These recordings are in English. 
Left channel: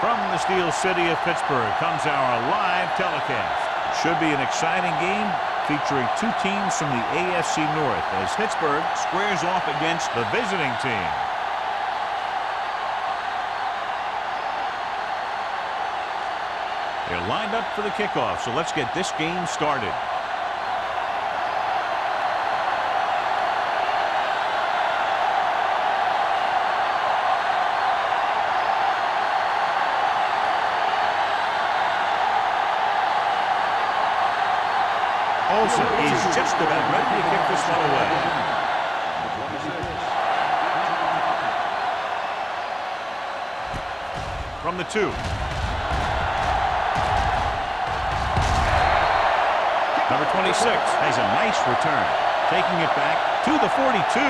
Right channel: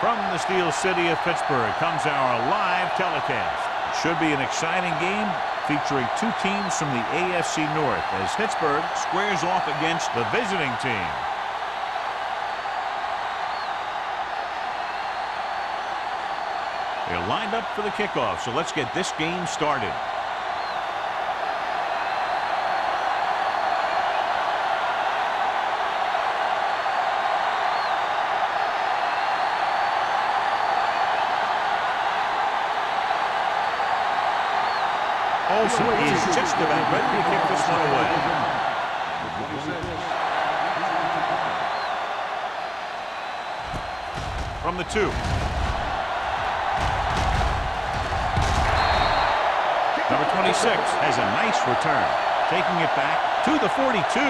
From the Steel City of Pittsburgh comes our live telecast. It should be an exciting game featuring two teams from the AFC North as Pittsburgh squares off against the visiting team. They're lined up for the kickoff, so let's get this game started. Olsen is just about ready to kick this one away. From the 2. Number 26 has a nice return, taking it back to the 42.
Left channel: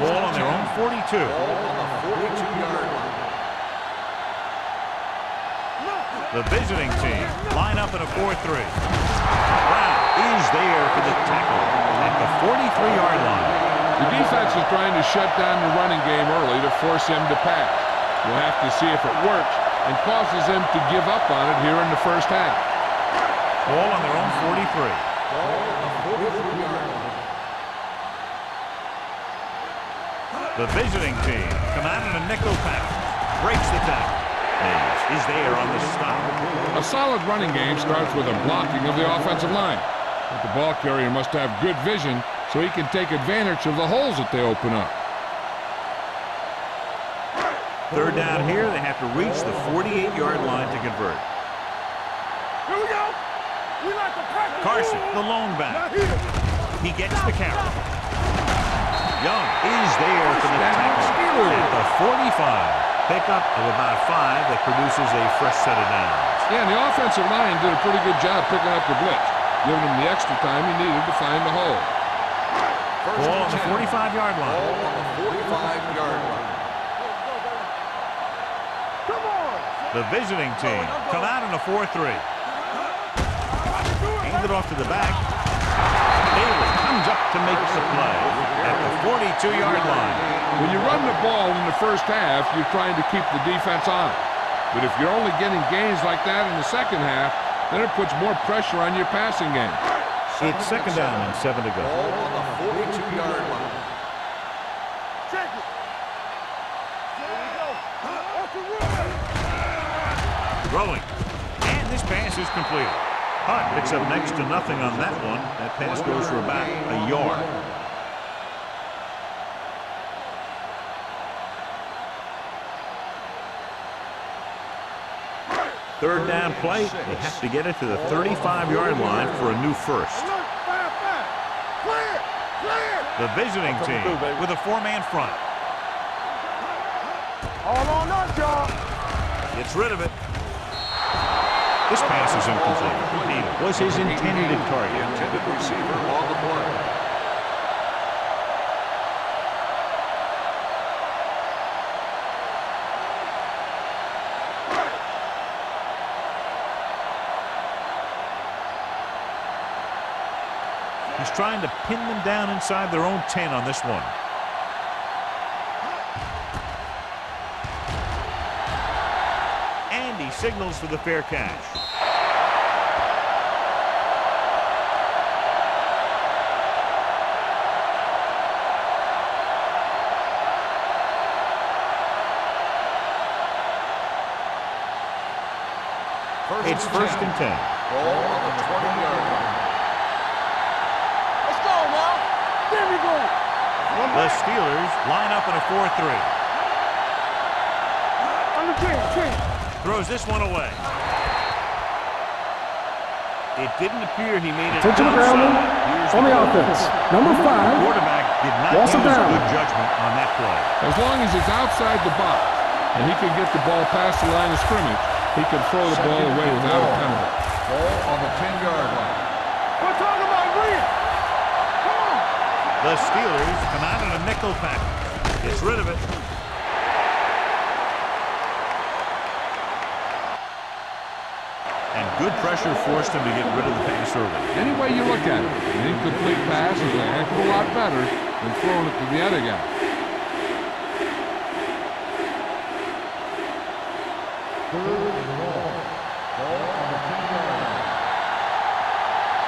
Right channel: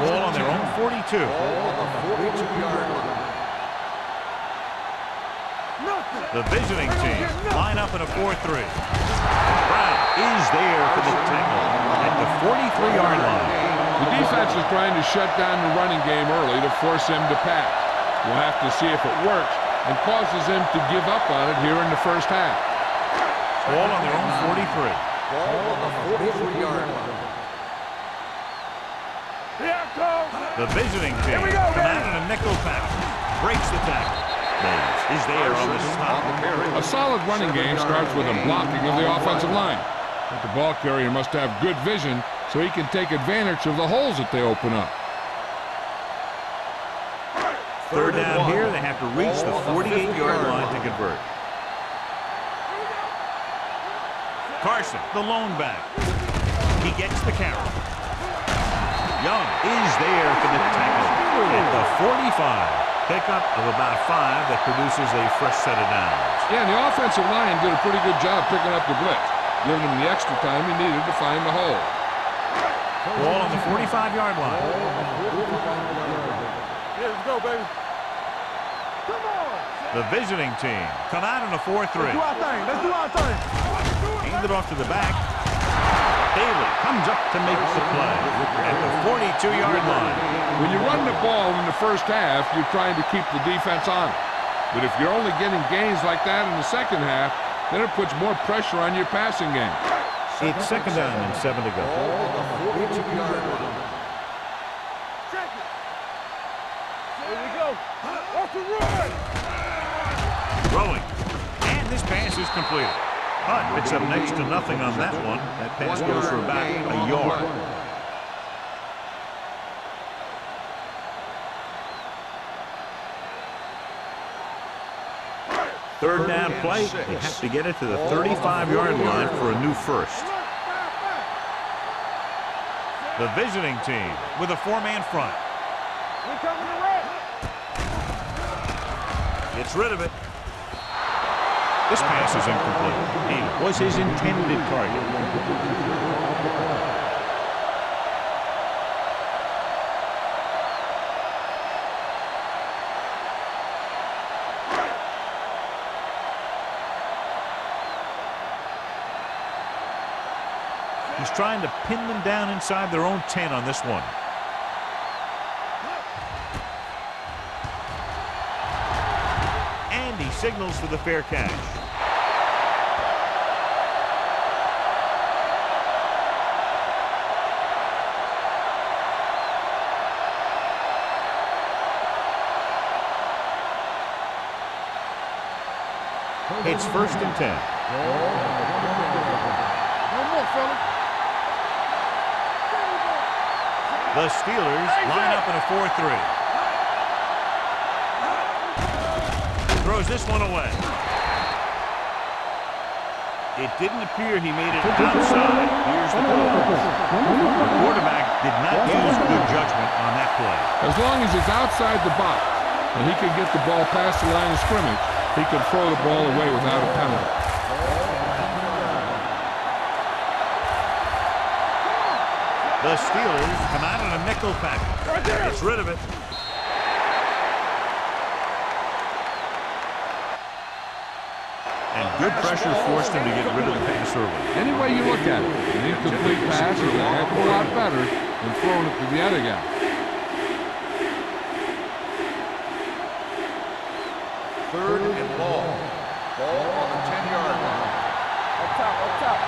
Ball on their own 42. Ball on the 42-yard line. The visiting team line up in a 4-3. Brown is there for the tackle at the 43-yard line. The defense is trying to shut down the running game early to force him to pass. We'll have to see if it works and causes him to give up on it here in the first half. Ball on their own 43. Ball on the 43-yard line. The visiting team come out in a nickel package. Breaks the tackle. Mays is there on the stop. A solid running game starts with a blocking of the offensive line. But the ball carrier must have good vision so he can take advantage of the holes that they open up. Third down here, they have to reach the 48-yard line to convert. Here we go. Carson, the lone back. He gets the carry. Young is there for the tackle at the 45. Pickup of about 5 that produces a fresh set of downs. Yeah, and the offensive line did a pretty good job picking up the blitz, giving him the extra time he needed to find the hole. Ball on the 45-yard line. Ball on the 45-yard line. Here we go, baby. Come on. The visiting team come out in a 4-3. Hand it off to the back. Bailey comes up to make the play at the 42-yard line. When you run the ball in the first half, you're trying to keep the defense on it. But if you're only getting gains like that in the second half, then it puts more pressure on your passing game. It's second down and 7 to go. Ball on the 42-yard line. Check it. Here we go. Off the run. Throwing. And this pass is completed. Hunt picks up next to nothing on that one. That pass goes for about a yard. Third down play. They have to get it to the 35-yard line for a new first. The visiting team with a 4-man front. Gets rid of it. This pass is incomplete. It was his intended target. He's trying to pin them down inside their own 10 on this one. And he signals for the fair catch. It's first and 10. The Steelers line up in a 4-3. Throws this one away. It didn't appear he made it outside. Here's the call. The quarterback did not use good judgment on that play. As long as he's outside the box and he can get the ball past the line of scrimmage, he can throw the ball away without a penalty. Ball on the 10-yard line. The Steelers come out in a nickel package. Gets rid of it. And good pressure forced him to get rid of the pass early. Any way you look at it, an incomplete pass is a heck of a lot better than throwing it to the other guy. Third and ball. Ball on the 10-yard line. Up top.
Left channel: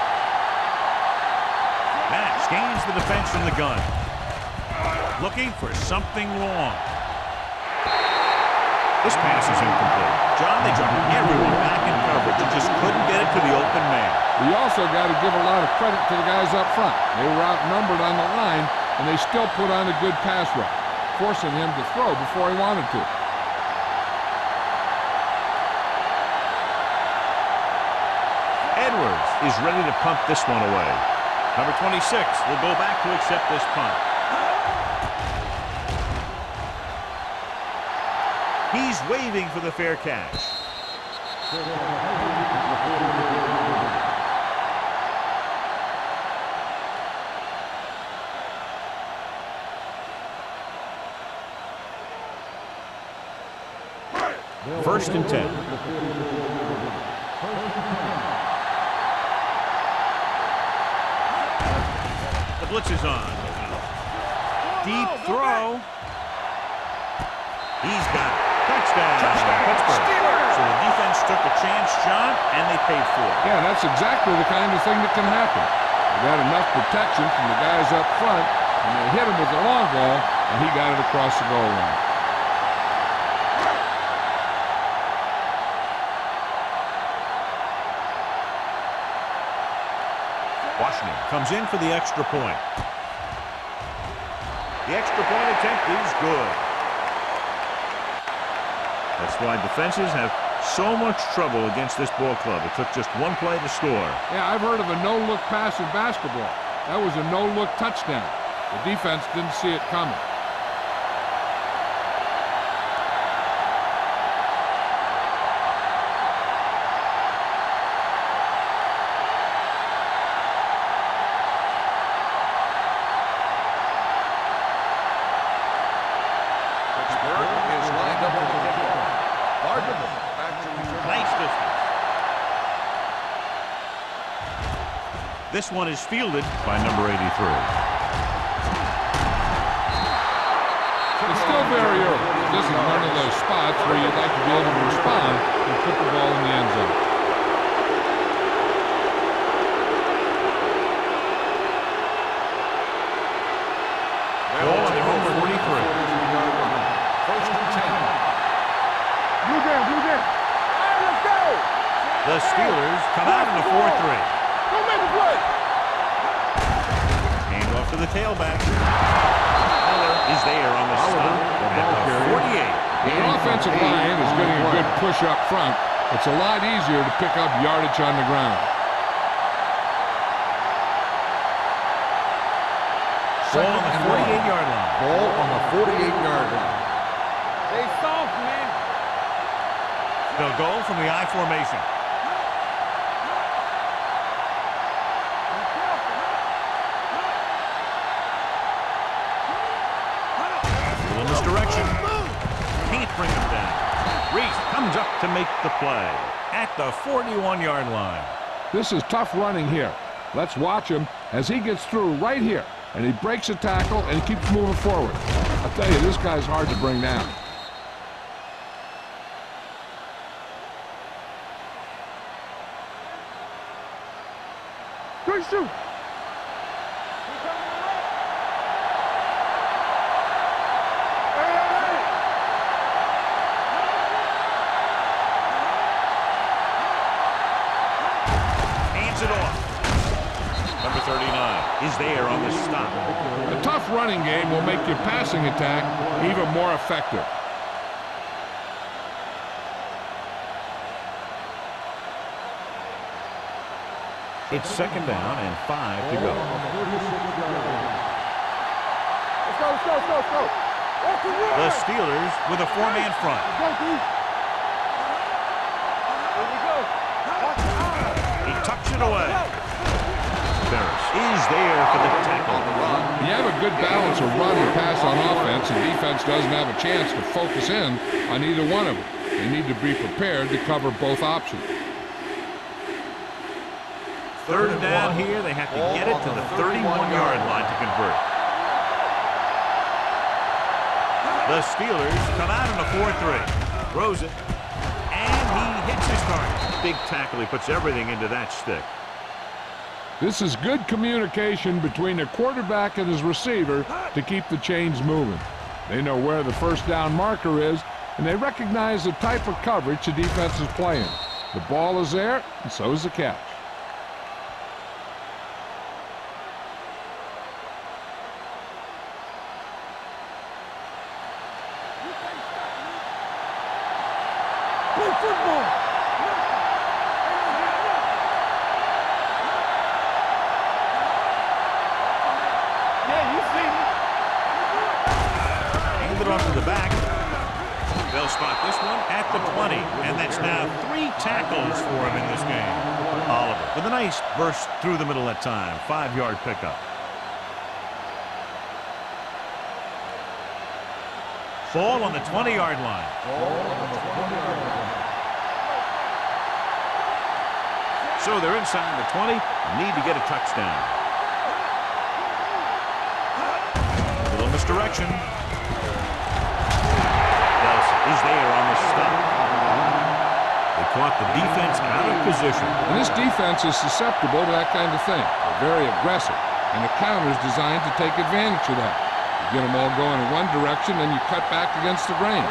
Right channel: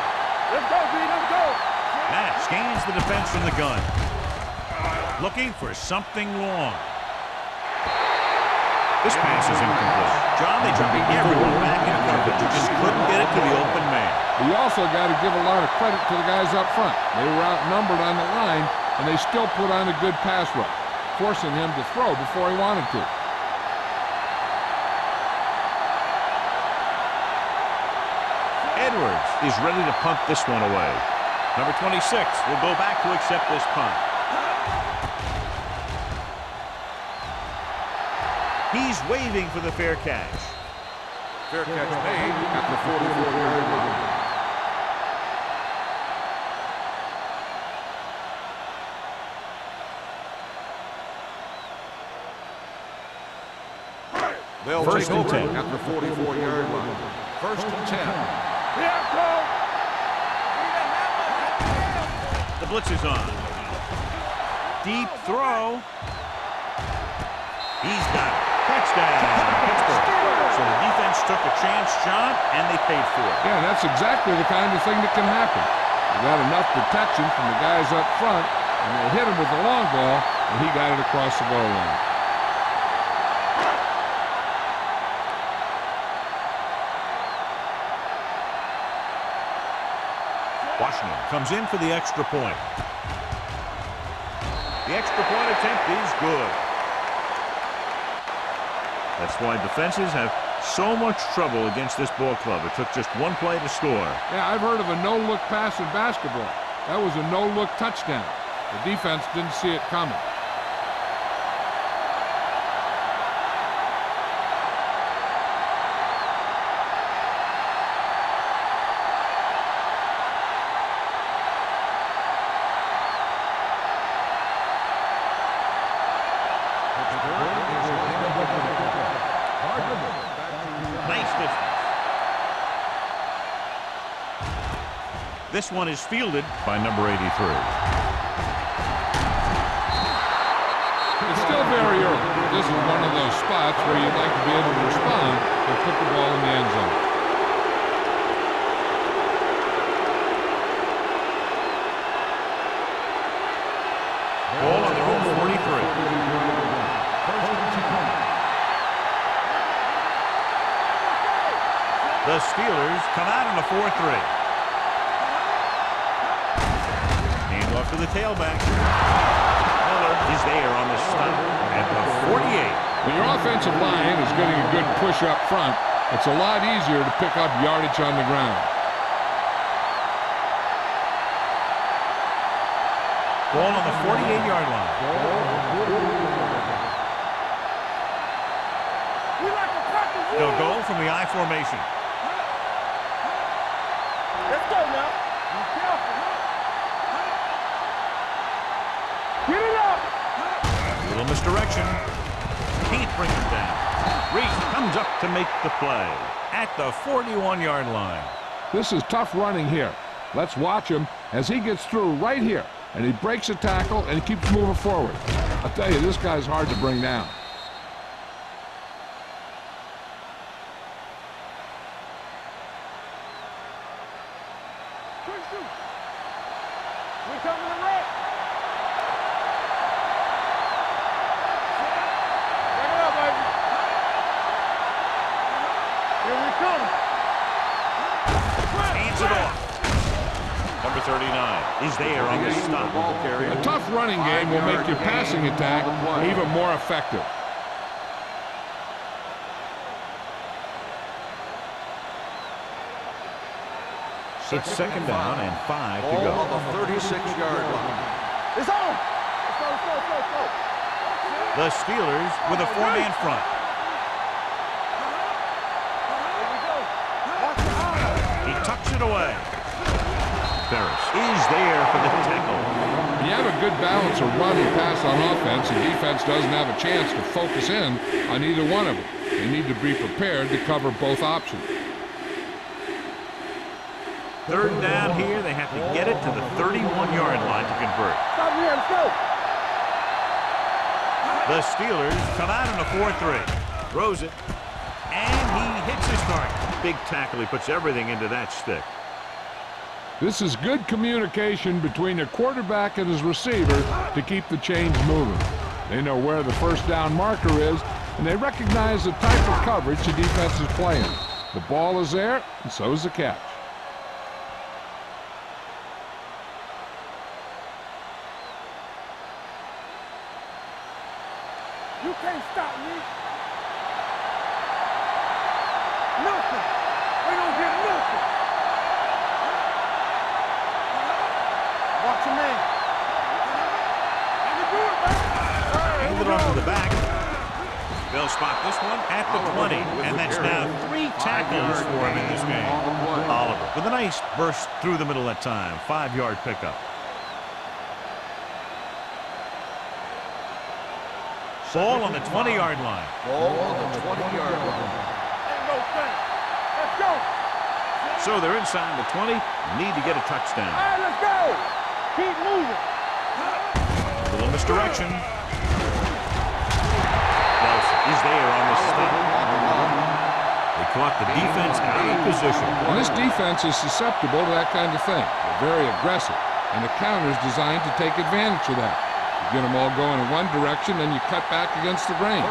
Let's go, B, let's go. Matt scans the defense from the gun. Looking for something long. This pass is incomplete. John, they dropped everyone back in coverage. He just couldn't get it to the open man. We also got to give a lot of credit to the guys up front. They were outnumbered on the line, and they still put on a good pass rush, forcing him to throw before he wanted to. Edwards is ready to punt this one away. Number 26 will go back to accept this punt. He's waving for the fair catch. Fair catch made at the 44-yard line. First and 10. At the 44-yard line. First and 10. The blitz is on. Deep throw. He's got it. Touchdown, Pittsburgh. So the defense took a chance, John, and they paid for it. Yeah, that's exactly the kind of thing that can happen. They got enough protection from the guys up front, and they hit him with the long ball, and he got it across the goal line. Washington comes in for the extra point. The extra point attempt is good. That's why defenses have so much trouble against this ball club. It took just one play to score. Yeah, I've heard of a no-look pass in basketball. That was a no-look touchdown. The defense didn't see it coming. Pittsburgh is lined up for the kickoff. Barton back to return. Nice distance. This one is fielded by number 83. It's still very early, but this is one of those spots where you'd like to be able to respond and put the ball in the end zone. Ball on their own 43. First and 10. Blue Jay. All right, let's go. The Steelers come out in a 4-3. Come make a play. Hand off to the tailback. Miller is there on the stop at the 48. When your offensive line is getting a good push up front, it's a lot easier to pick up yardage on the ground. Ball on the 48-yard line. Ball on the 48-yard line. Stay soft, man. You like to practice. They'll go from the I formation. Let's go now. Be careful. Get it up. Little misdirection. Can't bring him down. Reese comes up to make the play at the 41-yard line. This is tough running here. Let's watch him as he gets through right here. And he breaks a tackle and he keeps moving forward. I'll tell you, this guy's hard to bring down. Good shoot. We coming to wreck. Hands it off. Number 39 is there on the stop. A tough running game will make your passing attack even more effective. It's second down and 5 to Ball go. on the 36-yard line. It's on. Let's go. Off the run. The Steelers with a 4-man front. Here we go. Watch your eyes. He tucks it away. Ferris is there for the tackle. When you have a good balance of run and pass on offense, the defense doesn't have a chance to focus in on either one of them. They need to be prepared to cover both options. Third down here. They have to get it to the 31-yard line to convert. The Steelers come out in a 4-3. Throws it. And he hits his target. Big tackle. He puts everything into that stick. This is good communication between the quarterback and his receiver to keep the chains moving. They know where the first down marker is, and they recognize the type of coverage the defense is playing. The ball is there, and so is the catch. You can't stop me. Play football. Nothing. They don't get nothing. Watch your man. Yeah, you see me. I can do it, baby. Hand it off to the back. They'll spot this one at the 20. And that's now 3 tackles for him in this game. Oliver with a nice burst through the middle that time. 5-yard pickup. Ball on the 20-yard line. Ball on the 20-yard line. So they're inside the 20. Need to get a touchdown. A little misdirection. Nelson is there on the stop. They caught the defense out of position. And this defense is susceptible to that kind of thing. They're very aggressive, and the counter is designed to take advantage of that. You get them all going in one direction, then you cut back against the grain.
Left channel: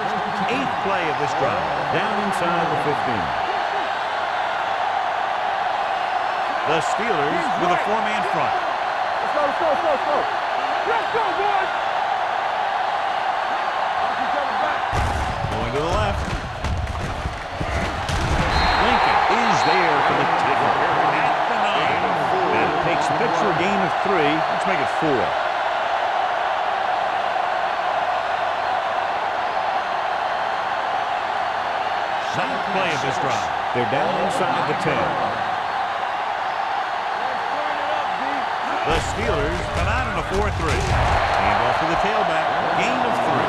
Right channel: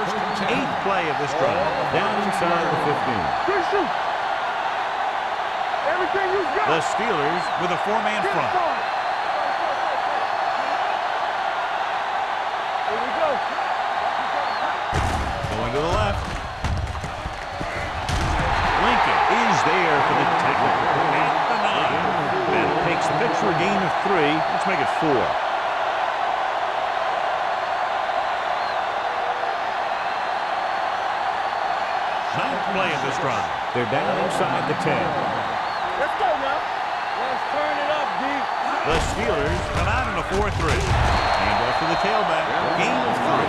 8th play of this drive. Down inside the 15. The Steelers with a 4-man front. Let's go. Let's go, boys. Here we go. Watch each other back. Going to the left. Lincoln is there for the tackle at the 9. That takes the pitch for a gain of 3. Let's make it 4. 9th play of this drive. They're down inside the 10. Let's go now. Let's turn it up, D. The Steelers come out in a 4-3. Hand off to the tailback. Gain of 3.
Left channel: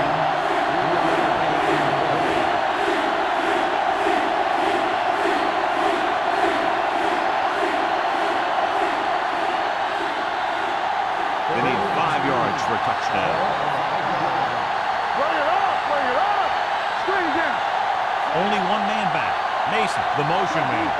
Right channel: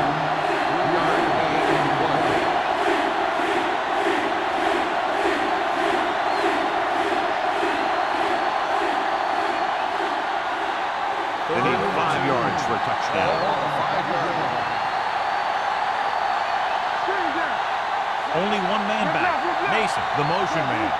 They need 5 yards for a touchdown. Screen down. Only 1 man back. Mason, the motion man.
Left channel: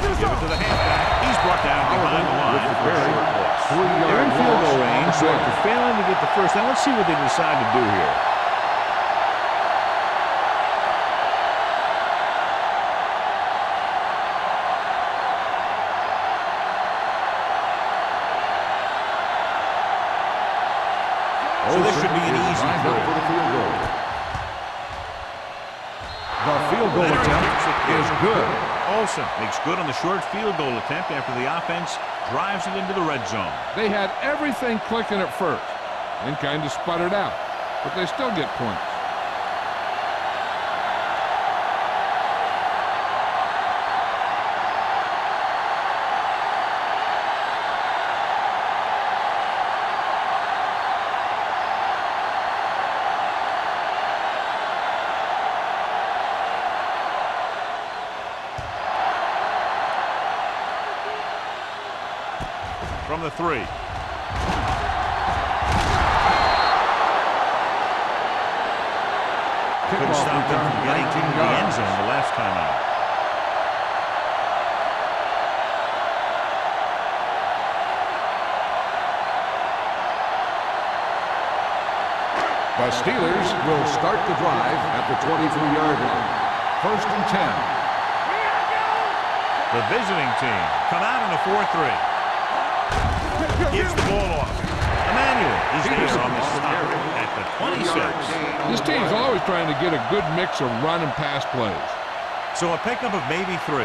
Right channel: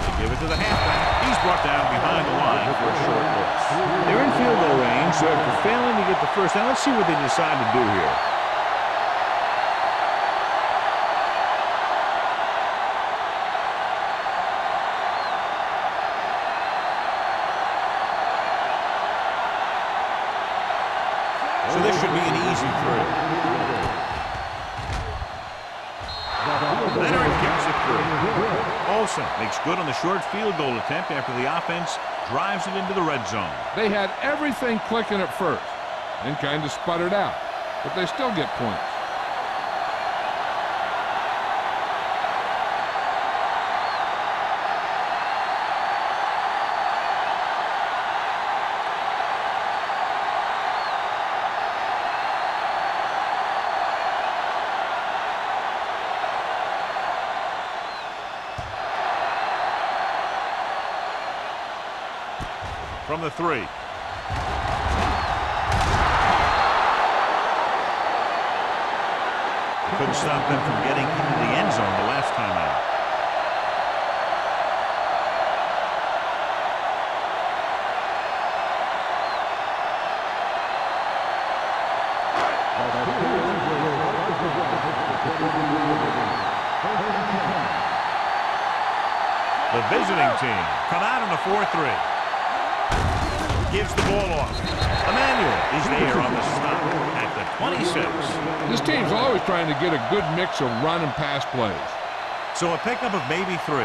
They give it to the halfback. He's brought down behind the line for a short loss. They're in field goal range, so after failing to get the first down, let's see what they decide to do here. So this should be an easy throw. Leonard kicks it through. Olsen makes good on the short field goal attempt after the offense drives it into the red zone. They had everything clicking at first and kind of sputtered out, but they still get points. From the 3. Couldn't stop them from getting into the end zone the last time out. The Steelers will start the drive at the 23-yard line. 1st and 10. The visiting team come out in a 4-3. Gives the ball off. Emmanuel is there on the stop at the 26. This team's always trying to get a good mix of run and pass plays. So a pickup of maybe 3.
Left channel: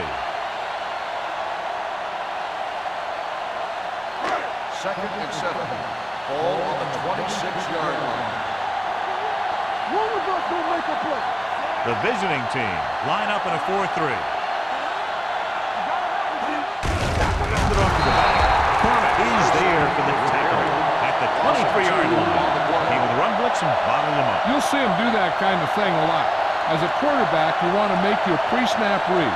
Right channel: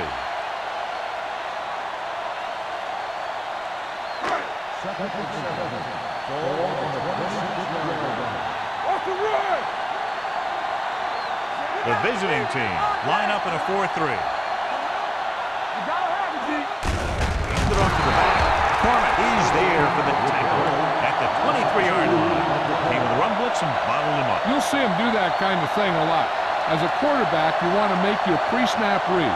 2nd and 7. Ball on the 26-yard line. The visiting team line up in a 4-3. Hand it off to the back. McCormick is there for the tackle at the 23-yard line. Came with a run blitz and bottled him up. You'll see him do that kind of thing a lot. As a quarterback, you want to make your pre-snap read.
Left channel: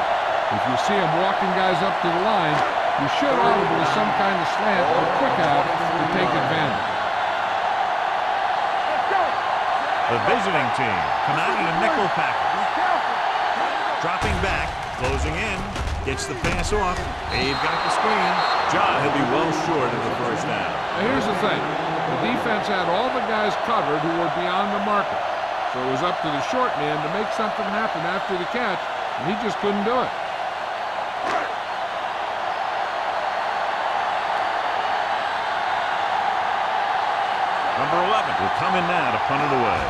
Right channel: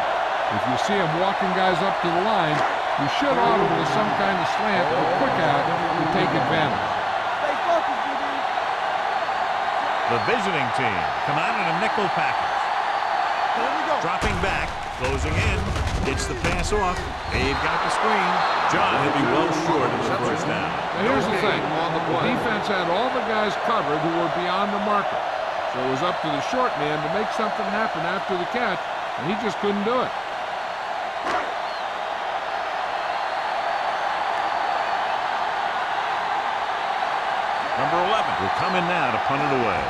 If you see him walking guys up to the line, you should audible to some kind of slant or quick out to take advantage. The visiting team come out in a nickel package. Dropping back, closing in, gets the pass off. They've got the screen. John, he'll be well short of the first down. Now here's the thing. The defense had all the guys covered who were beyond the marker. So it was up to the short man to make something happen after the catch, and he just couldn't do it. Number 11 will come in now to punt it away.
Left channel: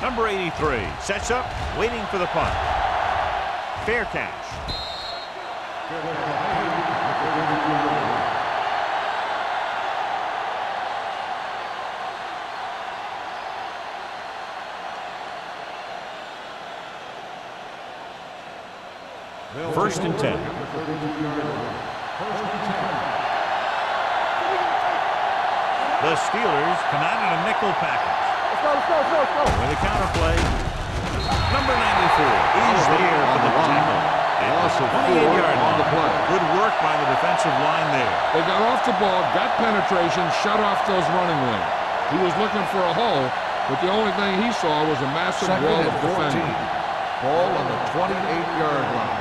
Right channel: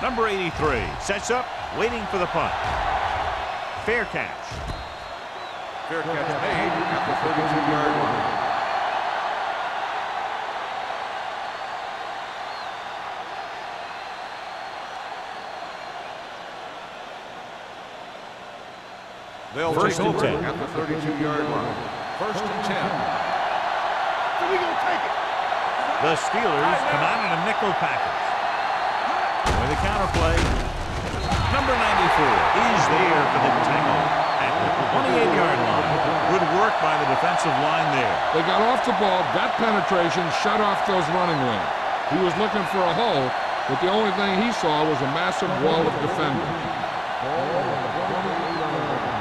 Number 83 sets up, waiting for the punt. Fair catch. Fair catch made at the 32-yard line. They'll First take and over 10. at the 32-yard line. First and 10. The Steelers come out in a nickel package. With a counterplay, number 94 is there for the tackle at the 28-yard line. Good work by the defensive line there. They got off the ball, got penetration, shut off those running lanes. He was looking for a hole, but the only thing he saw was a massive wall of defenders. Ball on the 28-yard line.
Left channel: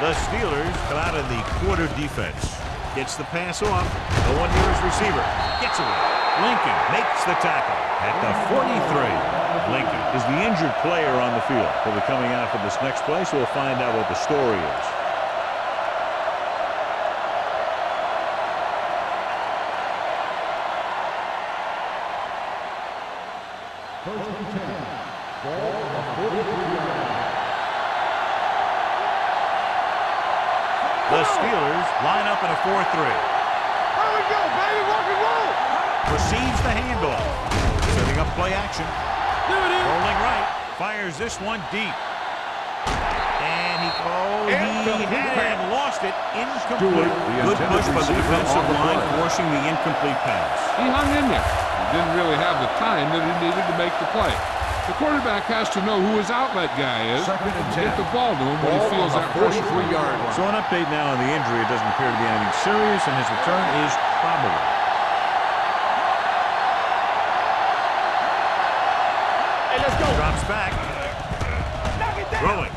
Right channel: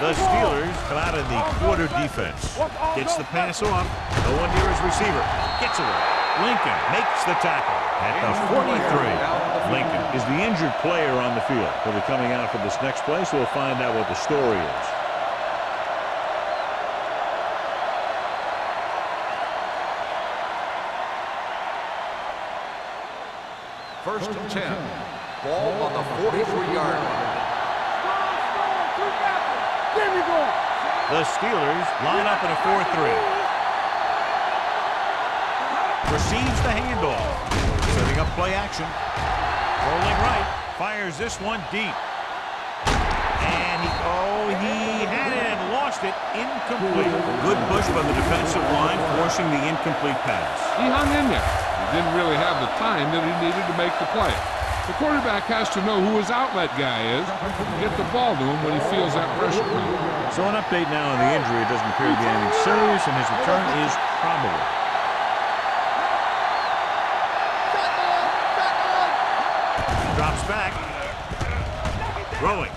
The Steelers come out in the quarter defense. Gets the pass off. No one near his receiver. Gets away. Lincoln makes the tackle at the 43. Lincoln is the injured player on the field. He'll be coming out for this next play, so we'll find out what the story is. First and 10. Ball on the 43-yard line. The Steelers line up in a 4-3. Proceeds the handoff. Setting up play action. Rolling right. Fires this one deep. And he had it and lost it. Incomplete. Good push by the defensive line, forcing the incomplete pass. He hung in there. He didn't really have the time that he needed to make the play. The quarterback has to know who his outlet guy is and get the ball to him when he feels that pressure coming. So an update now on the injury. It doesn't appear to be anything serious, and his return is probable. Drops back. Throwing.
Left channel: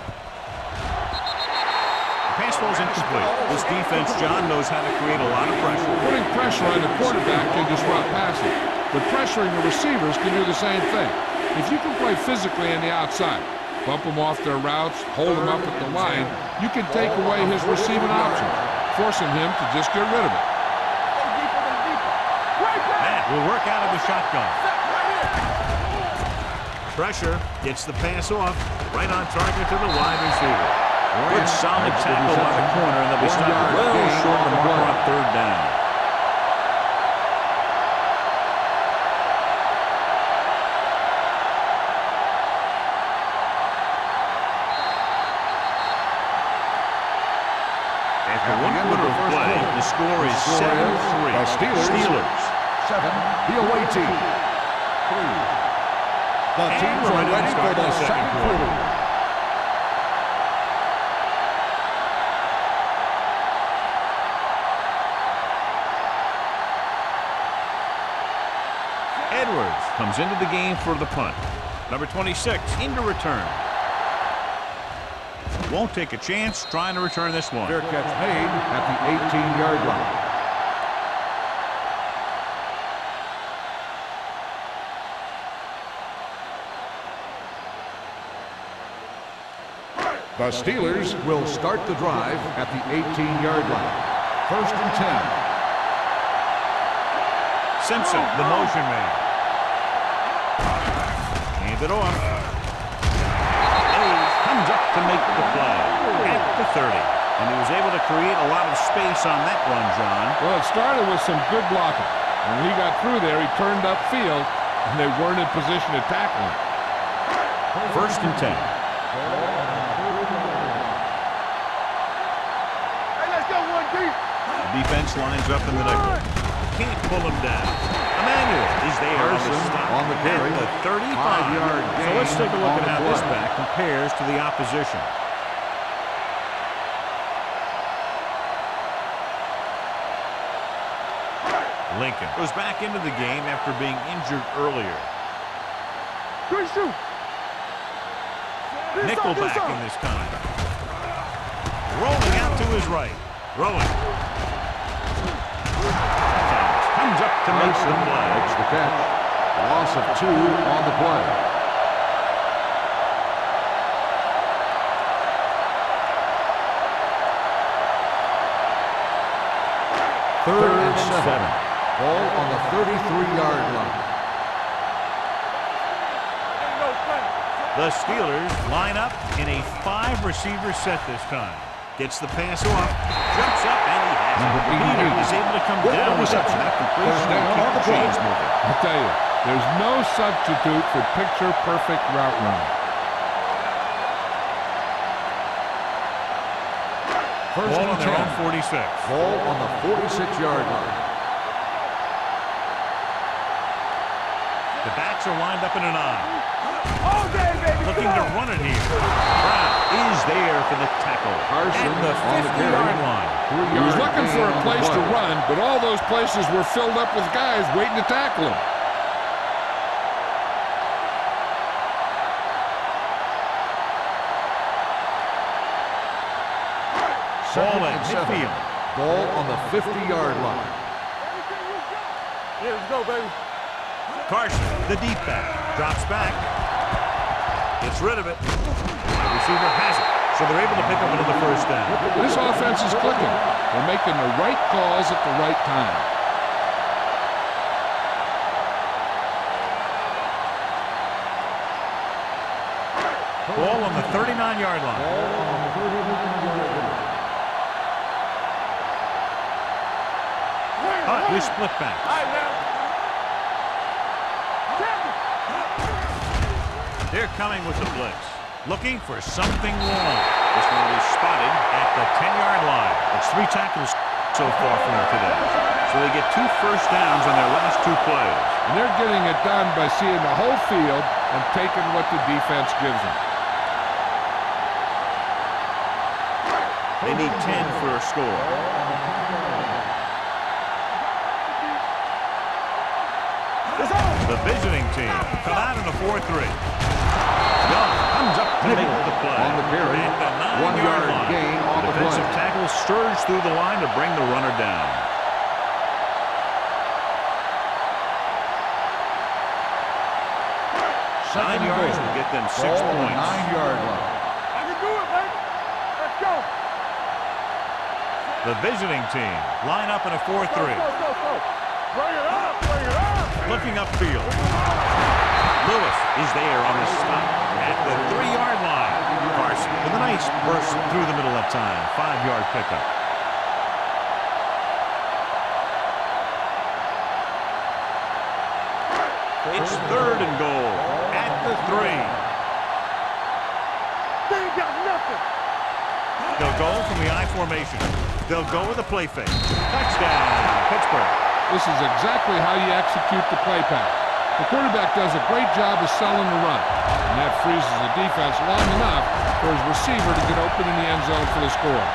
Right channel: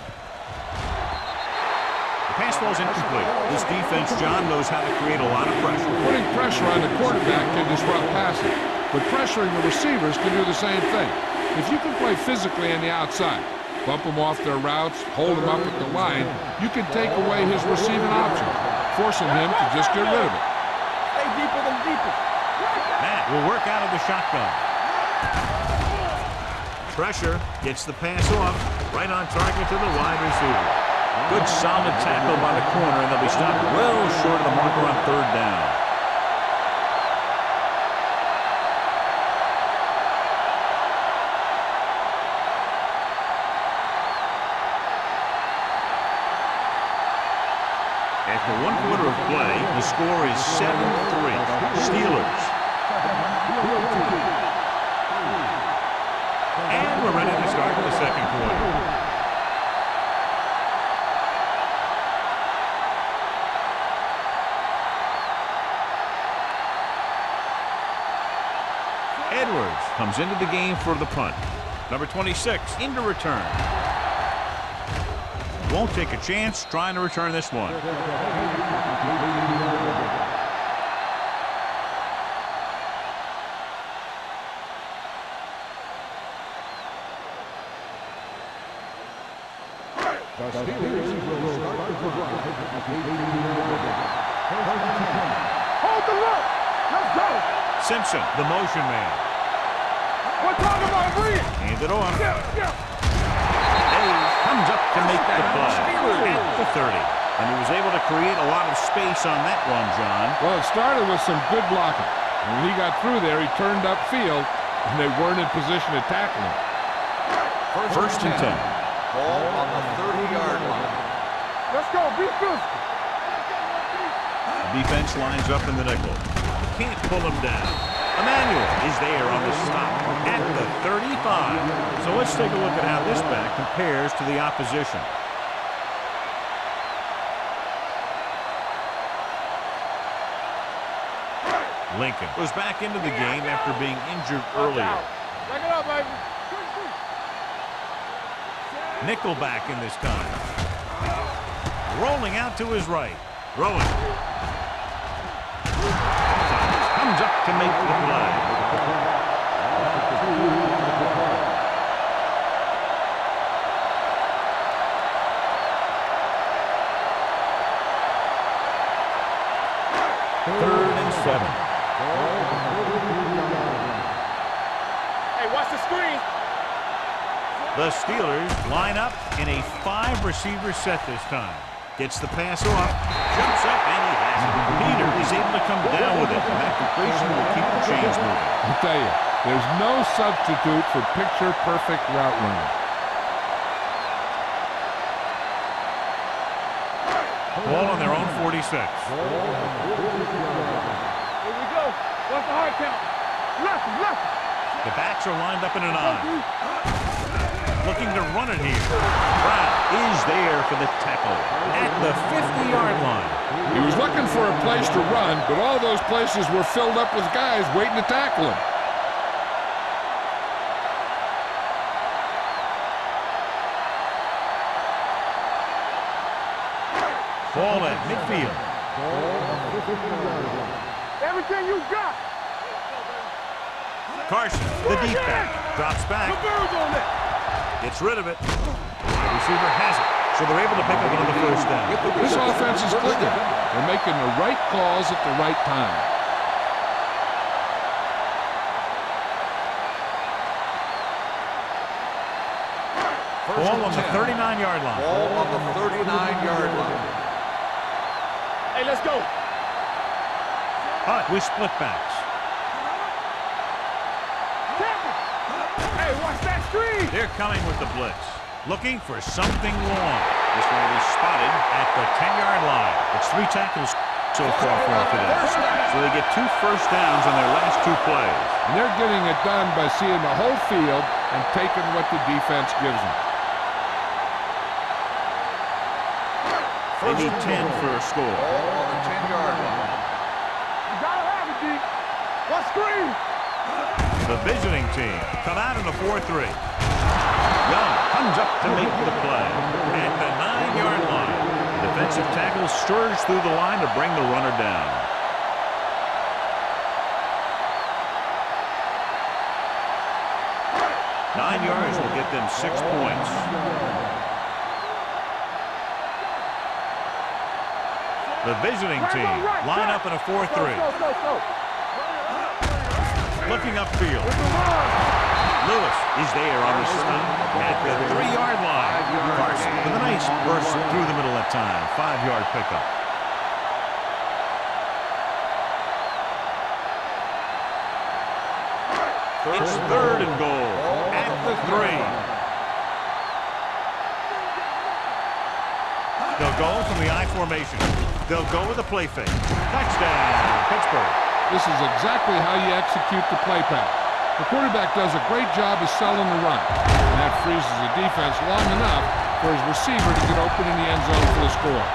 The pass falls incomplete. This defense, John, knows how to create a lot of pressure. Putting pressure on the quarterback can disrupt passing, but pressuring the receivers can do the same thing. If you can play physically on the outside, bump them off their routes, hold them up at the line, you can take away his receiving options, forcing him to just get rid of it. Stay deeper than deepest. Matt will work out of the shotgun. Pressure, gets the pass off, right on target to the wide receiver. Good solid tackle by the corner, and they'll be stopped well short of the marker on third down. After one quarter of play, the score is 7-3. Steelers. 7, the away team. 3. And we're ready to start the second quarter. Edwards comes into the game for the punt. Number 26 into return. Won't take a chance trying to return this one. Fair catch made at the 18-yard line. The Steelers will start the drive at the 18-yard line. First and 10. Simpson, the motion man. Hand it off. Hayes comes up to make the play at the 30. And he was able to create a lot of space on that run, John. Well, it started with some good blocking. And when he got through there, he turned upfield, and they weren't in position to tackle him. First and 10. Ball on the 30-yard line. Let's go, defense. Hey, let's go, one deep. The defense lines up in the nickel. Can't pull him down. Emmanuel is there on the stop at the 35. So let's take a look at how this back compares to the opposition. Lincoln goes back into the game after being injured earlier. Nickelback in this time. Rolling out to his right. Throwing. Thomas comes up to make the play. Loss of 2 on the play. Third and 7. Ball on the 33-yard line. Hey, watch the screen. Ain't no play. The Steelers line up in a 5-receiver set this time. Gets the pass off, jumps up, and he has it. Peter is able to come down with it, and that completion will keep the chains moving. I'll tell you, there's no substitute for picture-perfect route running. Ball on their own 46. Ball on the 46-yard line. Watch the hard count. Left. The backs are lined up in a 9. Looking to run it here. Brown is there for the tackle at the 50-yard line. He was looking for a place to run, but all those places were filled up with guys waiting to tackle him. Ball at midfield. Ball on the 50-yard line. Everything you got. Let's go, baby. Carson, the deep back, drops back, gets rid of it. The receiver has it, so they're able to pick up another first down. This offense is clicking. They're making the right calls at the right time. Ball on the 39-yard line. Ball on the 39-yard line. Hey, let's go. Hunt with split backs. They're coming with the blitz, looking for something long. This one will be spotted at the 10-yard line. It's 3 tackles so far for them today. So they get 2 first downs on their last 2 plays. And they're getting it done by seeing the whole field and taking what the defense gives them. They need 10 for a score. On the 10-yard line. You gotta have it, D. Let's screen. The visiting team come out in a 4-3. Young comes up to make the play at the 9-yard line. The defensive tackle surges through the line to bring the runner down. Nine yards will get them 6 points. 9-yard line. The visiting team line up in a 4-3. Go. Bring it up. Looking upfield. Lewis is there on the stop at the 3-yard line. Carson with a nice burst through the middle that time. 5-yard pickup. It's 3rd and goal at the 3. They'll go from the I formation. They'll go with a play fake. Touchdown, Pittsburgh. This is exactly how you execute the play pass. The quarterback does a great job of selling the run, and that freezes the defense long enough for his receiver to get open in the end zone for the score.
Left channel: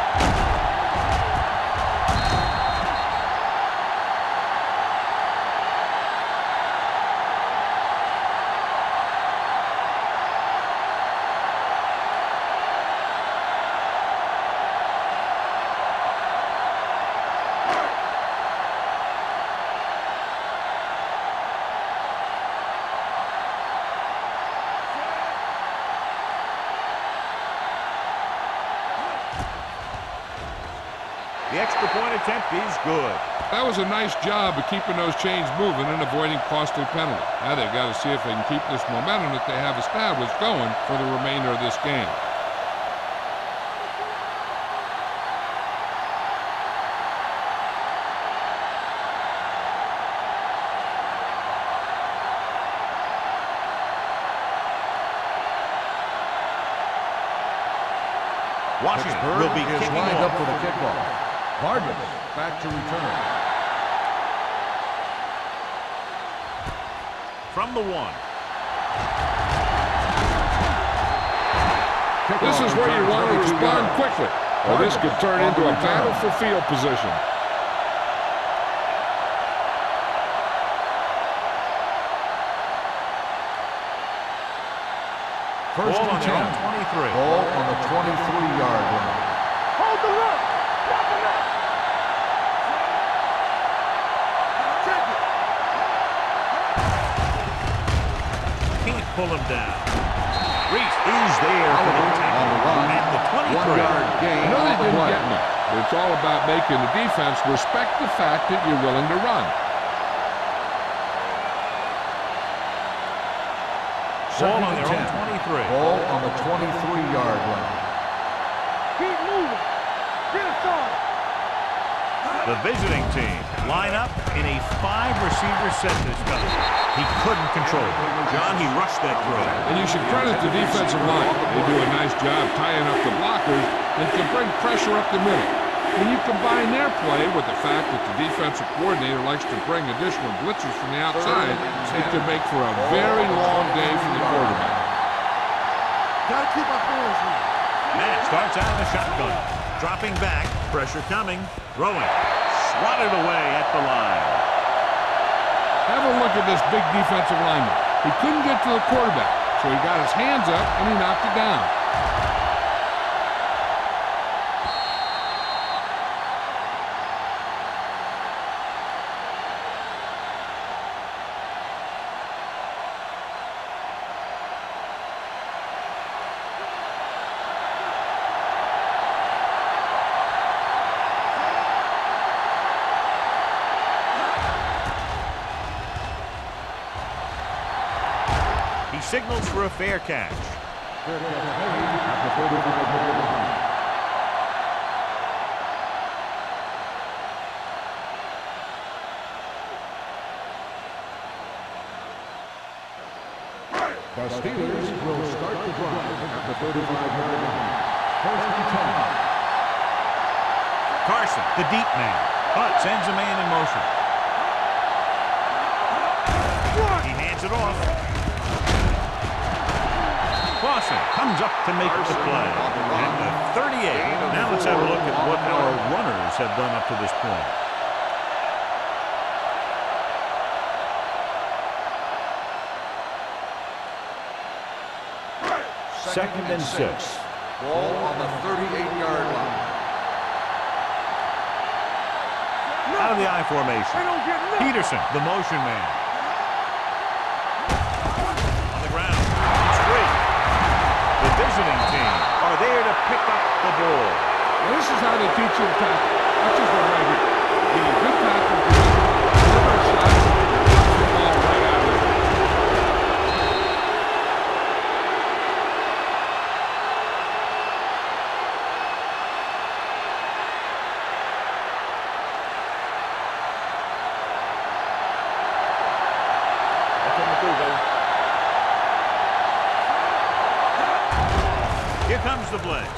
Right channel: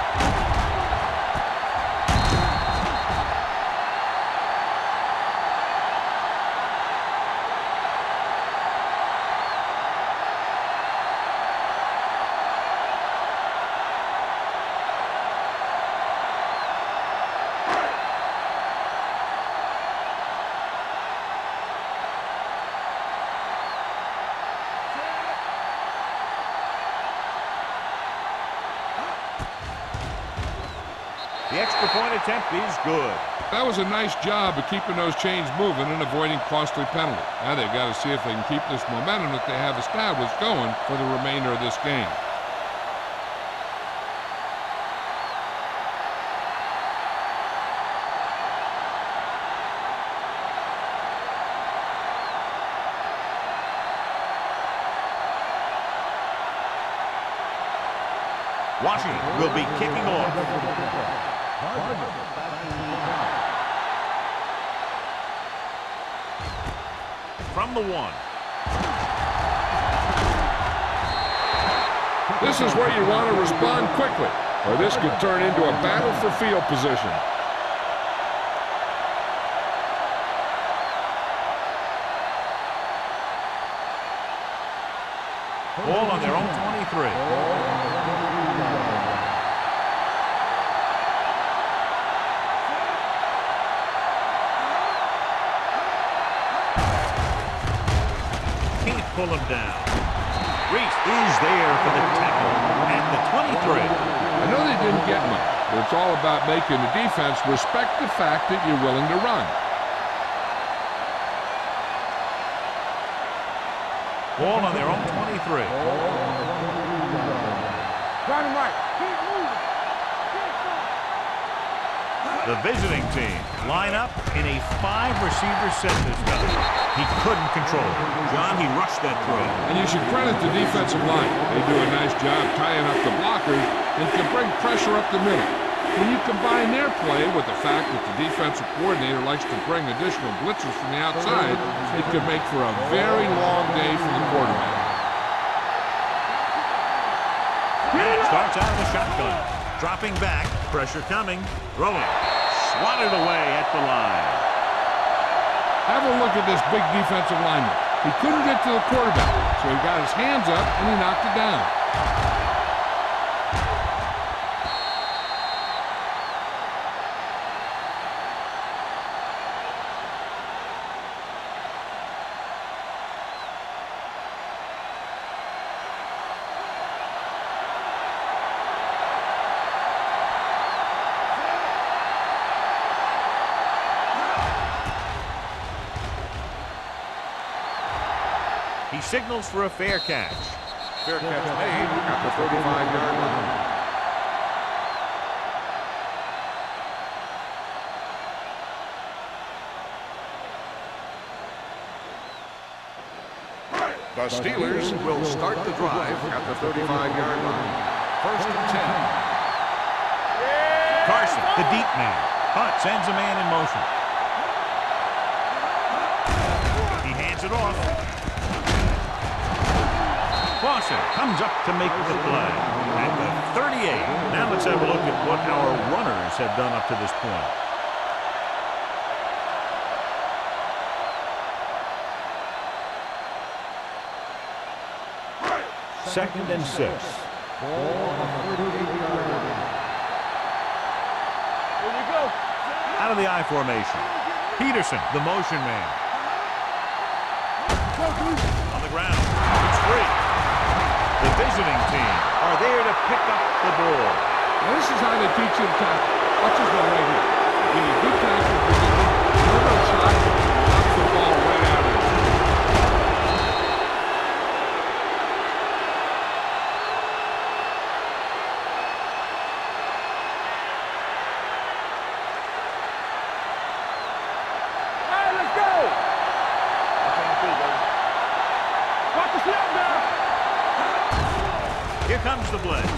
The extra point attempt is good. That was a nice job of keeping those chains moving and avoiding costly penalties. Now they've got to see if they can keep this momentum that they have established going for the remainder of this game. Washington will be kicking off. Gardner back to return. from the 1. This is where you want to respond quickly, or this could turn into a battle for field position. Ball on their own 23. Ball on the 23-yard line. Hold the rock. Can't pull him down. Reese is there for the tackle at the 23. I know they didn't get much, but it's all about making the defense respect the fact that you're willing to run. Ball on their own 23. Ball on the 23-yard line. Dynamite. Keep moving. Get it started. The visiting team line up in a 5-receiver set this time. He couldn't control it. John, he rushed that throw. And you should credit the defensive line. They do a nice job tying up the blockers and can bring pressure up the middle. When you combine their play with the fact that the defensive coordinator likes to bring additional blitzers from the outside, it can make for a very long day for the quarterback. Matt starts out of the shotgun. Dropping back, pressure coming, throwing. Swatted away at the line. Have a look at this big defensive lineman. He couldn't get to the quarterback, so he got his hands up and he knocked it down. He signals for a fair catch. Fair catch made at the 45-yard line. The Steelers will start the drive at the 35-yard line. First and 10. Carson, the deep man. Hunt sends a man in motion. He hands it off. Clausen comes up to make the play at the 38. Now let's have a look at what our runners have done up to this point. Second and 6. Ball on the 38-yard line. Out of the I formation. Peterson, the motion man. On the ground. It's free. The visiting team are there to pick up the ball. Now this is how they teach you to tackle. Watch this one right here. You get a good tackle, deliver a shot, and knock the ball right out of there. Here comes the blitz.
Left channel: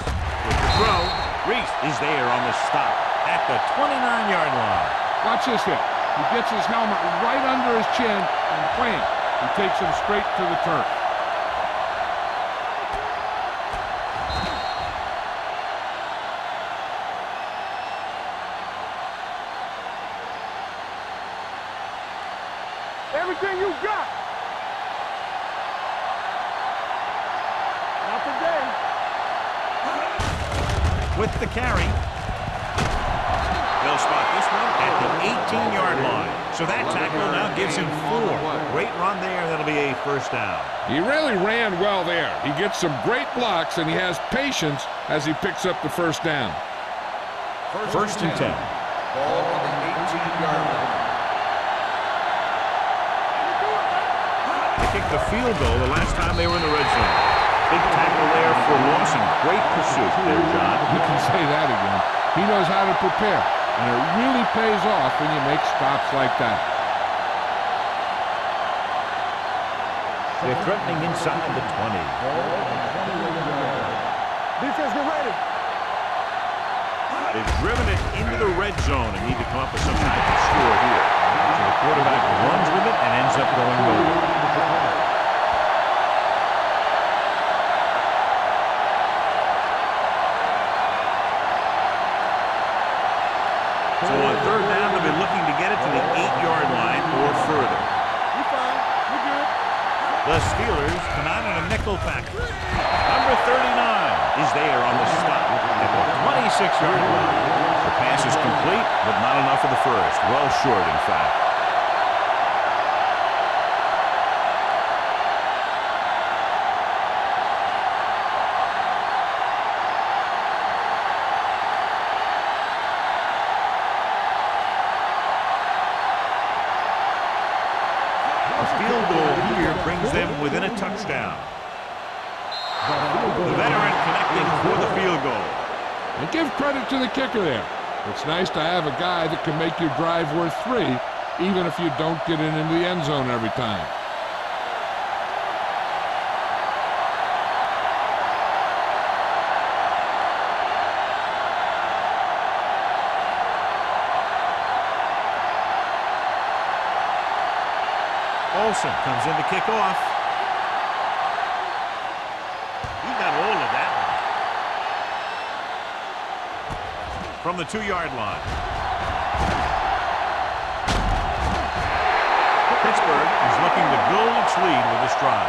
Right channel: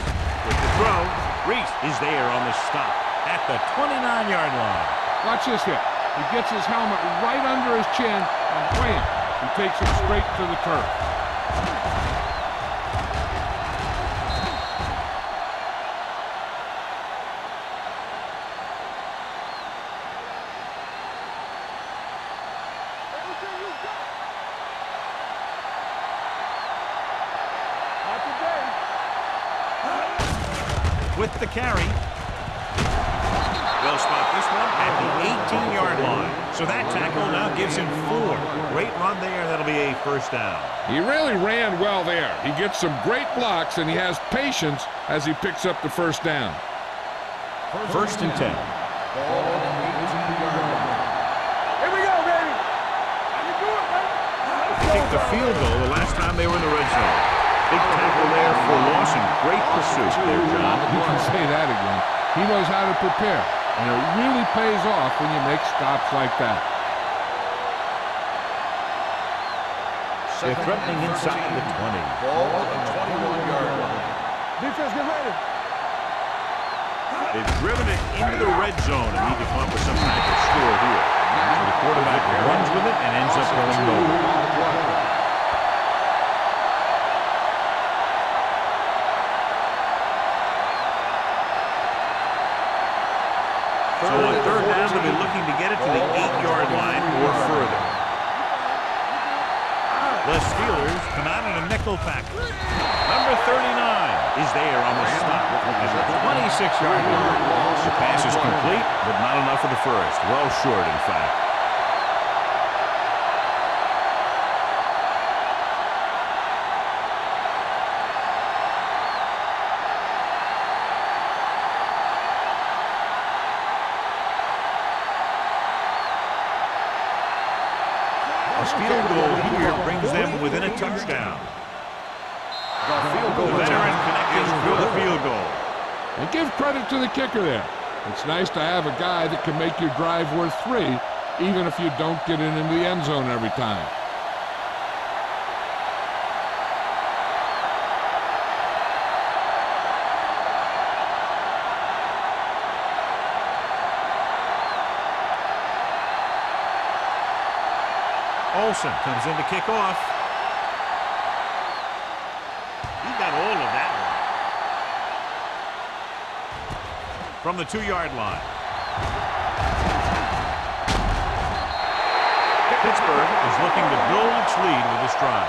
With the throw, Reese is there on the stop at the 29-yard line. Watch this hit. He gets his helmet right under his chin, and wham, he takes him straight to the turf. Everything you got. Not today. With the carry. They'll spot this one at the 18-yard line. So that tackle now gives him 4. Great run there. That'll be a first down. He really ran well there. He gets some great blocks, and he has patience as he picks up the first down. First and 10. Ball on the 18-yard line. Here we go, baby. I can do it, man. They kicked the field goal the last time they were in the red zone. Big tackle there for Lawson. Great pursuit there, John. You can say that again. He knows how to prepare, and it really pays off when you make stops like that. They're threatening inside the 20. Ball on the 21-yard line. Defense, get ready. They've driven it into the red zone and need to come up with some type of score here. So the quarterback runs with it and ends up going nowhere. Third down, they'll be looking to get it to the 8-yard line or further. You fine. You good. The Steelers come out in a nickel package. Number 39 is there on the stop at the 26-yard line. The pass is complete, but not enough for the first. Well short, in fact. A field goal here brings them within a touchdown. The veteran connecting for the field goal. And give credit to the kicker there. It's nice to have a guy that can make your drive worth 3, even if you don't get it into the end zone every time. Olsen comes in to kick off. He got all of that one. From the 2-yard line. Pittsburgh is looking to build its lead with this drive.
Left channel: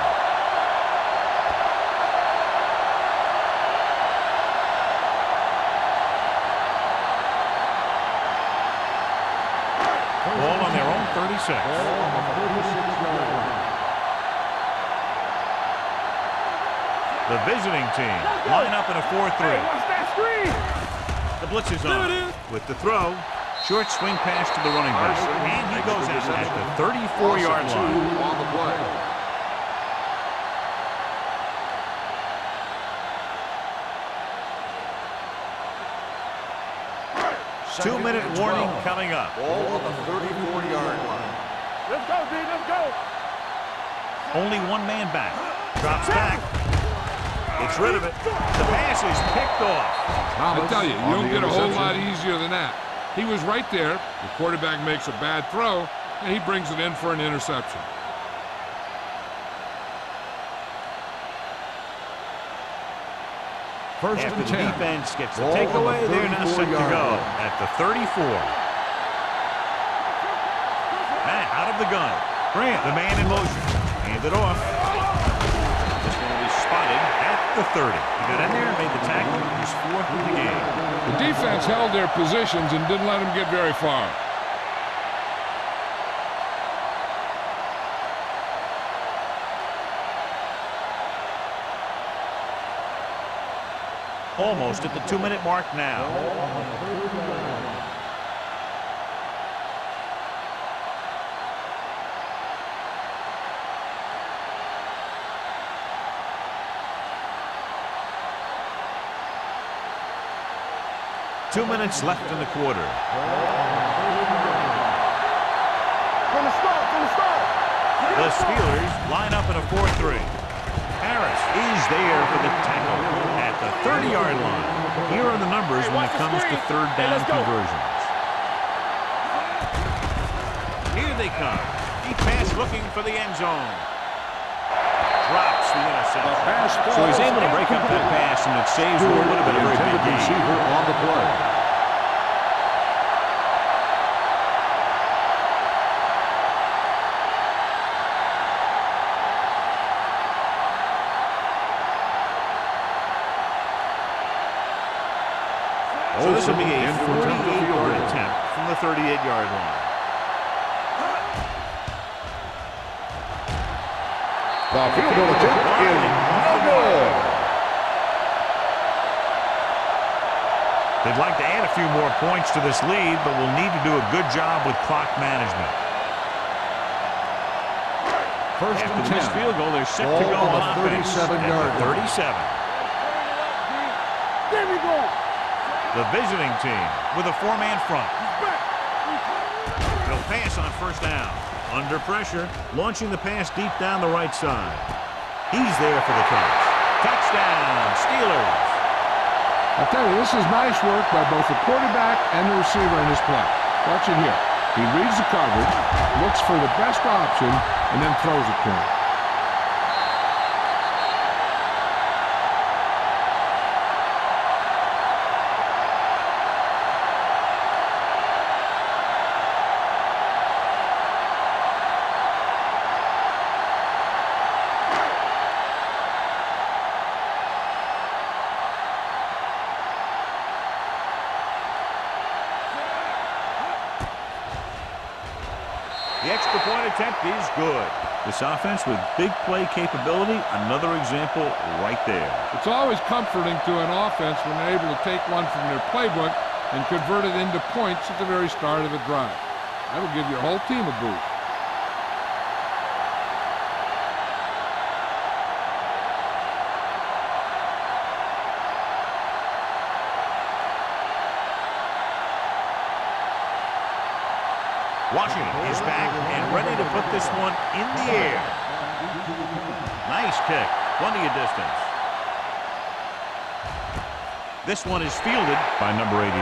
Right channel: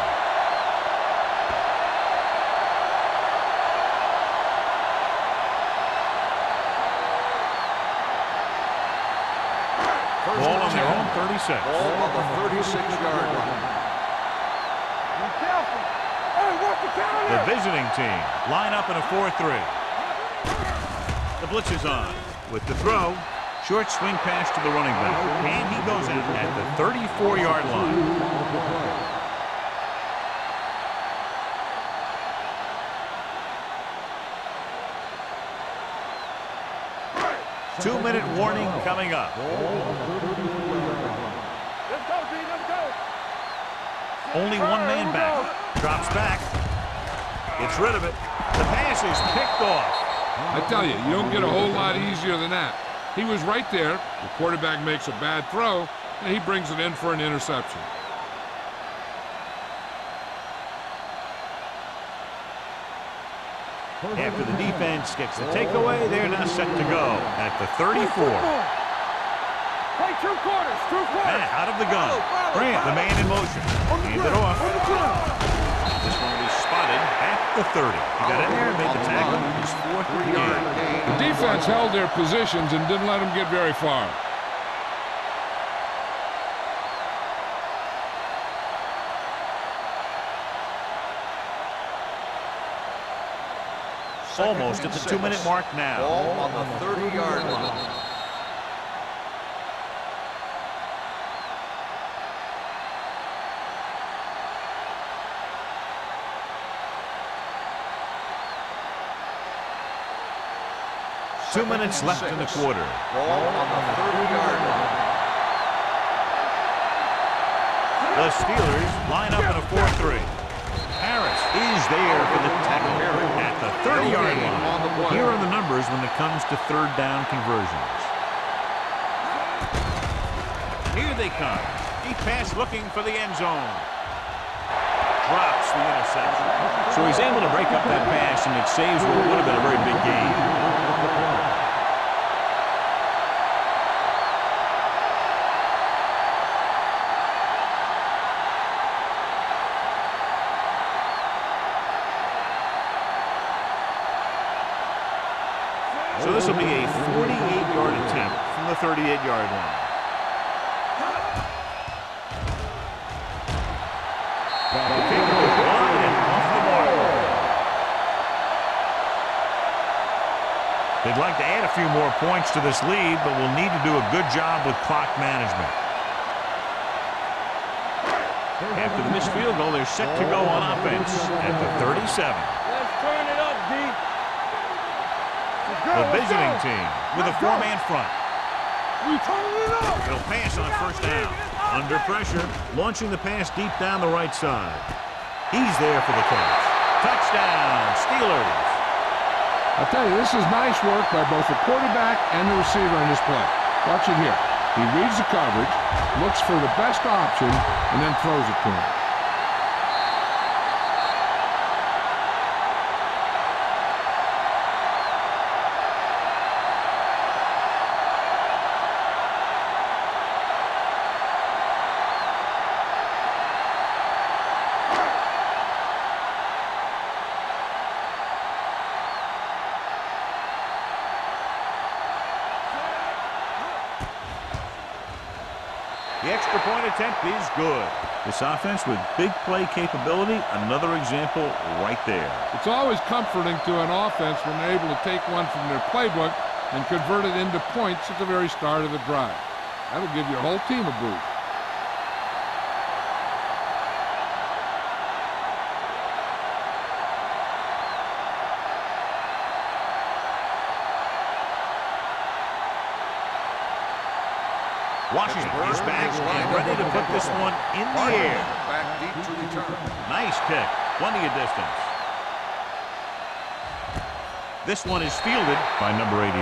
Ball on their own 36. The visiting team line up in a 4-3. The blitz is on. With the throw, short swing pass to the running back. And he goes out at the 34-yard line. 2-minute warning coming up. Ball on the 34-yard line. Let's go, D. Let's go. Only one man back. Drops back. Gets rid of it. The pass is picked off. I tell you, you don't get a whole lot easier than that. He was right there. The quarterback makes a bad throw, and he brings it in for an interception. After the defense gets the takeaway, they're now set to go at the 34. Play 2 quarters. 2 quarters. Matt out of the gun. Grant, the man in motion. Hand it off. This one will be spotted at the 30. He got in there and made the tackle. His 4th of the game. The defense held their positions and didn't let him get very far. Almost at the 2-minute mark now. Ball on the 30-yard line. Two minutes left in the quarter. Ball on the 30-yard line. From the start. The Steelers line up in a 4-3. Harris is there for the tackle at the 30-yard line. Here are the numbers when it comes to third down conversions. Here they come. Deep pass looking for the end zone. Drops the interception. So he's able to break up that pass, and it saves what would have been a very big game. On the play. So this will be a 48-yard attempt from the 38-yard line. The kick goes wide and off the mark. They'd like to add a few more points to this lead, but will need to do a good job with clock management. After the missed field goal, they're set to go on offense at the 37. Let's turn it up, D. There we go. The visiting team with a 4-man front. They'll pass on first down. Under pressure, launching the pass deep down the right side. He's there for the catch. Touchdown, Steelers. I'll tell you, this is nice work by both the quarterback and the receiver in this play. Watch it here. He reads the coverage, looks for the best option, and then throws it to him. The extra point attempt is good. This offense with big play capability, another example right there. It's always comforting to an offense when they're able to take one from their playbook and convert it into points at the very start of the drive. That'll give your whole team a boost. Washington is back and ready to put this one in the air. Back deep to return. Nice kick. Plenty of distance. This one is fielded by number 83.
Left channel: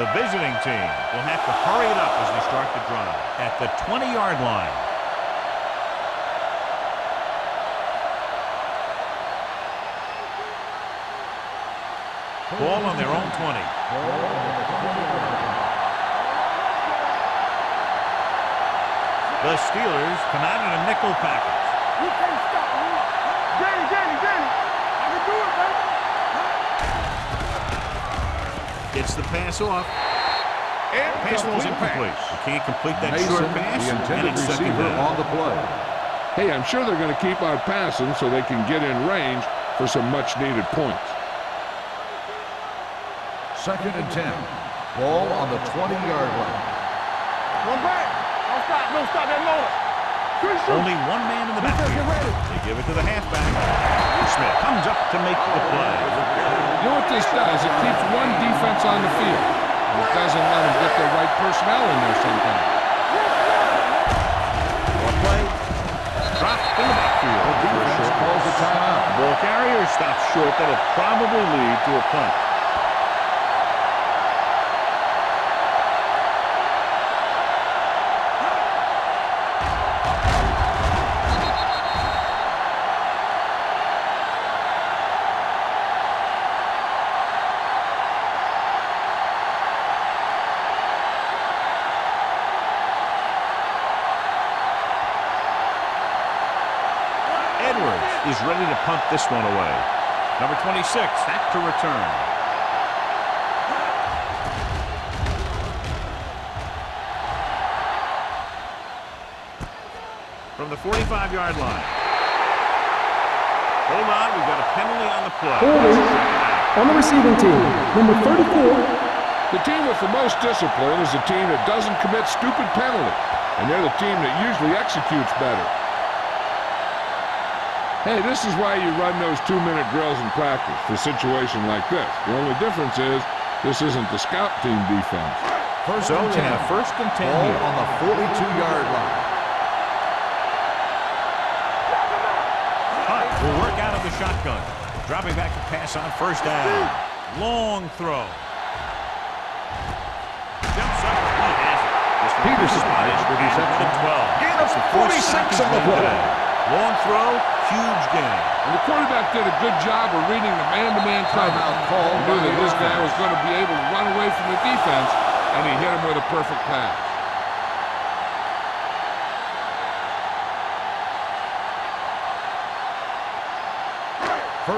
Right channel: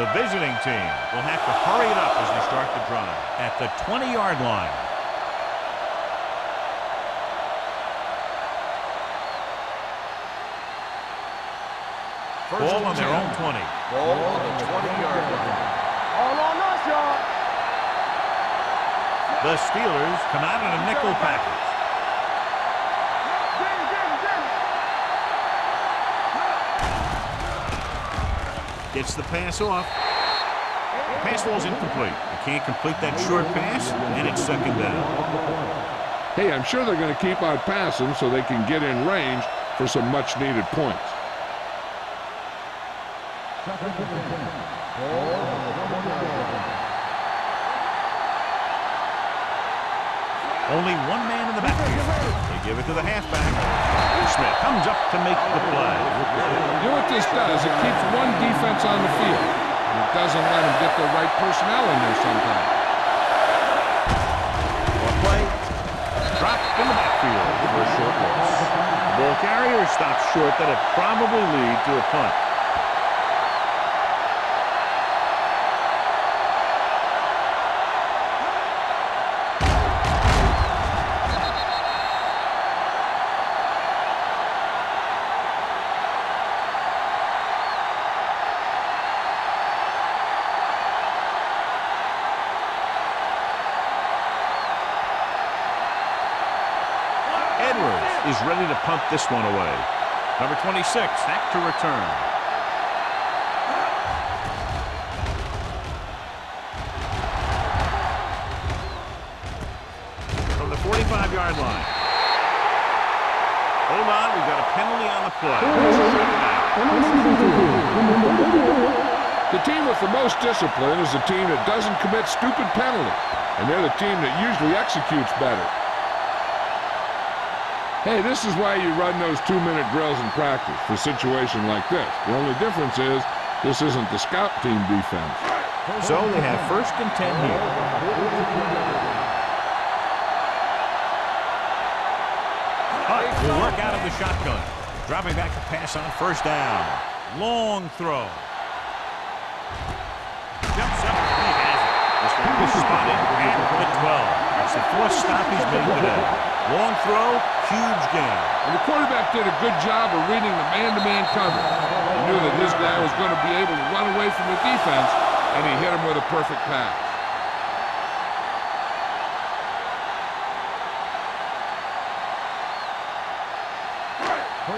The visiting team will have to hurry it up as they start the drive at the 20-yard line. Ball on their own 20. Ball on the 20-yard line. All on us, y'all. The Steelers come out in a nickel package. You can't stop me. Danny. You do it, man. Gets the pass off. Pass ball's incomplete. They can't complete that short pass, and it's second down. On the play. Hey, I'm sure they're going to keep on passing so they can get in range for some much-needed points. 2nd and 10. Ball on the 20-yard line. Go back. Don't stop that motor. Only one man in the backfield. They give it to the halfback. Smith comes up to make the play. You know what this does? It keeps one defense on the field. And it doesn't let them get the right personnel in there sometimes. One play. Dropped in the backfield for a short loss. The ball carrier stops short. That'll probably lead to a punt. Edwards is ready to punt this one away. Number 26, back to return. From the 45-yard line. Hold on, we've got a penalty on the play. Second out. On the receiving team, number 34. The team with the most discipline is the team that doesn't commit stupid penalties, and they're the team that usually executes better. Hey, this is why you run those 2-minute drills in practice for a situation like this. The only difference is this isn't the scout team defense. So they have 1st and 10 Ball here. on the 42-yard line. Hunt will work out of the shotgun. Dropping back to pass on 1st down. Long throw. Jumps up. He has it. This one is spotted at the 12. That's the 4th stop he's made today. Long throw, huge gain. And the quarterback did a good job of reading the man-to-man coverage. He knew that his guy was going to be able to run away from the defense, and he hit him with a perfect pass.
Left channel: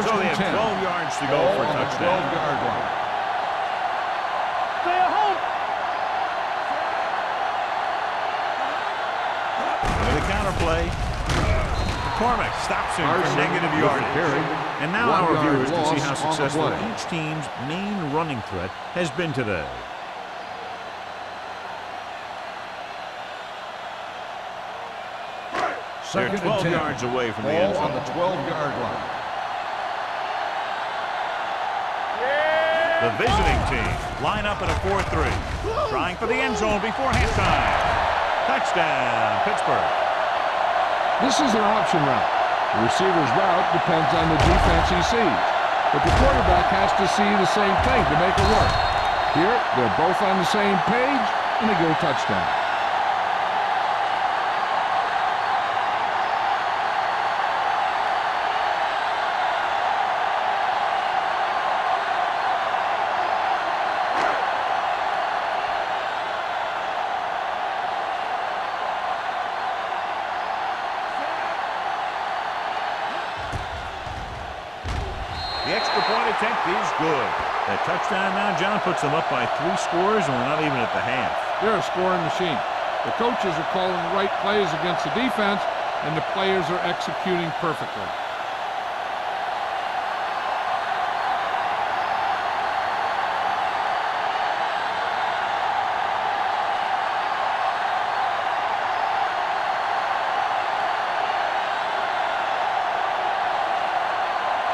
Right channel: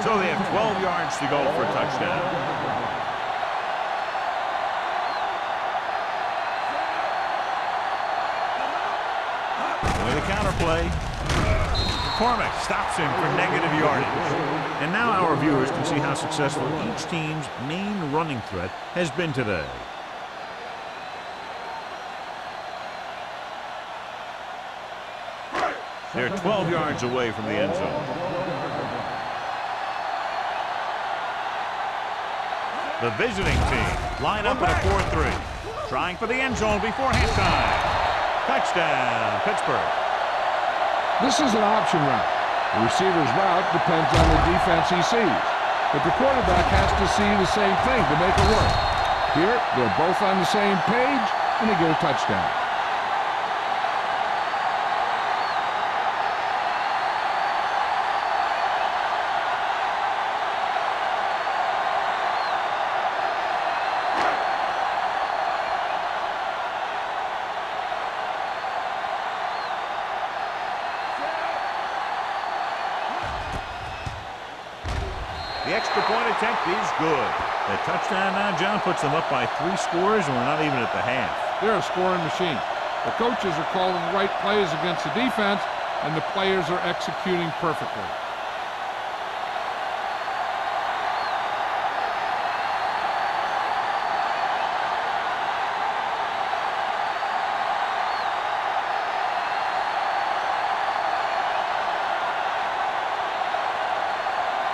So they have 12 yards to go for a touchdown. With a counter play. McCormick stops him for negative yardage. And now our viewers can see how successful each team's main running threat has been today. They're 12 yards away from the end zone. 12-yard line. The visiting team line up in a 4-3. Trying for the end zone before halftime. Touchdown, Pittsburgh. This is an option route. The receiver's route depends on the defense he sees. But the quarterback has to see the same thing to make it work. Here, they're both on the same page, and they get a touchdown. The extra point attempt is good. That touchdown now, John, puts them up by 3 scores, and we're not even at the half. They're a scoring machine. The coaches are calling the right plays against the defense, and the players are executing perfectly.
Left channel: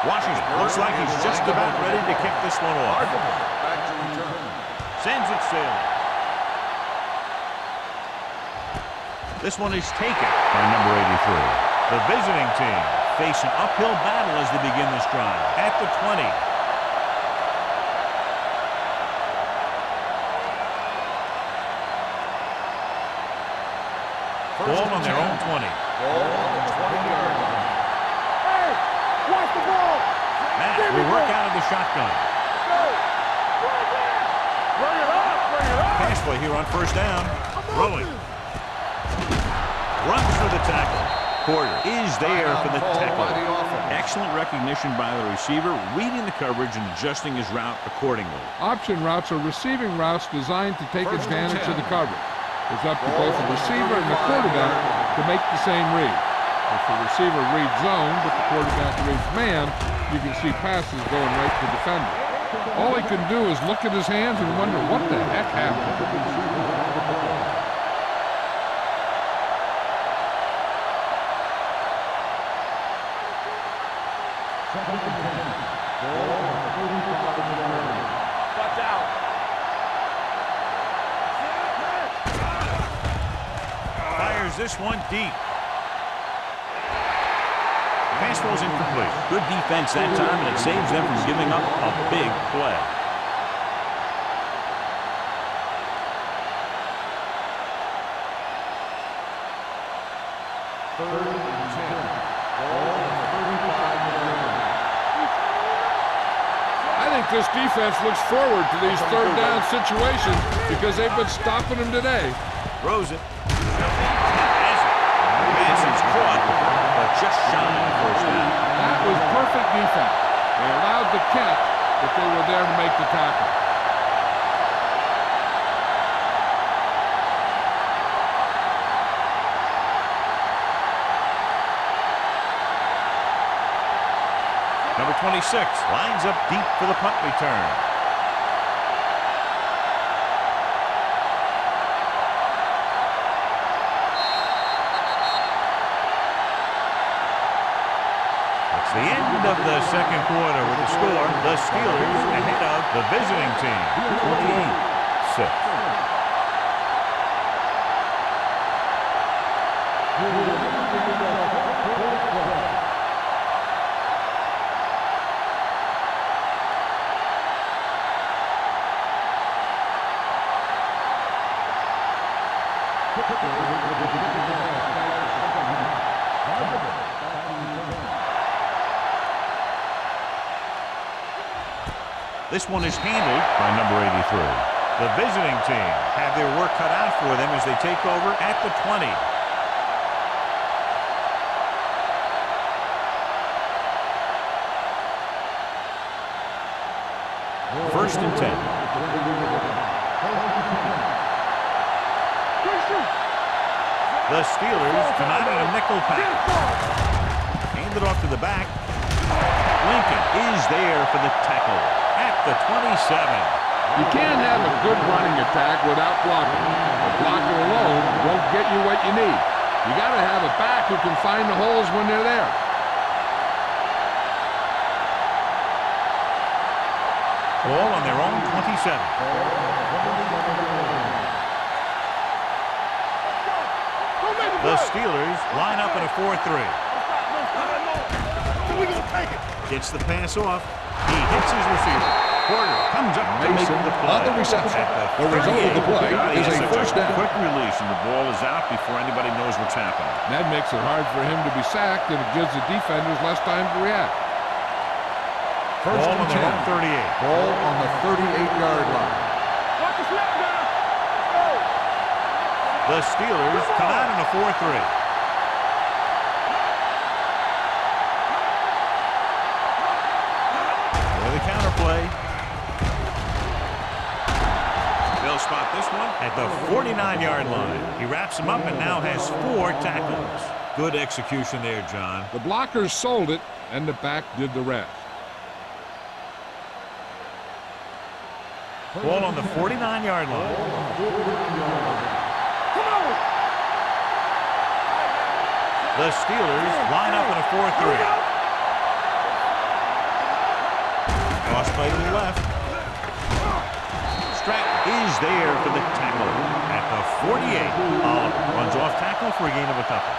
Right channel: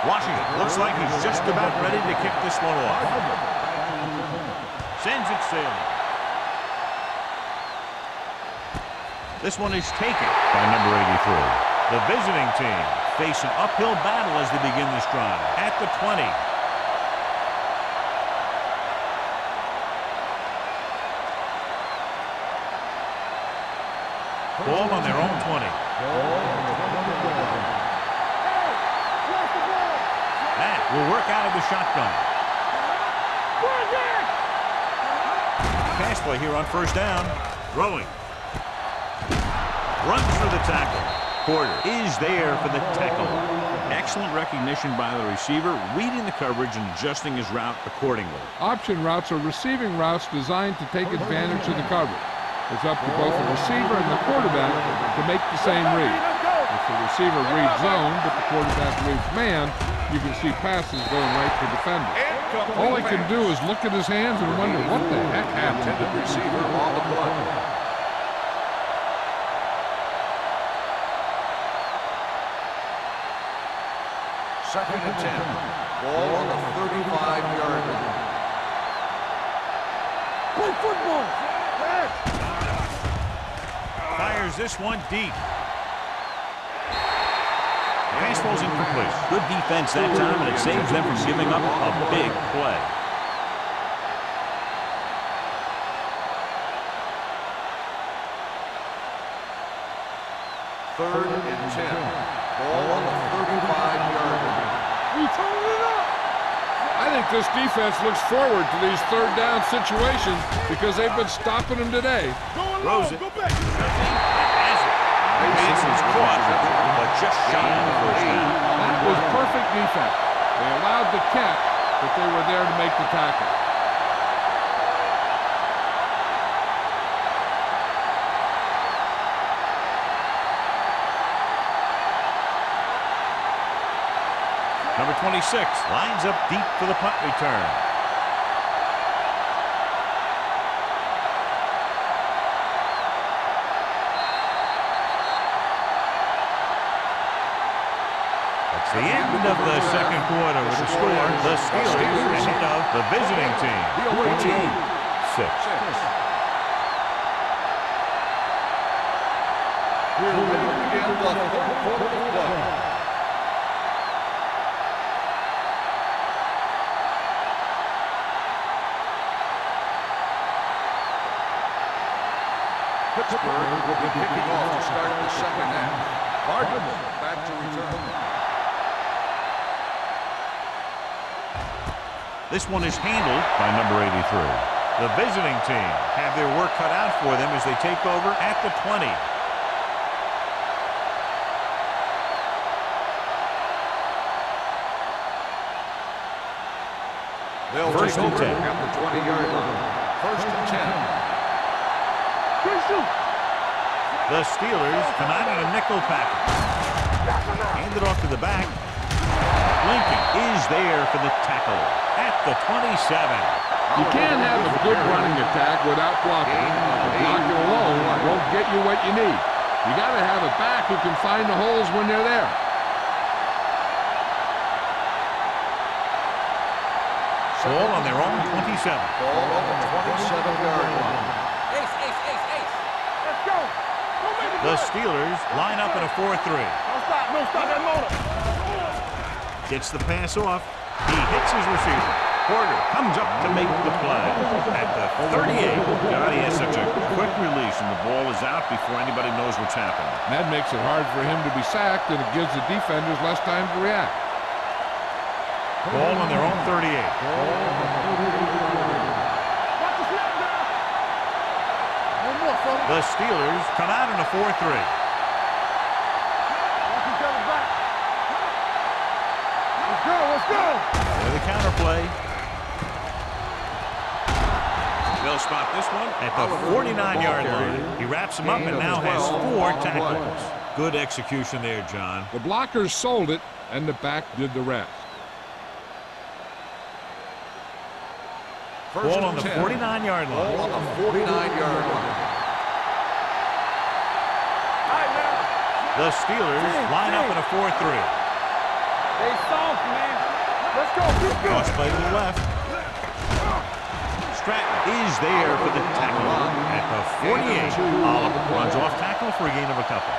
Washington looks like he's just about ready to kick this one off. Back to return. Sends it sailing. This one is taken by number 83. The visiting team face an uphill battle as they begin this drive at the 20. Ball on their own 20. Ball on the 20-yard line. Hey, watch the ball. Matt will work out of the shotgun. Pass play here on first down. Throwing. Runs for the tackle. Porter is there for the tackle. Excellent recognition by the receiver, reading the coverage and adjusting his route accordingly. Option routes are receiving routes designed to take advantage of the coverage. It's up to both the receiver and the quarterback to make the same read. If the receiver reads zone, but the quarterback reads man, you can see passes going right to defenders. All he can do is look at his hands and wonder what the heck happened. Second and 10. Ball on the 35-yard line. Watch out. Play football. Fires this one deep. Pass falls incomplete. Good defense that time, and it saves them from giving up a big play. Third and 10. Ball on the 35-yard line. We turning it up. I think this defense looks forward to these third down situations because they've been stopping them today. Throws it. Nothing. Has it. The pass is caught, but just shy of the first down. That was perfect defense. They allowed the catch, but they were there to make the tackle. Number 26 lines up deep for the punt return. That's the end of the second quarter with the score. The Steelers ahead of the visiting team, 28-6. Pittsburgh will be kicking off to start the second half. Barton back to return. This one is handled by number 83. The visiting team have their work cut out for them as they take over at the 20. First and 10. First and 10. The Steelers come out in a nickel package. Hand it off to the back. Lincoln is there for the tackle at the 27. You can't have a good running attack without blocking. But blocking alone won't get you what you need. You got to have a back who can find the holes when they're there. Ball on their own 27. Ball on the 27-yard line. Let's go. Don't make it The good. Steelers line up in a 4-3. Don't stop that motor. Gets the pass off. He hits his receiver. Porter comes up to make the play at the 38. God, he has such a quick release, and the ball is out before anybody knows what's happening. That makes it hard for him to be sacked, and it gives the defenders less time to react. Ball on their own 38. Ball on the 38-yard line. Watch the snap down. The Steelers come out in a 4-3. With a counter play. They'll spot this one at the 49-yard line. He wraps him up and now has 4 tackles. Good execution there, John. The blockers sold it, and the back did the rest. Ball on the 49-yard line. Ball on the 49-yard line. The Steelers line up in a 4-3. Stay soft, man. Let's go. Cross play to the left. Stratton is there for the tackle at the 48. Oliver runs off tackle for a gain of a couple.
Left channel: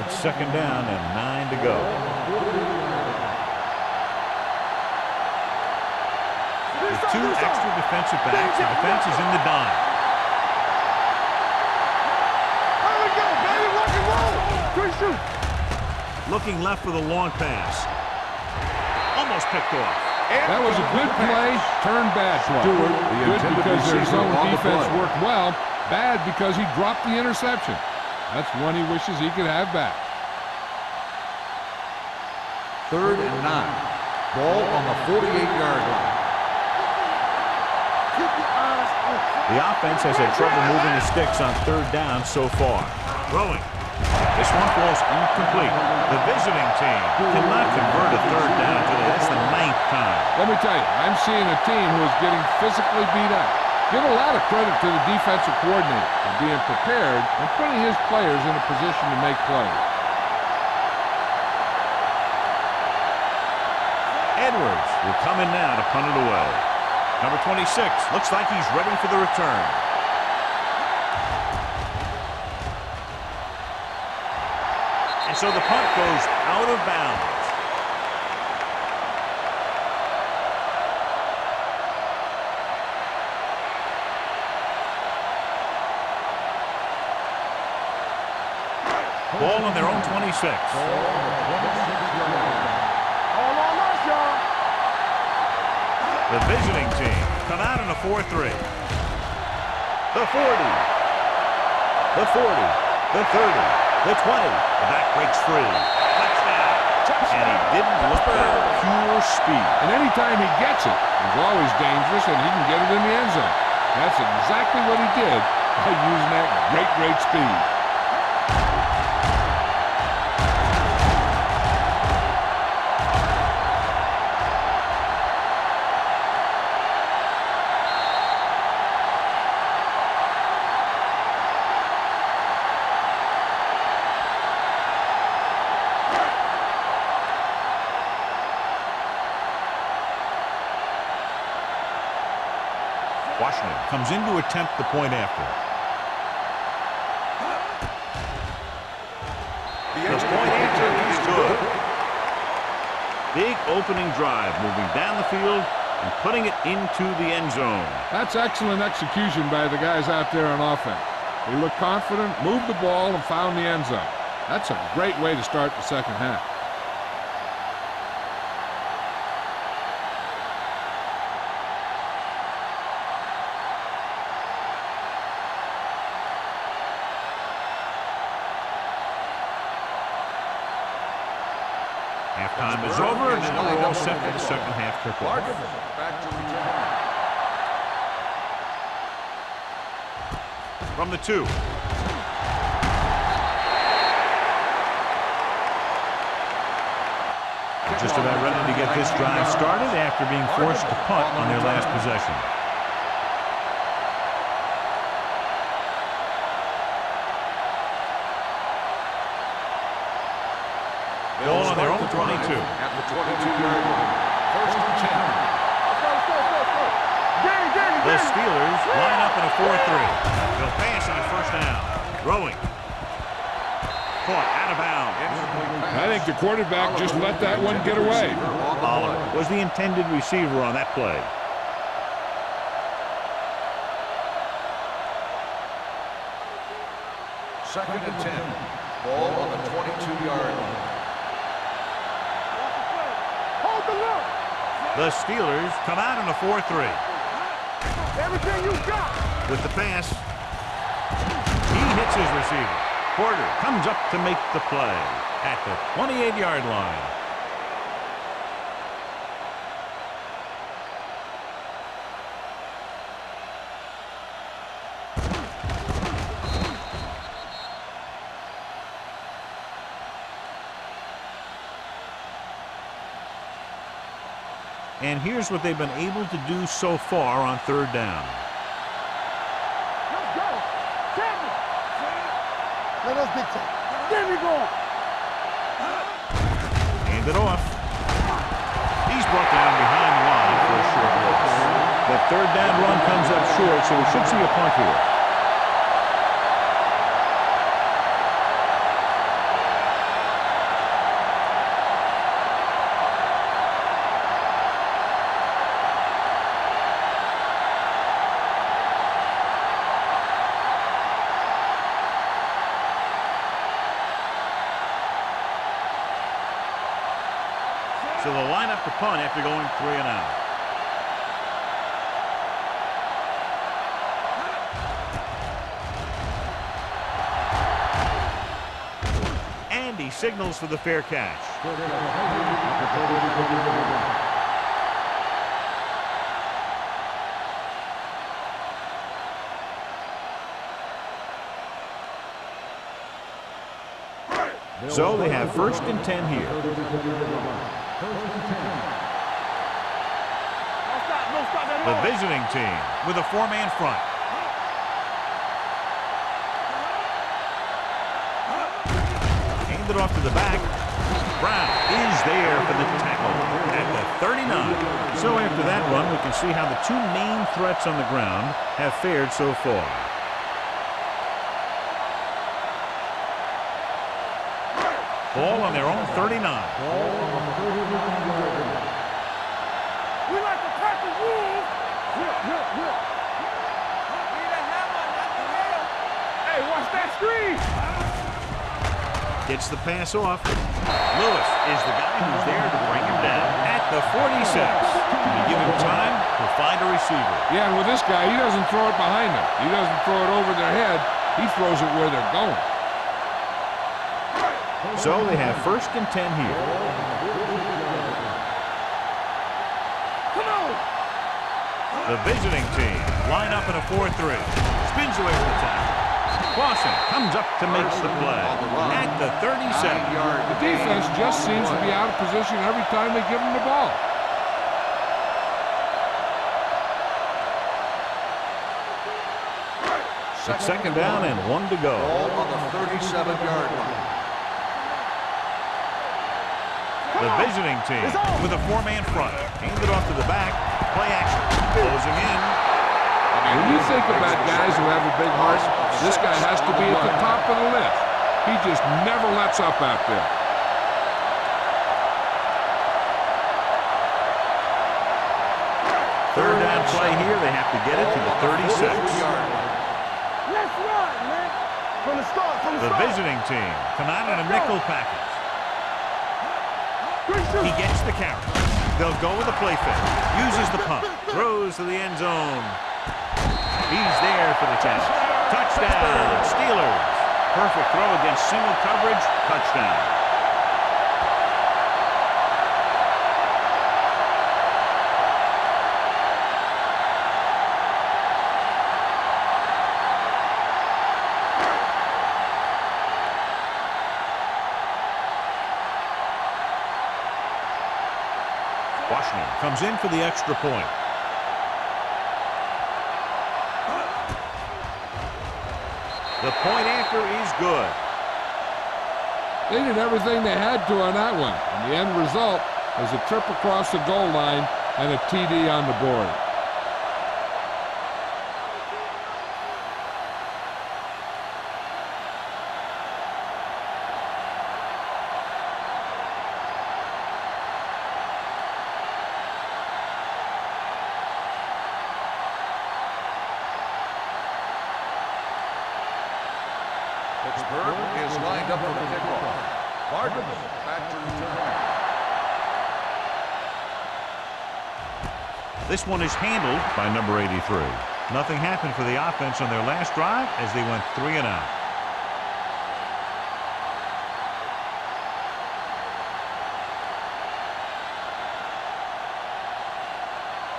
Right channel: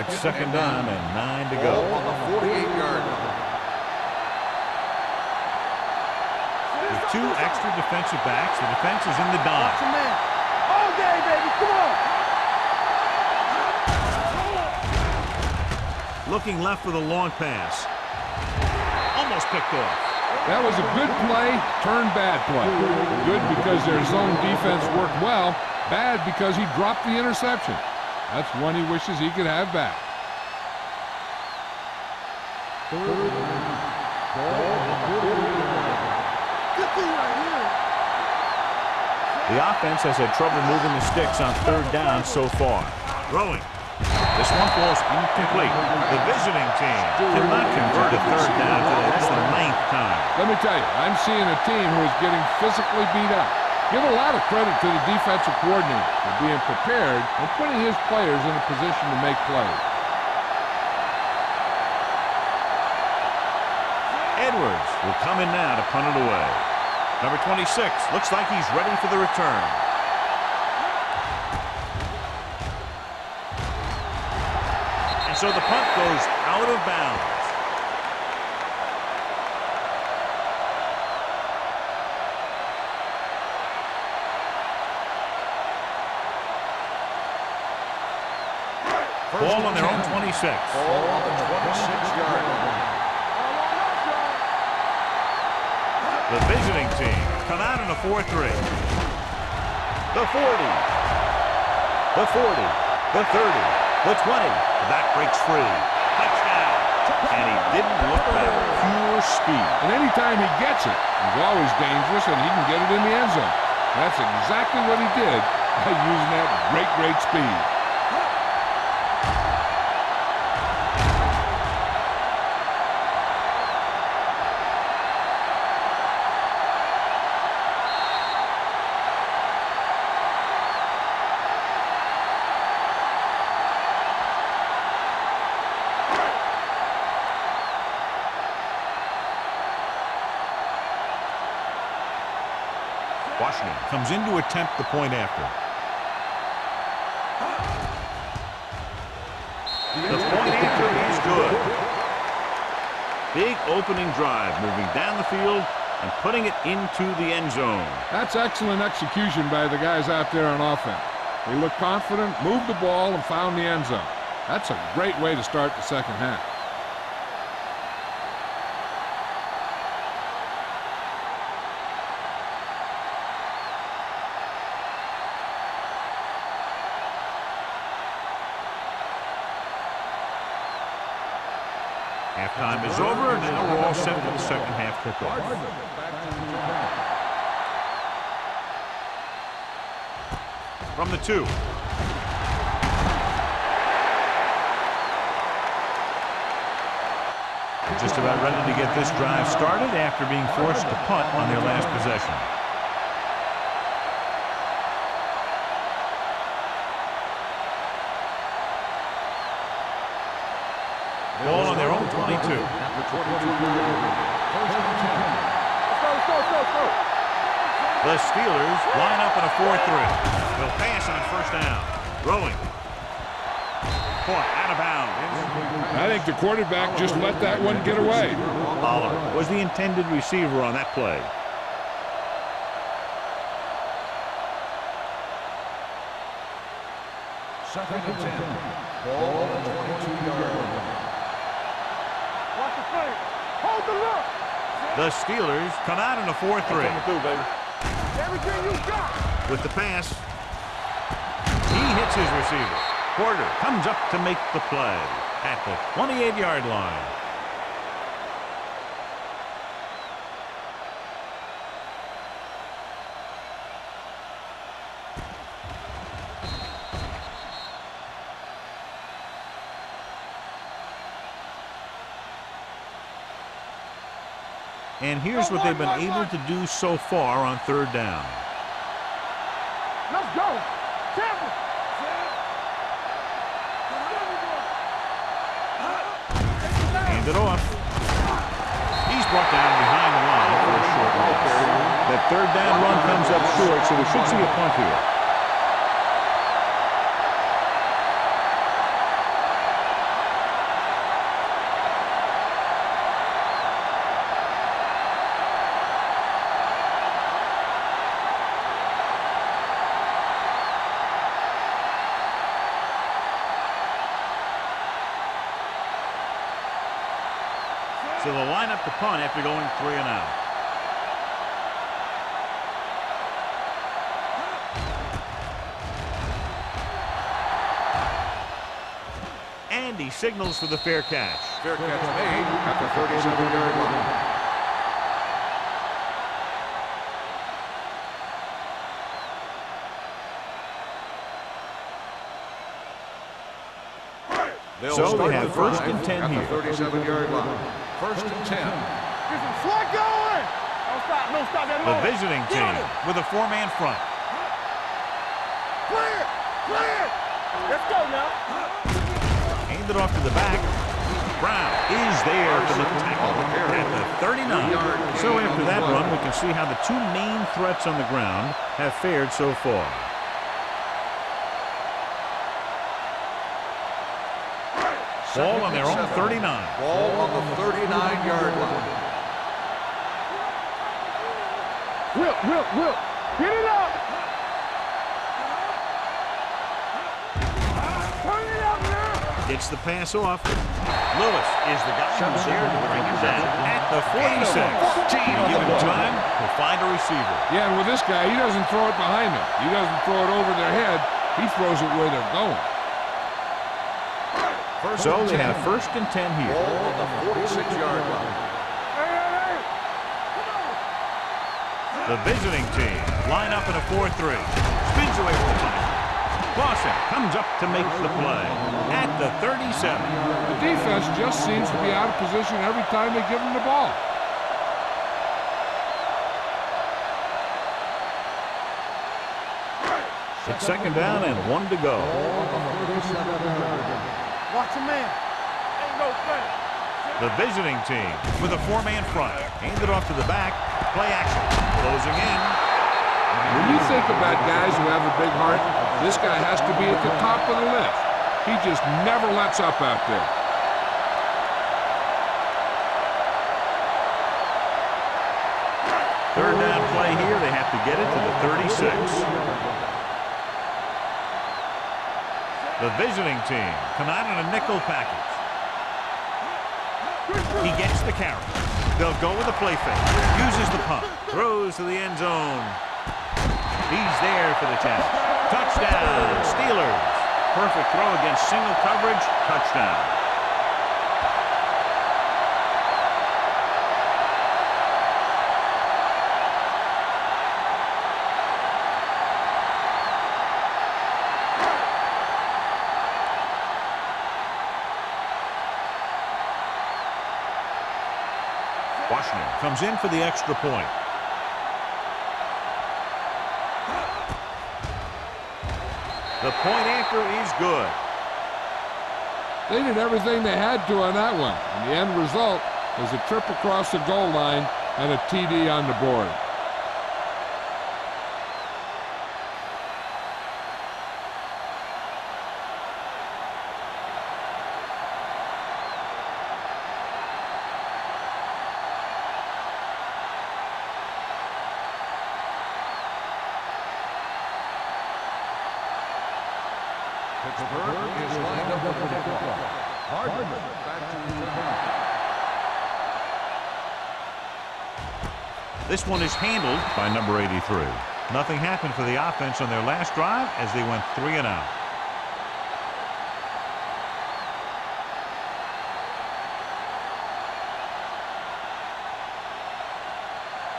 It's second down and 9 to go. On the 48-yard line. With 2 extra defensive backs, the defense is in the dime. Looking left for the long pass. Almost picked off. That was a good play, turned bad play. Good because their zone defense worked well. Bad because he dropped the interception. That's one he wishes he could have back. 3rd and 9. Ball on the 48-yard line. The offense has had trouble moving the sticks on 3rd down so far. Throwing. This one falls incomplete. The visiting team cannot convert a 3rd down today. That's the 9th time. Let me tell you, I'm seeing a team who is getting physically beat up. Give a lot of credit to the defensive coordinator for being prepared and putting his players in a position to make plays. Edwards will come in now to punt it away. Number 26 looks like he's ready for the return. And so the punt goes out of bounds. Ball on their own 26. Ball on the 26-yard line. All on us, y'all. The visiting team come out in a 4-3. The 40. The 40. The 30. The 20. The back breaks free. Touchdown. And he didn't look back. Pure speed. And anytime he gets it, he's always dangerous and he can get it in the end zone. That's exactly what he did by using that great speed. Washington comes in to attempt the point after. The point after is good. Big opening drive, moving down the field and putting it into the end zone. That's excellent execution by the guys out there on offense. They looked confident, moved the ball, and found the end zone. That's a great way to start the second half. Halftime is over, and now we're all set for the second half kickoff. Back to return. From the 2. Just about ready to get this drive started after being forced to punt on their last possession. Ball on their own 22. At the 22-yard line. 1st and 10. Let's go. The Steelers line up in a 4-3. They'll pass on 1st down. Throwing. Caught out of bounds. I think the quarterback just let that one get away. Oliver was the intended receiver on that play. Second and 10. Ball on the 22-yard line. Watch the play. Hold the look. The Steelers come out in a 4-3. Everything you got. With the pass, he hits his receiver. Porter comes up to make the play at the 28-yard line. And here's what they've been able to do so far on third down. Let's go. Temple. Give me ball. Hand it off. He's brought down behind the line for a short loss. That third down run comes up short, so we should see a punt here. So they'll line up to punt after going 3 and out. And he signals for the fair catch. Fair catch made at the 37-yard line. So they have first and 10 here. 37-yard line. First and 10. Slide going. Don't stop. Don't stop that The noise. visiting team with a 4-man front. Clear. Clear. Let's go now. Hand it off to the back. Brown is there for the tackle at the 39. So after that run, we can see how the two main threats on the ground have fared so far. Ball on their own 39. Ball on the 39-yard line. We like to crack the rules. Will. Get it up. Hey, watch that screen. Turn it up now. Gets the pass off. Lewis is the guy who's there to bring him down at the 46. You give him time, he'll find a receiver. Yeah, and with this guy, he doesn't throw it behind them. He doesn't throw it over their head. He throws it where they're going. So they have first and 10 here. Ball on the 46-yard line. Come on. The visiting team line up in a 4-3. Spins away from the tackle. Clausen comes up to make the play at the 37. The defense just seems to be out of position every time they give them the ball. It's second down and 1 to go. Ball on the 37-yard line. Watch the man. Ain't no play. The visiting team with a 4-man front. Hand it off to the back. Play action. Closing in. When you think about guys who have a big heart, this guy has to be at the top of the list. He just never lets up out there. Third down play here. They have to get it to the 36. Let's run, man. From the start. The visiting team come out in a nickel package. He gets the carry. They'll go with a play fake. Uses the pump. Throws to the end zone. He's there for the catch. Touchdown, Steelers. Perfect throw against single coverage. Touchdown. Washington comes in for the extra point. The point after is good. They did everything they had to on that one, and the end result was a trip across the goal line and a TD on the board. Pittsburgh is lined up for the kickoff. Bargains back to return. This one is handled by number 83. Nothing happened for the offense on their last drive as they went 3 and out.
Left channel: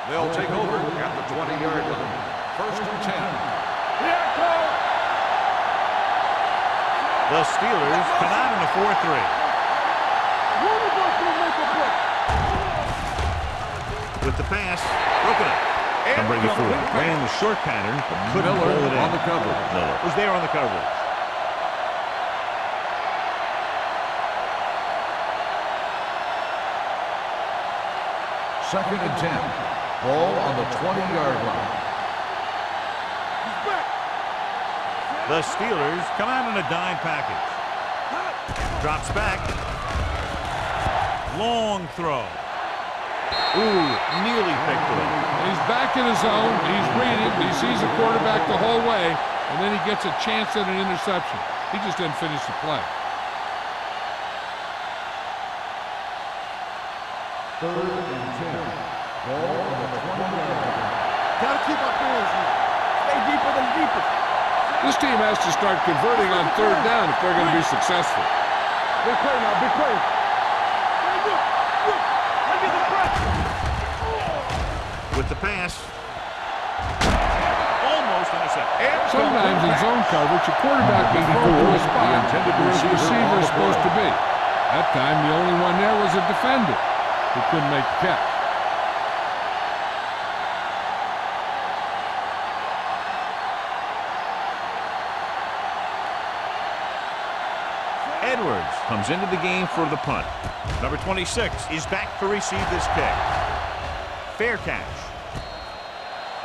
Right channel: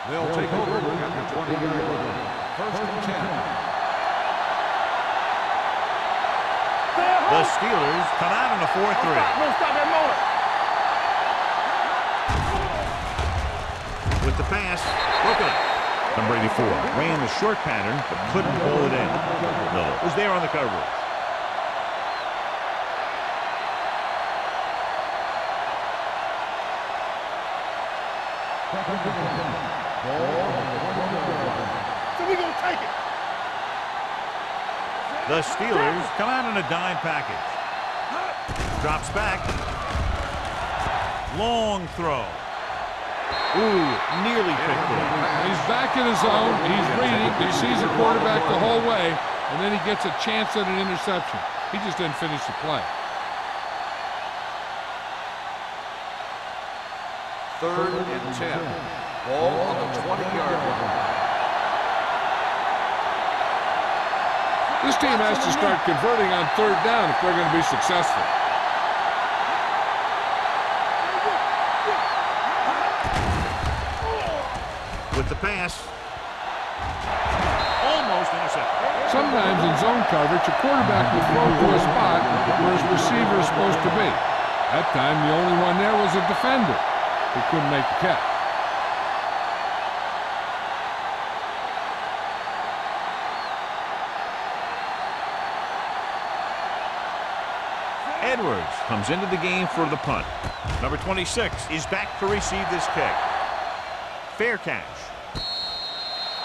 They'll take over at the 20-yard line. 1st and 10. The Steelers come out in a 4-3. With the pass, broken up. Number 84 ran the short pattern but couldn't pull it in. Miller was there on the coverage. Second and 10. Ball on the 20-yard line. The Steelers come out in a dime package. Drops back. Long throw. Ooh, nearly picked off. He's back in his zone. He's reading. He sees the quarterback the whole way, and then he gets a chance at an interception. He just didn't finish the play. 3rd and 10. Ball on the 20-yard line. Gotta keep our boys in. Stay deeper than deeper. This team has to start converting on 3rd down if they're going to be successful. Big play now, big play. Hey, look. With the pass. Almost intercepted. Sometimes in zone coverage, a quarterback will throw to a spot where his receiver is supposed to be. That time, the only one there was a defender who couldn't make the catch. Edwards comes into the game for the punt. Number 26 is back to receive this kick. Fair catch.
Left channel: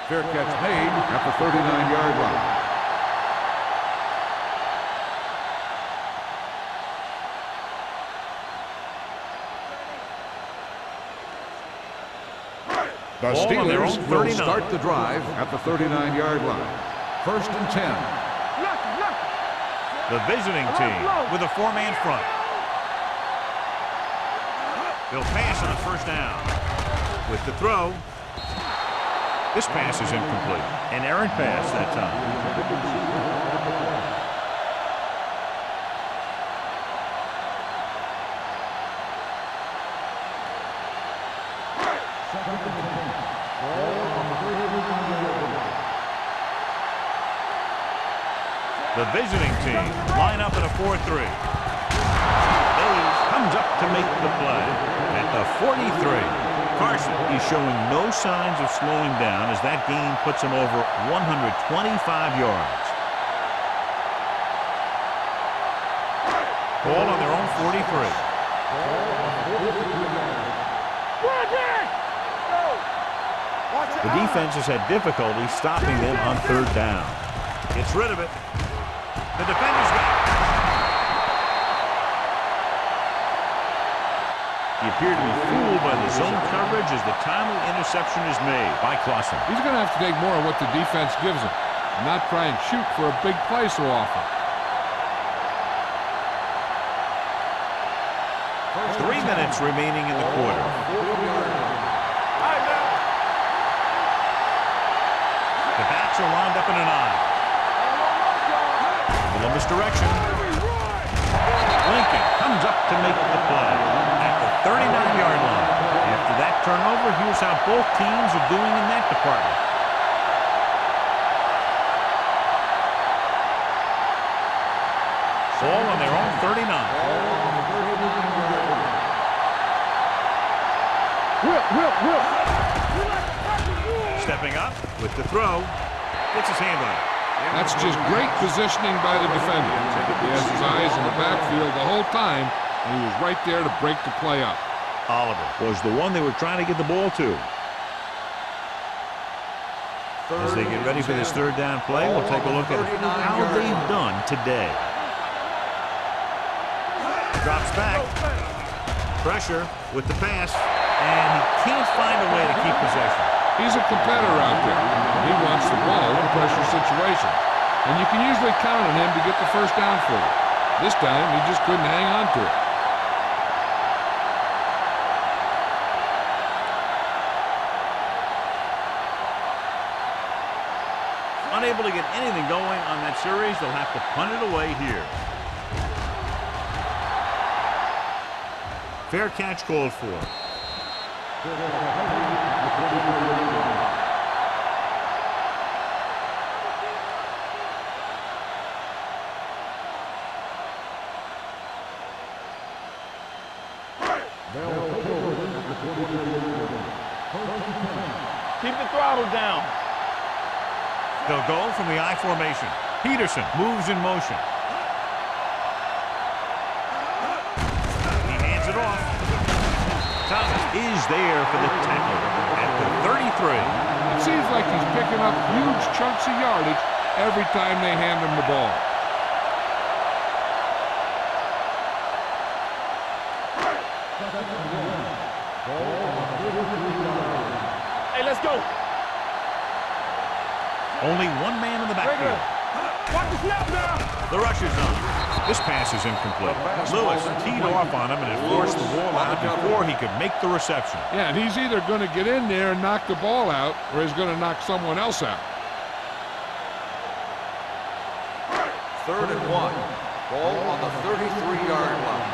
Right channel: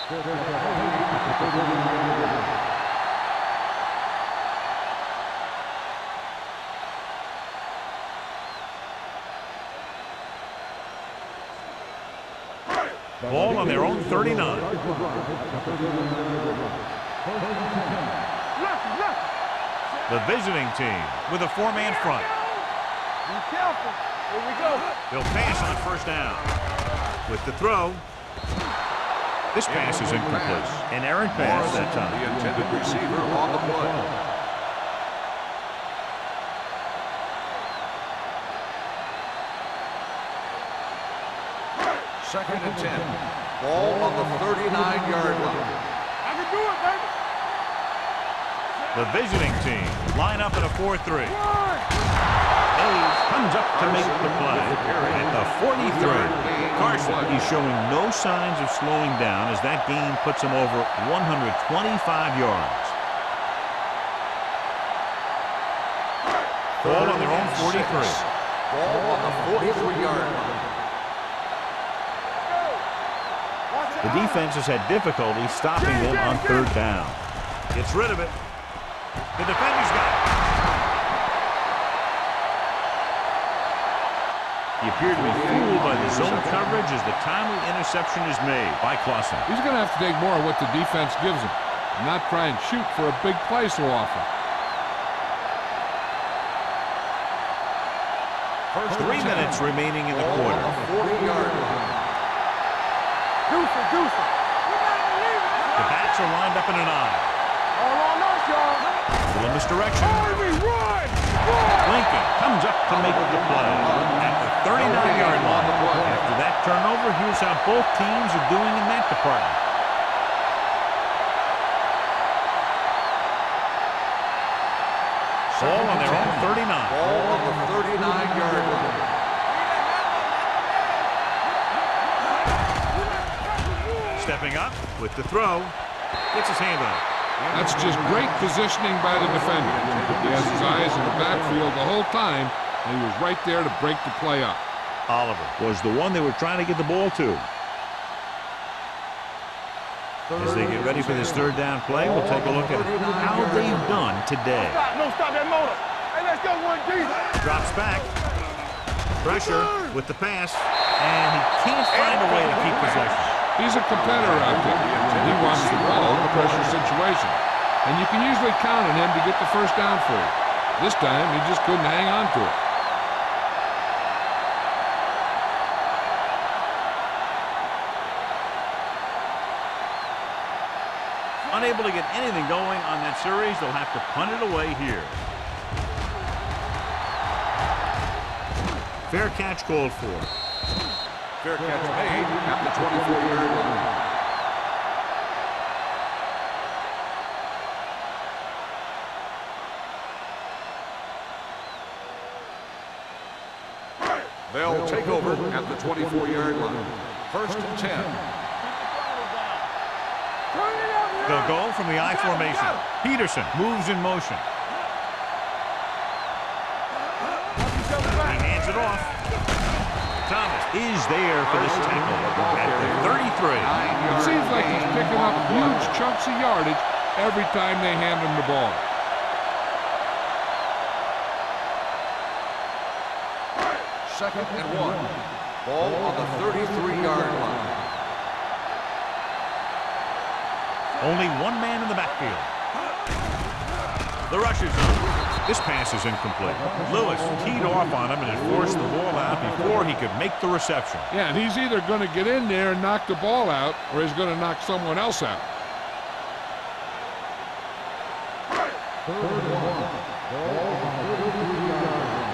Fair catch made at the 39-yard line. The Ball on their own Steelers will 39. Start the drive at the 39-yard line. 1st and 10. The visiting team with a 4-man front. They'll pass on 1st down. With the throw. This pass is incomplete. An errant pass that time. The intended receiver on the play. Second and 10. Ball on the 39-yard line. The visiting team line up in a 4-3. Mays comes up to make the play at the 43. Carson is showing no signs of slowing down as that gain puts him over 125 yards. Ball on their own 43. Ball on the 43-yard line. The defense has had difficulty stopping them on 3rd down. Gets rid of it. The defender's got it. He appeared to be fooled by the zone coverage as the timely interception is made by Clausen. He's going to have to take more of what the defense gives him and not try and shoot for a big play so often. 3 minutes remaining in the quarter. 40-yard line. The backs are lined up in an eye. A little misdirection. Lincoln comes up to make the play at the 39-yard line. After that turnover, here's how both teams are doing in that department. Ball on their own 39. Ball on the 39-yard line. Stepping up with the throw. Gets his hand on it. That's just great positioning by the defender. He has his eyes in the backfield the whole time, and he was right there to break the play up. Oliver was the one they were trying to get the ball to. As they get ready for this 3rd down play, we'll take a look at how they've done today. Drops back. Pressure with the pass, and he can't find a way to keep possession. He's a competitor out there, and he wants the ball in pressure situations. And you can usually count on him to get the 1st down for you. This time, he just couldn't hang on to it. Unable to get anything going on that series, they'll have to punt it away here. Fair catch called for. Fair catch made at the 24-yard line. They'll take over at the 24-yard line. 1st and 10. Keep the throttle down. They'll go from the I formation. Peterson moves in motion. He hands it off. Thomas is there for this tackle at the 33. It seems like he's picking up huge chunks of yardage every time they hand him the ball. Second and 1. Ball on the 33-yard line. Hey, let's go. Only one man in the backfield. Watch the snap now. The rush is on. This pass is incomplete. Lewis teed off on him and had forced the ball out before he could make the reception. Yeah, and he's either going to get in there and knock the ball out, or he's going to knock someone else out. 3rd and 1. Ball on the 33-yard line.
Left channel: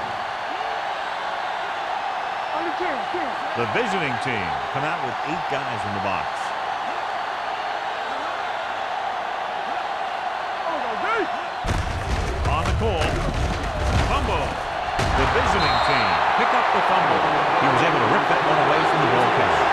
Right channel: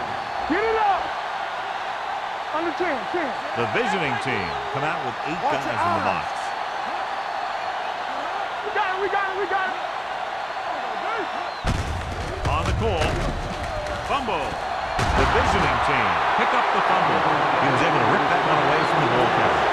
Get it up. Under 10. The visiting team come out with 8 guys in the box. We got it. There we go, D. On the call, fumble. The visiting team pick up the fumble. He was able to rip that one away from the ball carrier.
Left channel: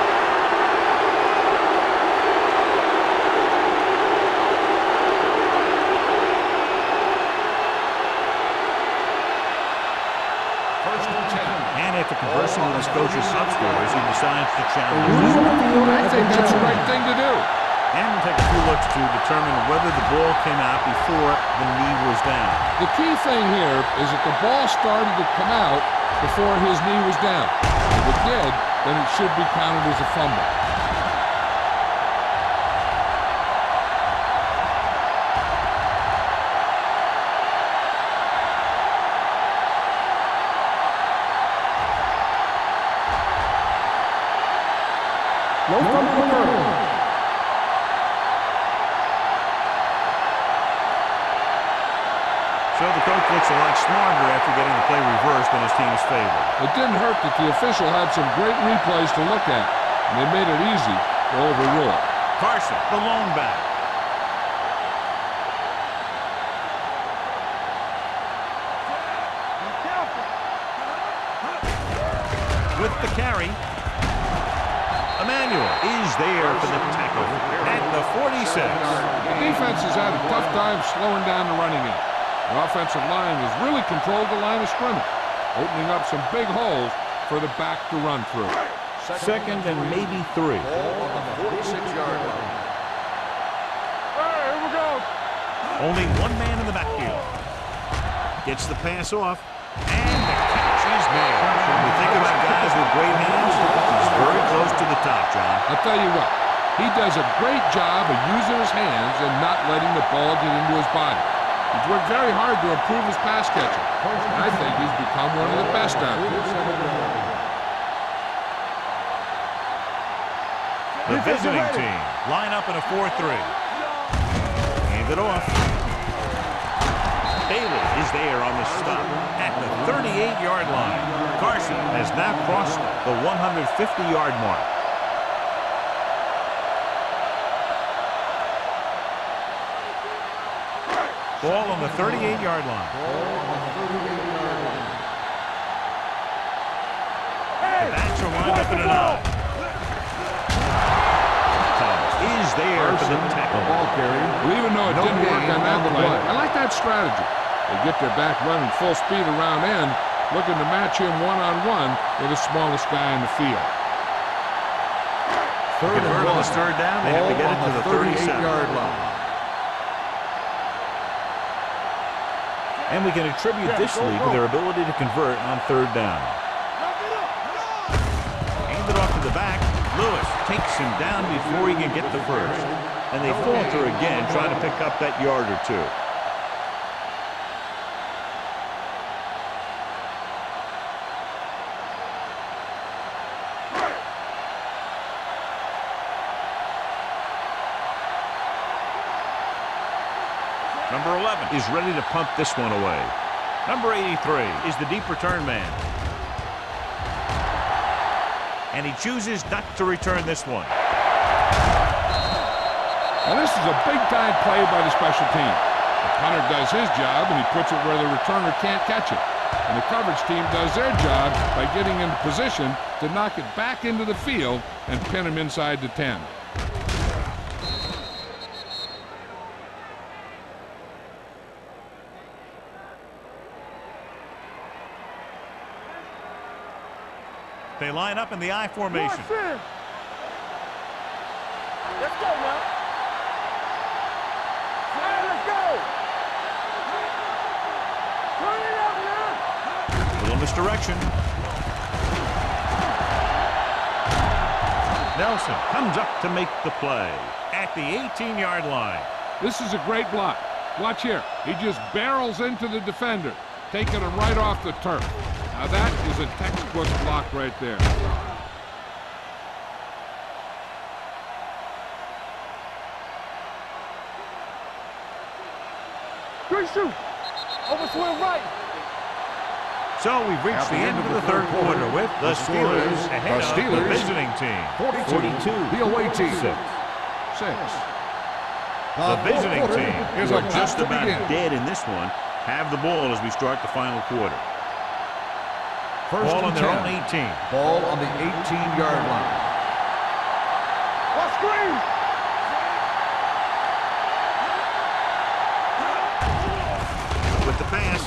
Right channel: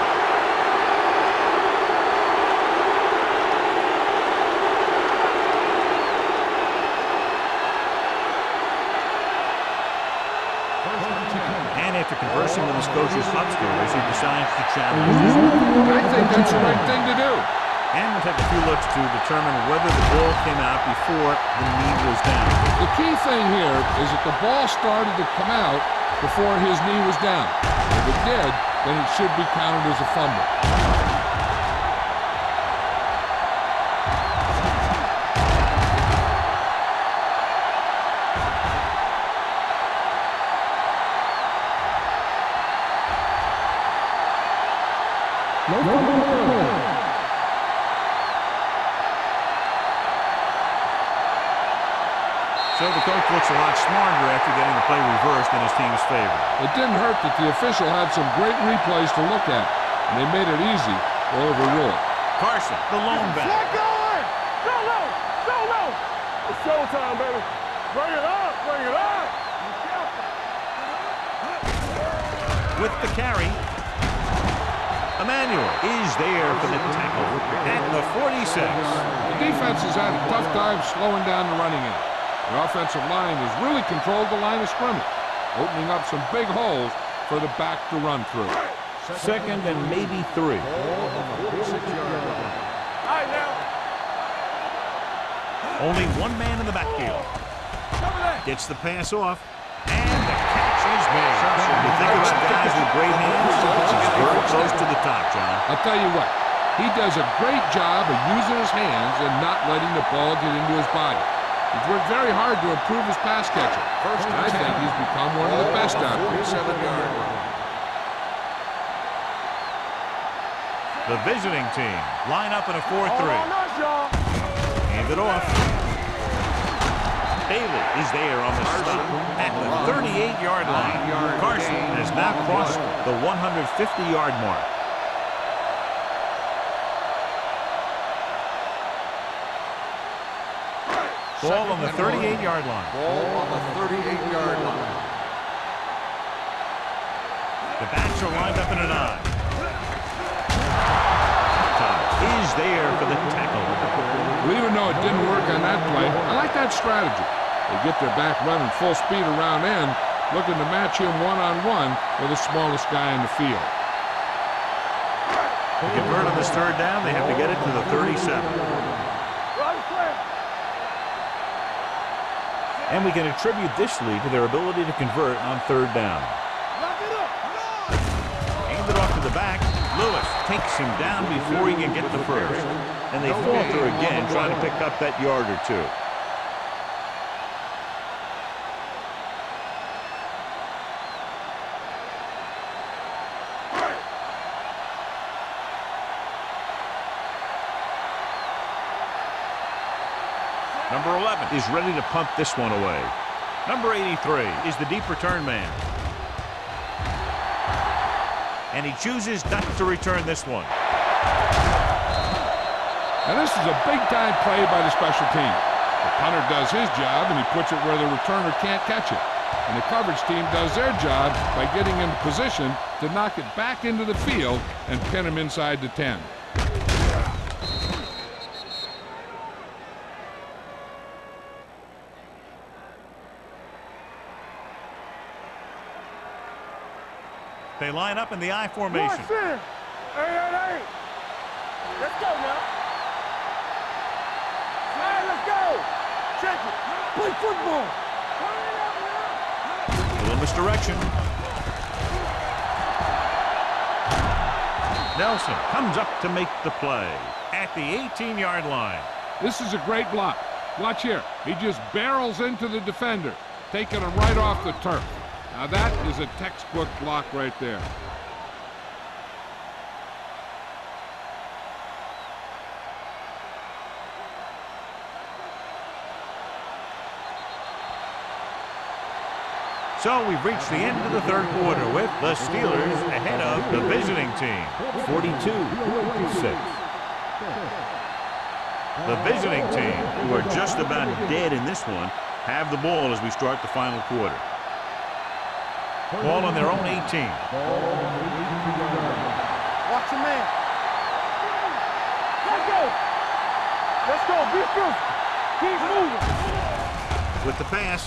First and 10. And after conversing with his coaches upstairs, he decides to challenge this one. I think that's the right thing to do. And we'll take a few looks to determine whether the ball came out before the knee was down. The key thing here is that the ball started to come out before his knee was down. If it did, then it should be counted as a fumble. No fumble occurred. So the coach looks a lot smarter after getting the play reversed in his team's favor. It didn't hurt that the official had some great replays to look at, and they made it easy to overrule. Carson, the lone back. Go! It's showtime, baby. Bring it up. Be careful. With the carry, Emmanuel is there for the tackle at the 46. The defense has had a tough time slowing down the running game. The offensive line has really controlled the line of scrimmage, opening up some big holes for the back to run through. Second and maybe 3. Ball on the 46-yard line. All right, now. All right, here we go. Only one man in the backfield. Gets the pass off, and the catch is made. When you think about guys with great hands, he's very close to the top, John. I'll tell you what, he does a great job of using his hands and not letting the ball get into his body. He's worked very hard to improve his pass catching, and I think he's become one of the best out there. The visiting team line up in a 4-3. Hand it off. Bailey is there on the stop at the 38-yard line. Carson has now crossed the 150-yard mark. Ball on the 38-yard line. Ball on the 38-yard line. The backs are lined up in an I. Thomas is there for the tackle. Well, even though it didn't work on that play, I like that strategy. They get their back running full speed around end, looking to match him one-on-one with the smallest guy in the field. To convert on this third down, they have to get it to the 37. And we can attribute this lead to their ability to convert on third down. Hand it off to the back. Lewis takes him down before he can get the first. And they falter again, trying to pick up that yard or two. Number 11 is ready to punt this one away. Number 83 is the deep return man. and he chooses not to return this one. Now this is a big-time play by the special team. The punter does his job, and he puts it where the returner can't catch it. And the coverage team does their job by getting into position to knock it back into the field and pin him inside the 10. They line up in the I formation. Let's go now. Hey, let's go. Check it. Play football. Turn it out now. Little misdirection. Nelson comes up to make the play at the 18-yard line. This is a great block. Watch here. He just barrels into the defender, taking him right off the turf. Now that is a textbook block right there. Good shoot. Over to the right. So we've reached the end of the third quarter with the Steelers ahead of the visiting team. 42 The away team. 6. 6. The visiting team, who are just about dead in this one, have the ball as we start the final quarter. Ball on their own 18. Ball on the 18-yard line. Watch your man. Watch screen. Let's go. Let's go. Keep moving. With the pass,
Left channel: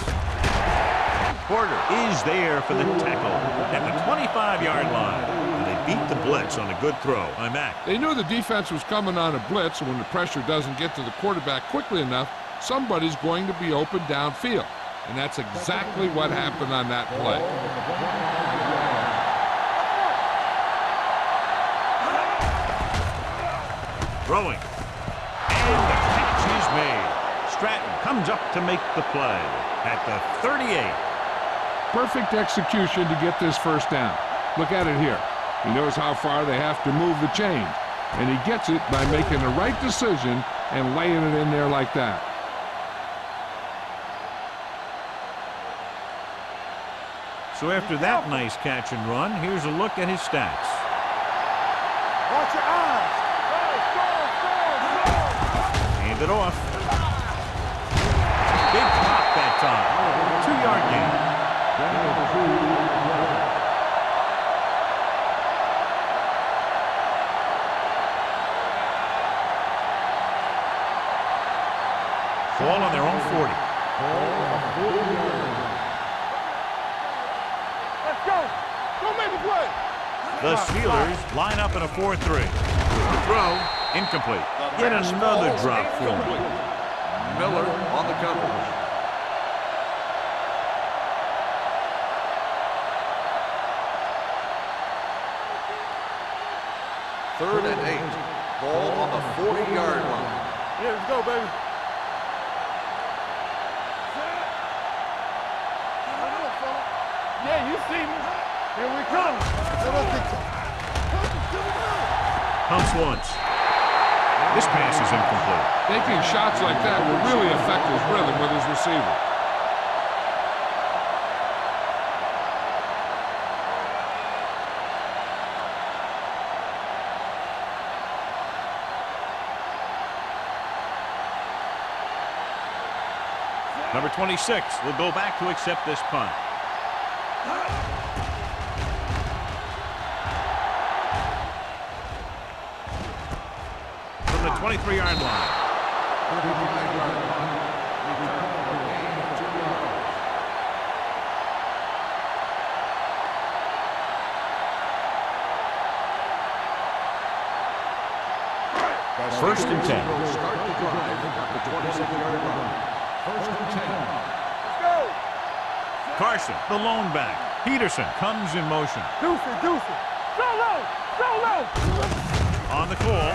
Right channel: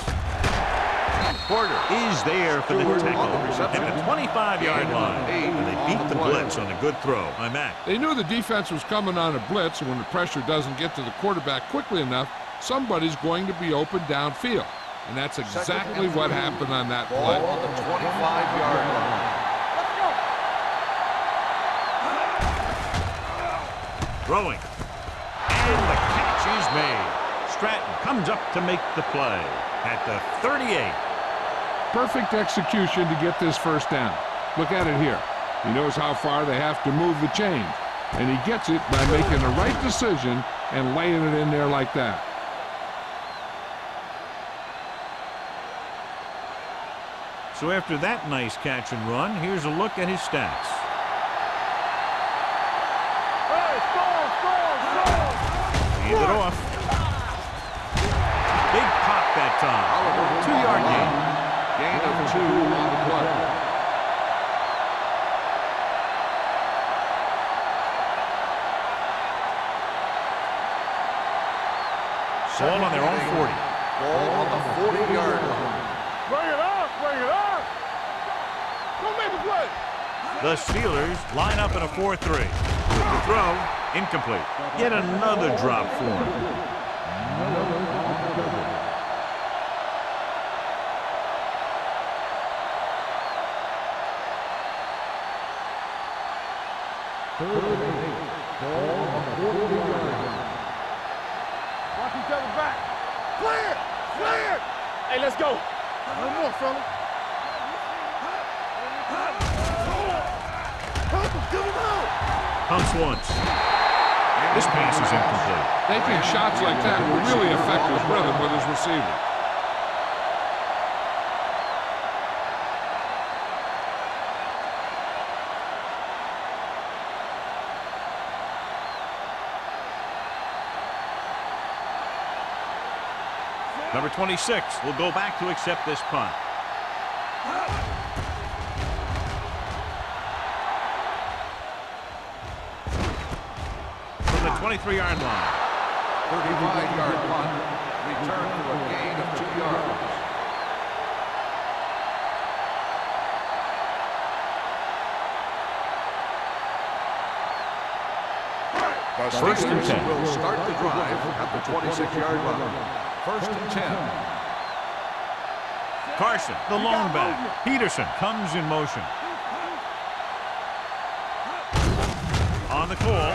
Porter is there for the tackle at the 25-yard line. And they beat the blitz on a good throw by Mack. They knew the defense was coming on a blitz, and when the pressure doesn't get to the quarterback quickly enough, somebody's going to be open downfield. And that's exactly what happened on that play. Ball on the 25-yard line. Throwing. And the catch is made. Stratton comes up to make the play at the 38. Perfect execution to get this first down. Look at it here. He knows how far they have to move the chains, and he gets it by making the right decision and laying it in there like that. So after that nice catch and run, here's a look at his stats. Watch your eyes. Hey, score. Hand it off. Big pop that time. 2-yard gain. Gain of 2 on the play. Ball on their own 40. Ball on the 40-yard line. Let's go. Go make the play. The Steelers line up in a 4-3. With the throw, incomplete. Yet another drop for him. Miller on the cover. Third and 8. Ball on the 40-yard line. Yeah, let's go, baby. Watch each other back. Clear. Clear. Hey, let's go. One more, fella. Yeah, you see me. Here we come. Help him. Give him out. Pumps once. This pass is incomplete. Taking shots like that will really affect his rhythm with his receiver. Number 26 will go back to accept this punt. From the 23-yard line. 35-yard punt. Return for a gain of 2 yards. First and 10. Will start the drive at the 26-yard line. First and 10. Carson, the lone back. Peterson comes in motion. Deuce. Go low. On the call.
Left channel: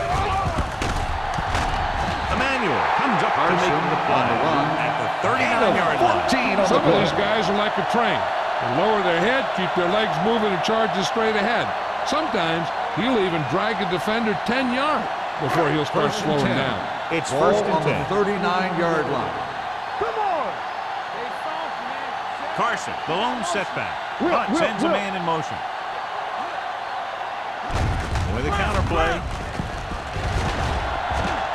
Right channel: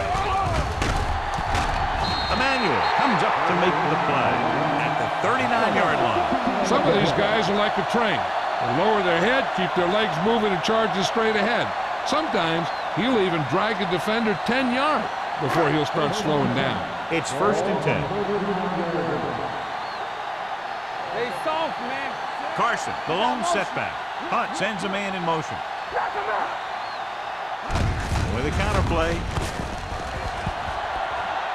Emmanuel comes up to make the play at the 39-yard line. Some of these guys are like a train. They lower their head, keep their legs moving, and charges straight ahead. Sometimes he'll even drag a defender 10 yards before he'll start slowing down. It's first and 10. 39-yard line. Come on. They soft, man. Carson, the lone setback. Punt sends a man in motion. With a counter play.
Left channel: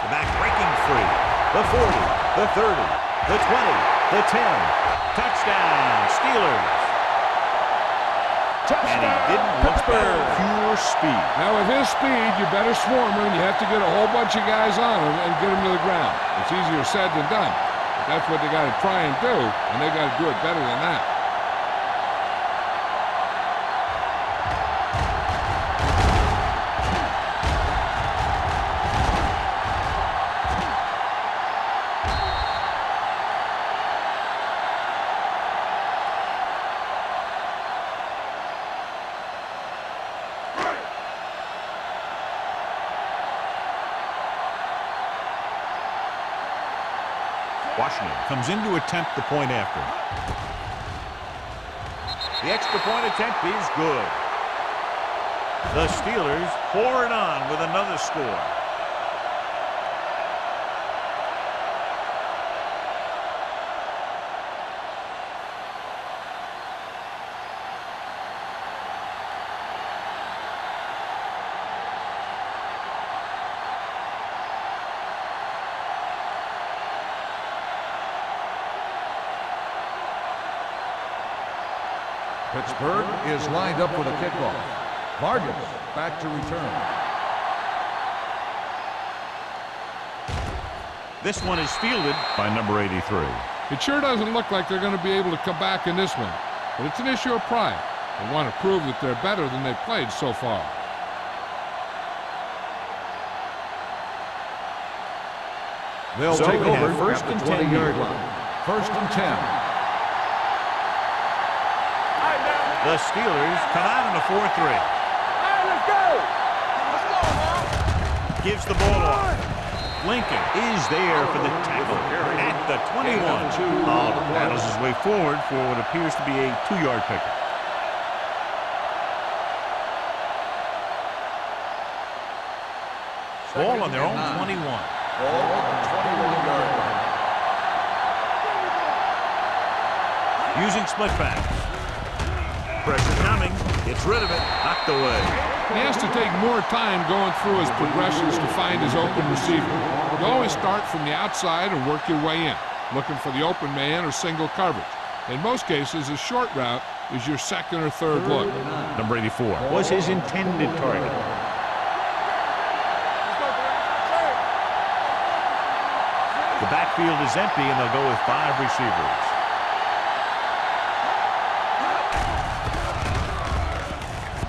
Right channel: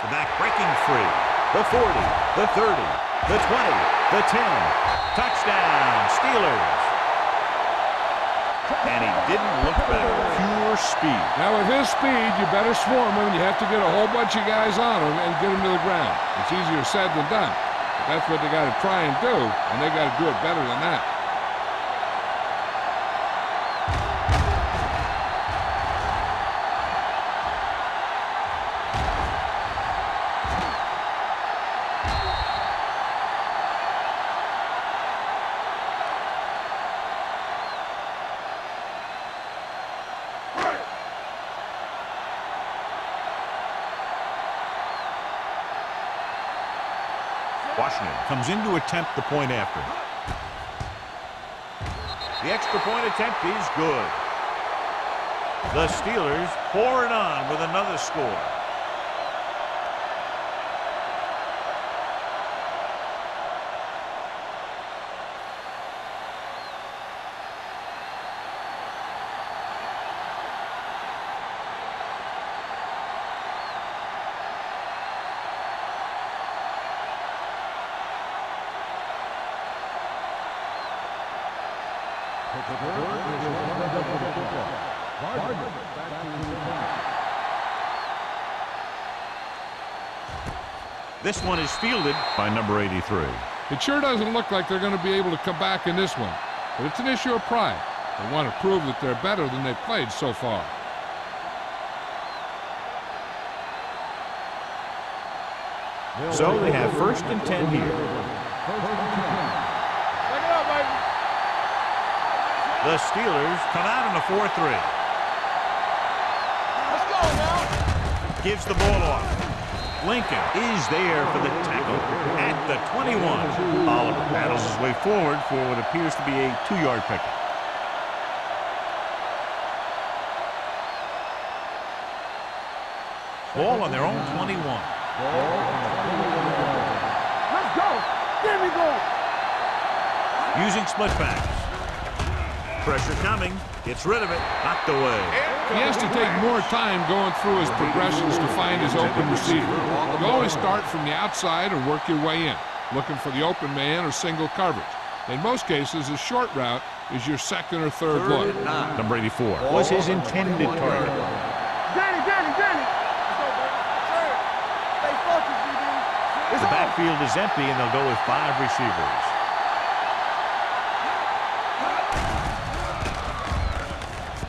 The back breaking free. The 40, the 30, the 20, the 10. Touchdown, Steelers. And he didn't look better. Pure speed. Now with his speed, you better swarm him, and you have to get a whole bunch of guys on him and get him to the ground. It's easier said than done. But that's what they got to try and do, and they got to do it better than that. Washington comes in to attempt the point after. The extra point attempt is good. The Steelers pour it on with another score. Pittsburgh is lined up with a kickoff. Vargas back to return. This one is fielded by number 83. It sure doesn't look like they're going to be able to come back in this one, but it's an issue of pride. They want to prove that they're better than they've played so far. So they have first and 10 here. First and 10. The Steelers come out in a 4-3. Let's go now. Gives the ball off. Lincoln is there for the tackle at the 21. Oliver battles his way forward for what appears to be a 2-yard pickup. Ball on their own 21. Ball on the 21-yard line. Let's go. Give me one. Using split backs. Pressure coming. Gets rid of it. Knocked away. He has to take more time going through his progressions to find his open receiver. You always start from the outside and work your way in, looking for the open man or single coverage. In most cases, a short route is your second or third look. Number 84 was his intended target. The backfield is empty, and they'll go with 5 receivers.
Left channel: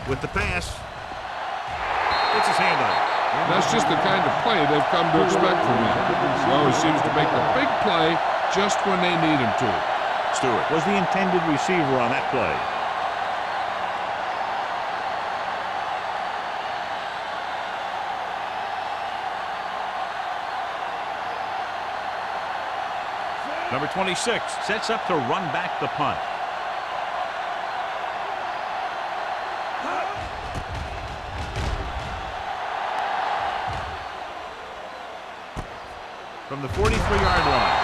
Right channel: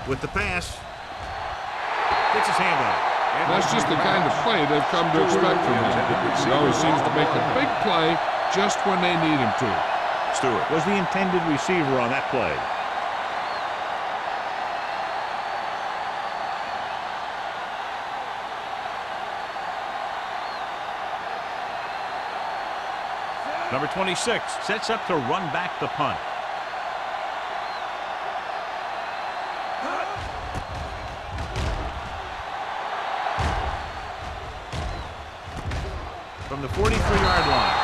With the pass, gets his hand on it. That's just the kind of play they've come to expect from him. He always seems to make the big play just when they need him to. Stewart was the intended receiver on that play. Number 26 sets up to run back the punt. From the 43-yard line.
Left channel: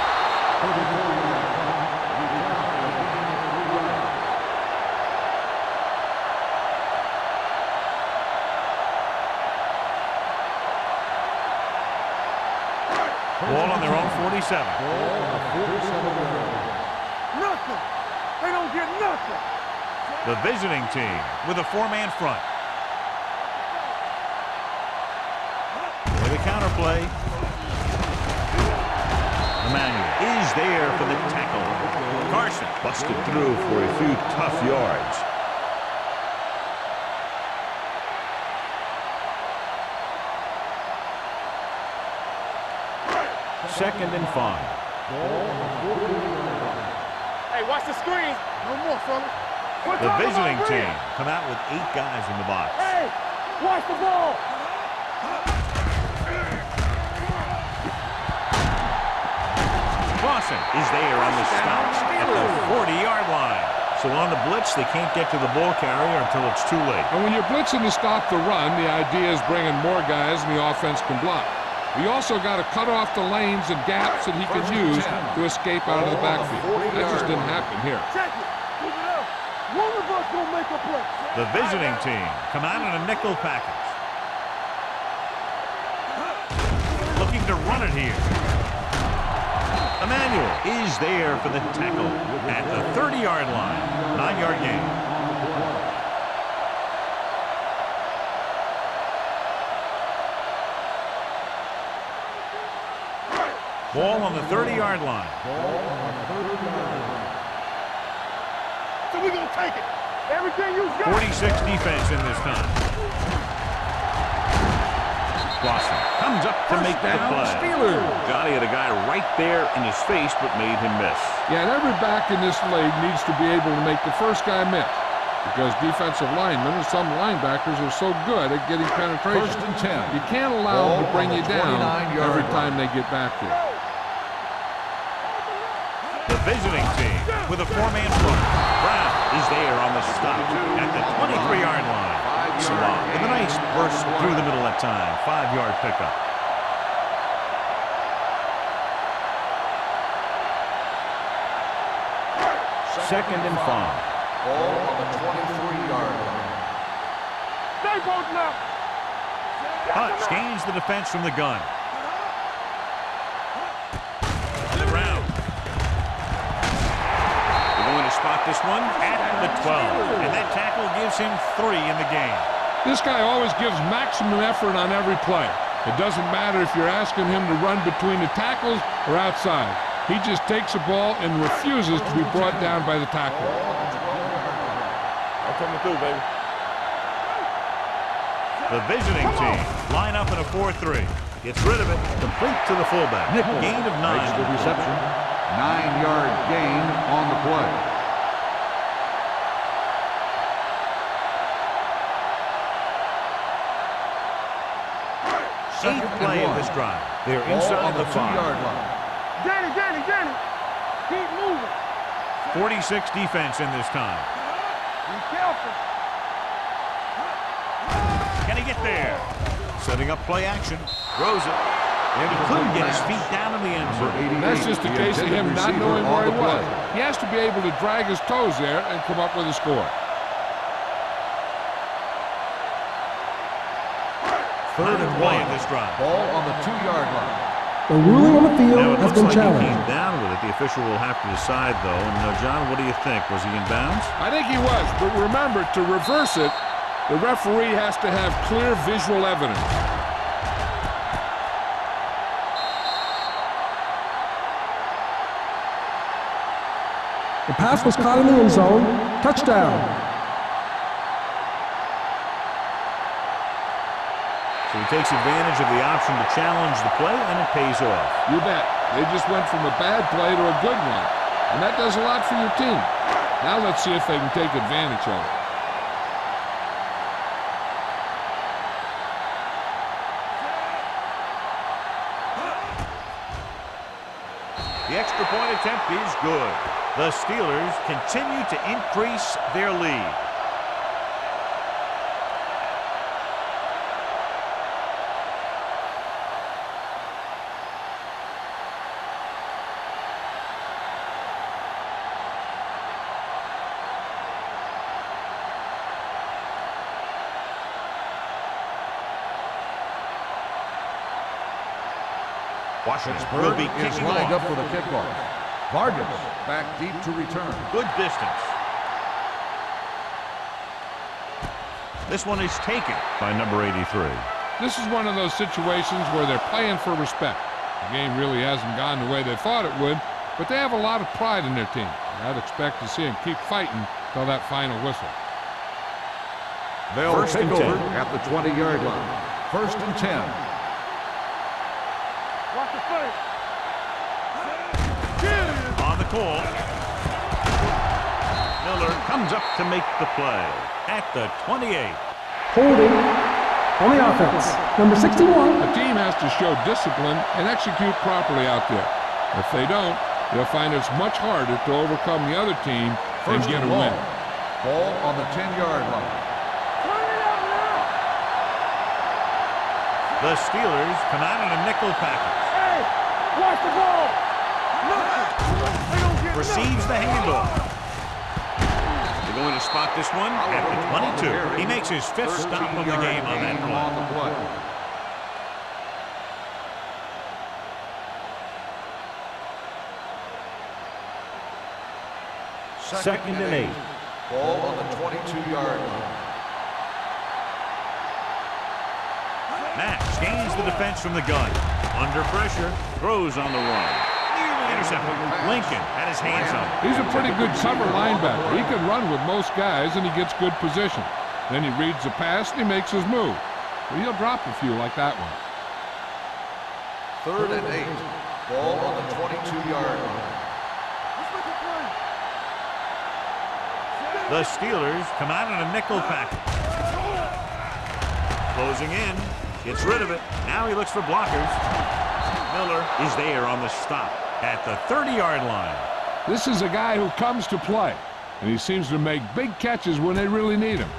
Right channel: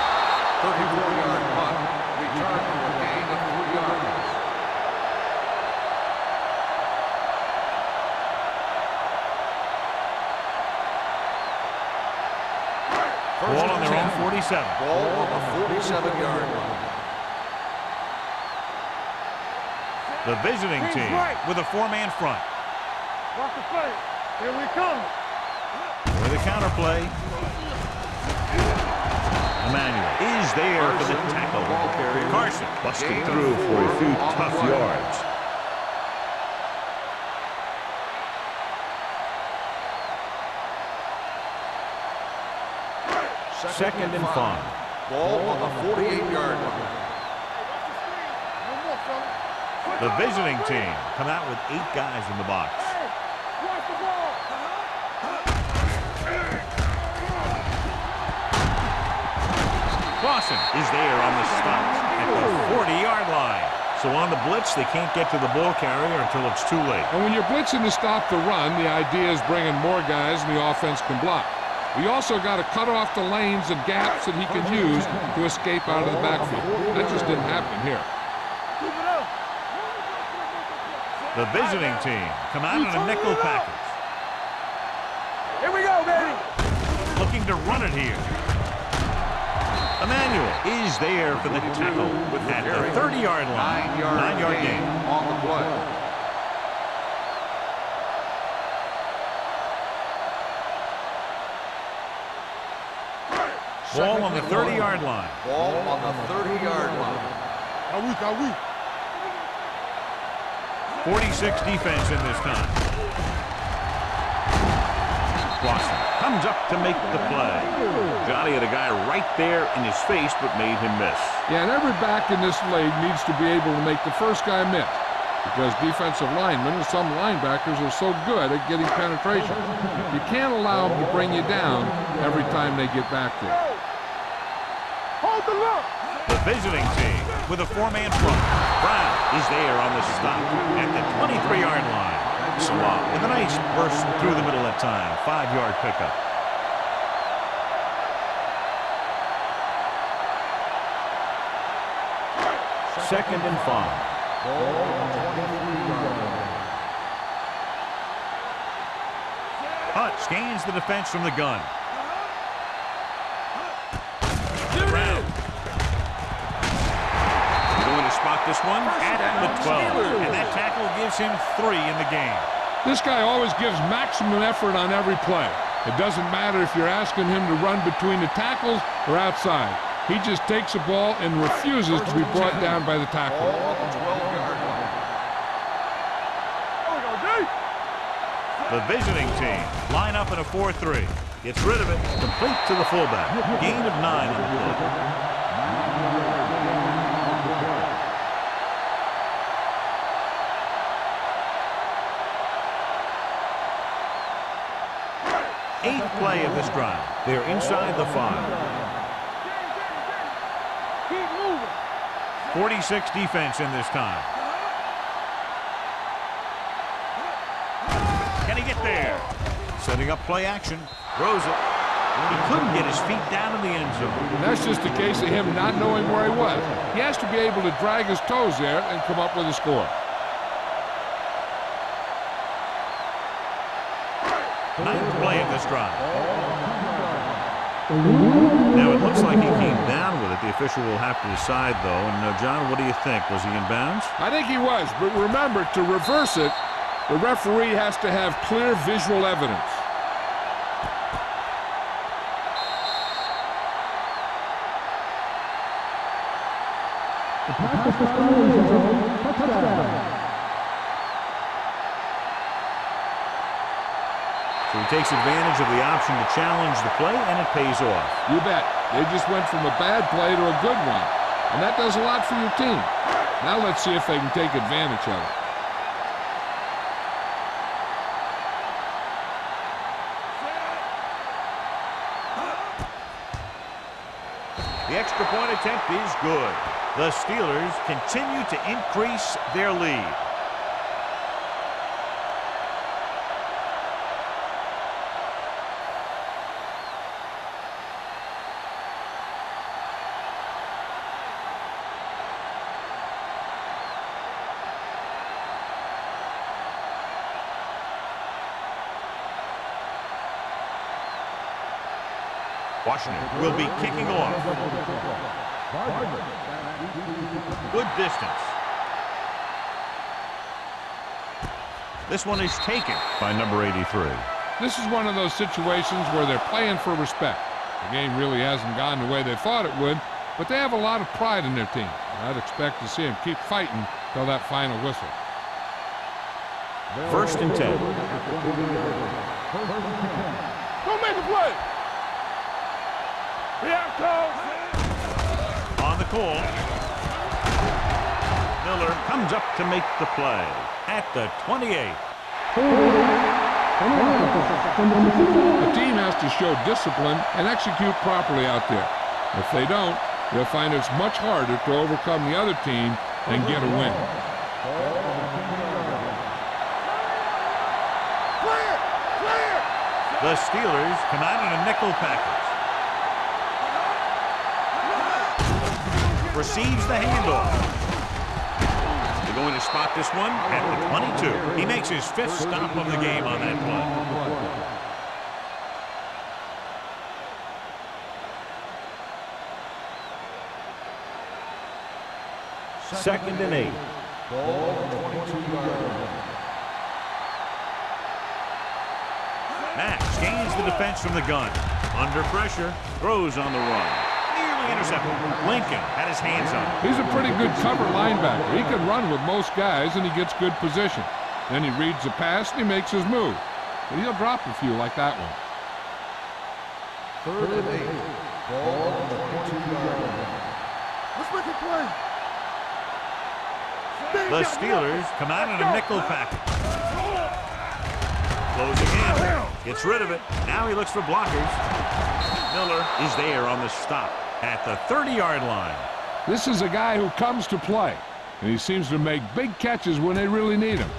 Ball on their own 47. Ball on the 47-yard line. Nothing. They don't get nothing. The visiting team with a 4-man front. Watch the play. Here we come. With a counter play. Emmanuel is there for the tackle. Carson busted through for a few tough yards. Second and 5. Ball on the 48-yard line. Hey, watch the screen. No more, fellas. The visiting team come out with 8 guys in the box. Hey, watch the ball. Clausen is there on the stops at the 40-yard line. So on the blitz, they can't get to the ball carrier until it's too late. And when you're blitzing to stop the run, the idea is bringing more guys and the offense can block. We also got to cut off the lanes and gaps that he can use to escape out of the backfield. That just didn't happen here. Keep it up. One of us will make a play. The visiting team come out in a nickel package. looking to run it here. Emmanuel is there for the tackle at the 30-yard line. 9-yard gain. Ball on the 30-yard line. Ball on the 30-yard line. Are we? So we gonna take it. Everything you got. 46 defense in this time. Blossom comes up to make the play. Johnny had a guy right there in his face, but made him miss. Yeah, and every back in this league needs to be able to make the first guy miss, because defensive linemen and some linebackers are so good at getting penetration. You can't allow them to bring you down every time they get back there. Hold the look. The visiting team with a 4-man front. Brown is there on the stop at the 23-yard line. Swab with a nice burst through the middle that time. 5-yard pickup. Second and 5. Ball on the 23-yard line. Stay both now. Hunt scans the defense from the gun. Brown. They're going to spot this one at the 12. And that tackle gives him 3 in the game. This guy always gives maximum effort on every play. It doesn't matter if you're asking him to run between the tackles or outside. He just takes the ball and refuses to be brought down by the tackle. Ball on the 12-yard line. I'm coming through, baby. The visiting team line up in a 4-3. Gets rid of it, complete to the fullback. Gain of 9 on the play. 9-yard gain on the play. Eighth play of this drive. They're inside the 5. Danny. Keep moving. 46 defense in this time. Be careful. Can he get there? Setting up play action. Throws it. He couldn't get his feet down in the end zone. And that's just a case of him not knowing where he was. He has to be able to drag his toes there and come up with a score. Ninth play of this drive. Ball on the 2-yard line. The ruling on the field Now, it has looks been like he challenged. came down with it. The official will have to decide, though. And, John, what do you think? Was he in bounds? I think he was, but remember, to reverse it, the referee has to have clear visual evidence. The pass was caught in the end zone. Touchdown. So he takes advantage of the option to challenge the play, and it pays off. You bet. They just went from a bad play to a good one, and that does a lot for your team. Now let's see if they can take advantage of it. The extra point attempt is good. The Steelers continue to increase their lead. Washington will be kicking lined up off. for the kickoff. Vargas back deep to return. Good distance. This one is taken by number 83. This is one of those situations where they're playing for respect. The game really hasn't gone the way they thought it would, but they have a lot of pride in their team. And I'd expect to see them keep fighting till that final whistle. They'll First and 10. at the 20-yard line. First and 10. Don't make a play. Watch the play. Here it comes. On the call. Miller comes up to make the play at the 28. Holding on the offense. Number 61. A team has to show discipline and execute properly out there. If they don't, they'll find it's much harder to overcome the other team and First get a and win. long. Ball on the 10-yard line. Turn it out now. Clear. The Steelers come out in a nickel package. Hey, watch the ball. No. They don't get Receives the handoff. They're going to spot this one at the 22. He makes his 5th stop of the game on that play. 2nd and 8. Ball on the 22-yard line. Max gains the defense from the gun. Under pressure, throws on the run. Nearly intercepted. Lincoln had his hands on it. He's a pretty good cover linebacker. He can run with most guys, and he gets good position. Then he reads the pass, and he makes his move. But he'll drop a few like that one. 3rd and 8. Ball on the 22-yard line. Let's make a play. The Steelers come out in a nickel package. Closing in. Gets rid of it. Now he looks for blockers. Miller is there on the stop at the 30-yard line. This is a guy who comes to play, and he seems to make big catches when they really need him.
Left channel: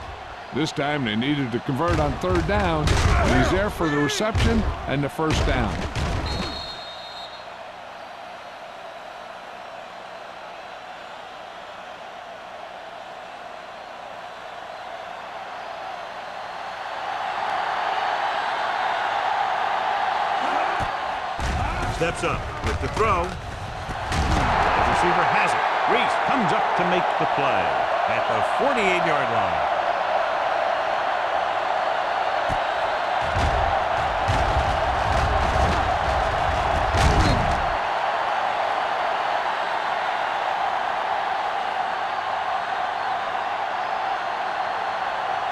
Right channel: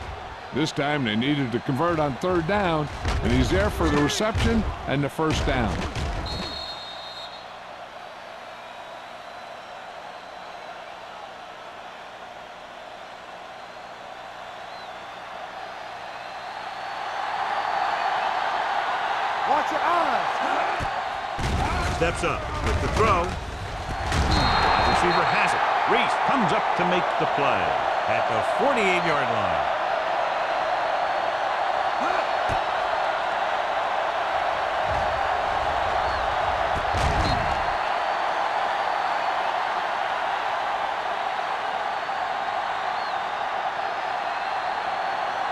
This time they needed to convert on 3rd down, and he's there for the reception and the 1st down. Steps up with the throw. Wide receiver has it. Reese comes up to make the play at the 48-yard line.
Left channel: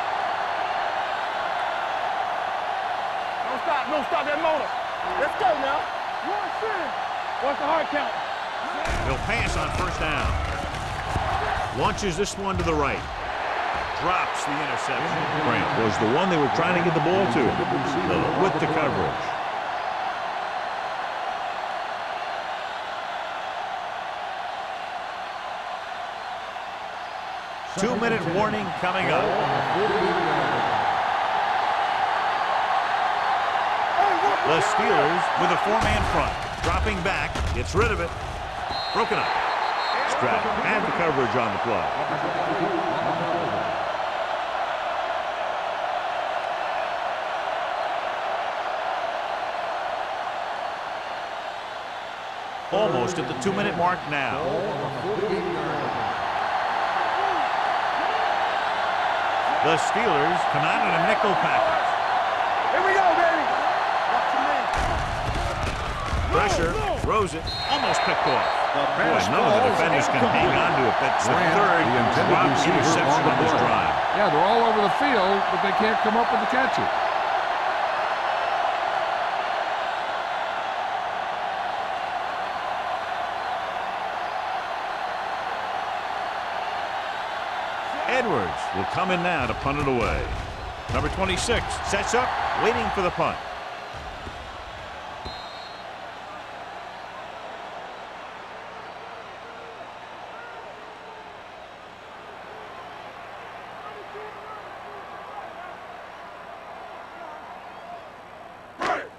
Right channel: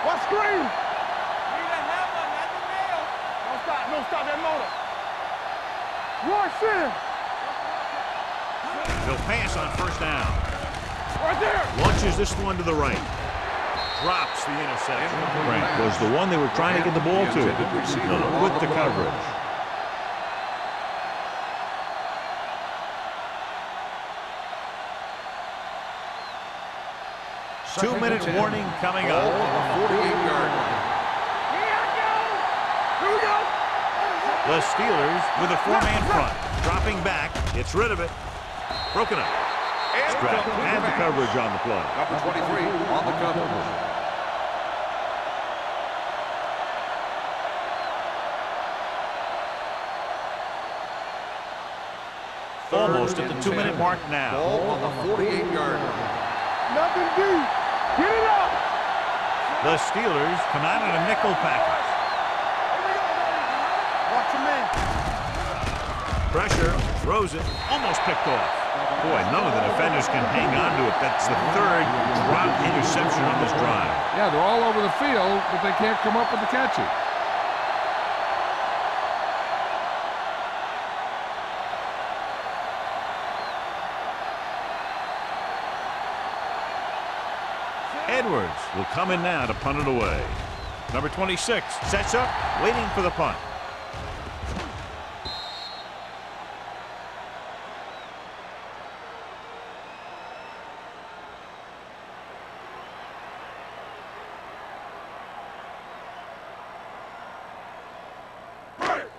What screen? Don't stop that motor. Let's go now. Roy Sin. What's the hard count? He'll pass on 1st down. Launches this one to the right. Drops the interception. Grant was the one they were trying to get the ball to. Miller with the coverage. Two-minute warning coming up. The Steelers with a 4-man front. Dropping back. Gets rid of it. Broken up. Stratton had the coverage on the play. Number 23 on the coverage. Almost at the 2-minute mark now. Ball on the 48-yard line. Nothing deep. Get it up. The Steelers come out in a nickel package. Here we go, baby. Watch your man. Pressure, throws it, almost picked off. Boy, none of the defenders can hang on to it. That's the 3rd dropped interception on this drive. Yeah, they're all over the field, but they can't come up with the catches. Edwards will come in now to punt it away. Number 26 sets up, waiting for the punt.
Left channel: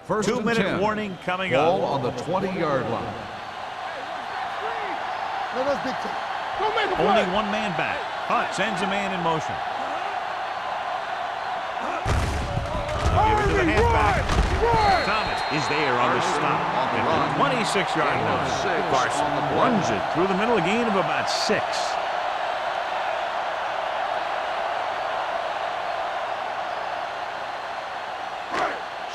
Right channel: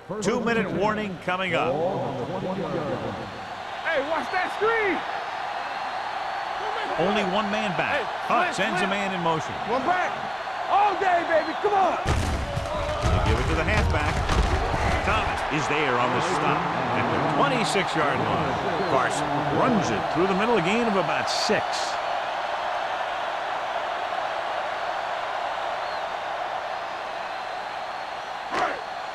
First and 2-minute 10. warning coming Ball up. on the 20-yard line. Hey, watch that screen. Go make a play. Only one man back. Hunt sends a man in motion. One back. All day, baby. Come on. They'll give it to the halfback. Thomas is there on the stop at the 26-yard line. Carson runs it through the middle, a gain of about 6.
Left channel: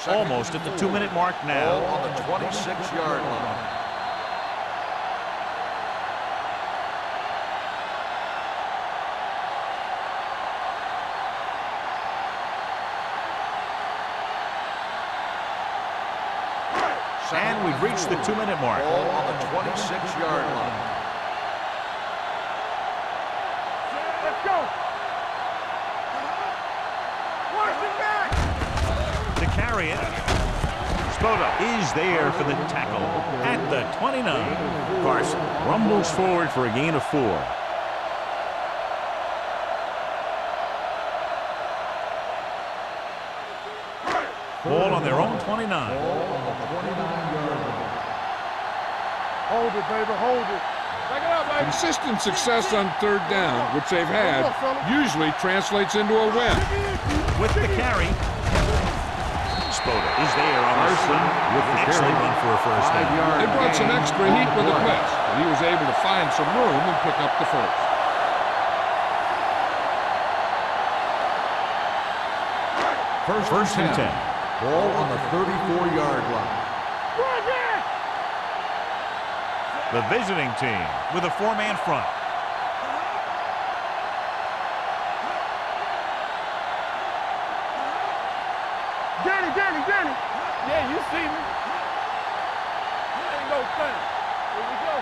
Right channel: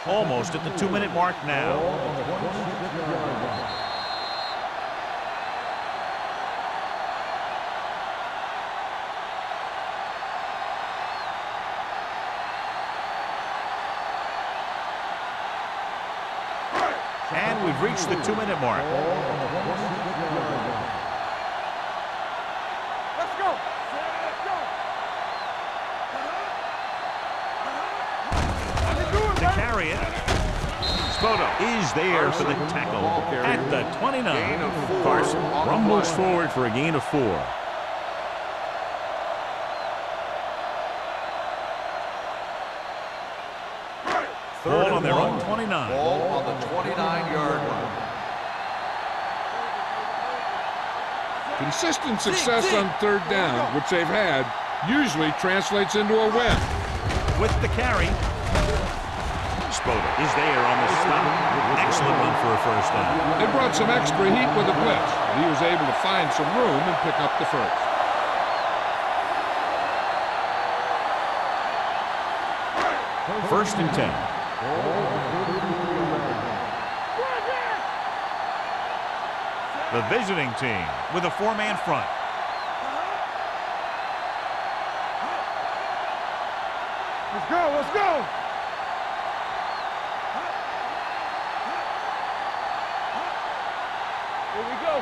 Almost at the 2-minute mark Ball now. on the 26-yard line. And we've reached the 2-minute mark. Ball on the 26-yard line. Let's go. Let's go. To carry it. Spoto is there for the tackle at the 29. Carson rumbles forward for a gain of 4. Ball on their own 29. Ball on the 29-yard line. Hold it, baby. Hold it. Back it up, baby. Consistent success on 3rd down, which they've had, usually translates into a win. With the carry. Spoto is there on the stop. Excellent run for a 1st down. They brought some extra heat with the blitz, but he was able to find some room and pick up the 1st. First and 10. Ball on the 34-yard line. The visiting team with a four-man front. Let's go, let's go. Danny. Yeah, you see me. Ain't no thing. Here we go.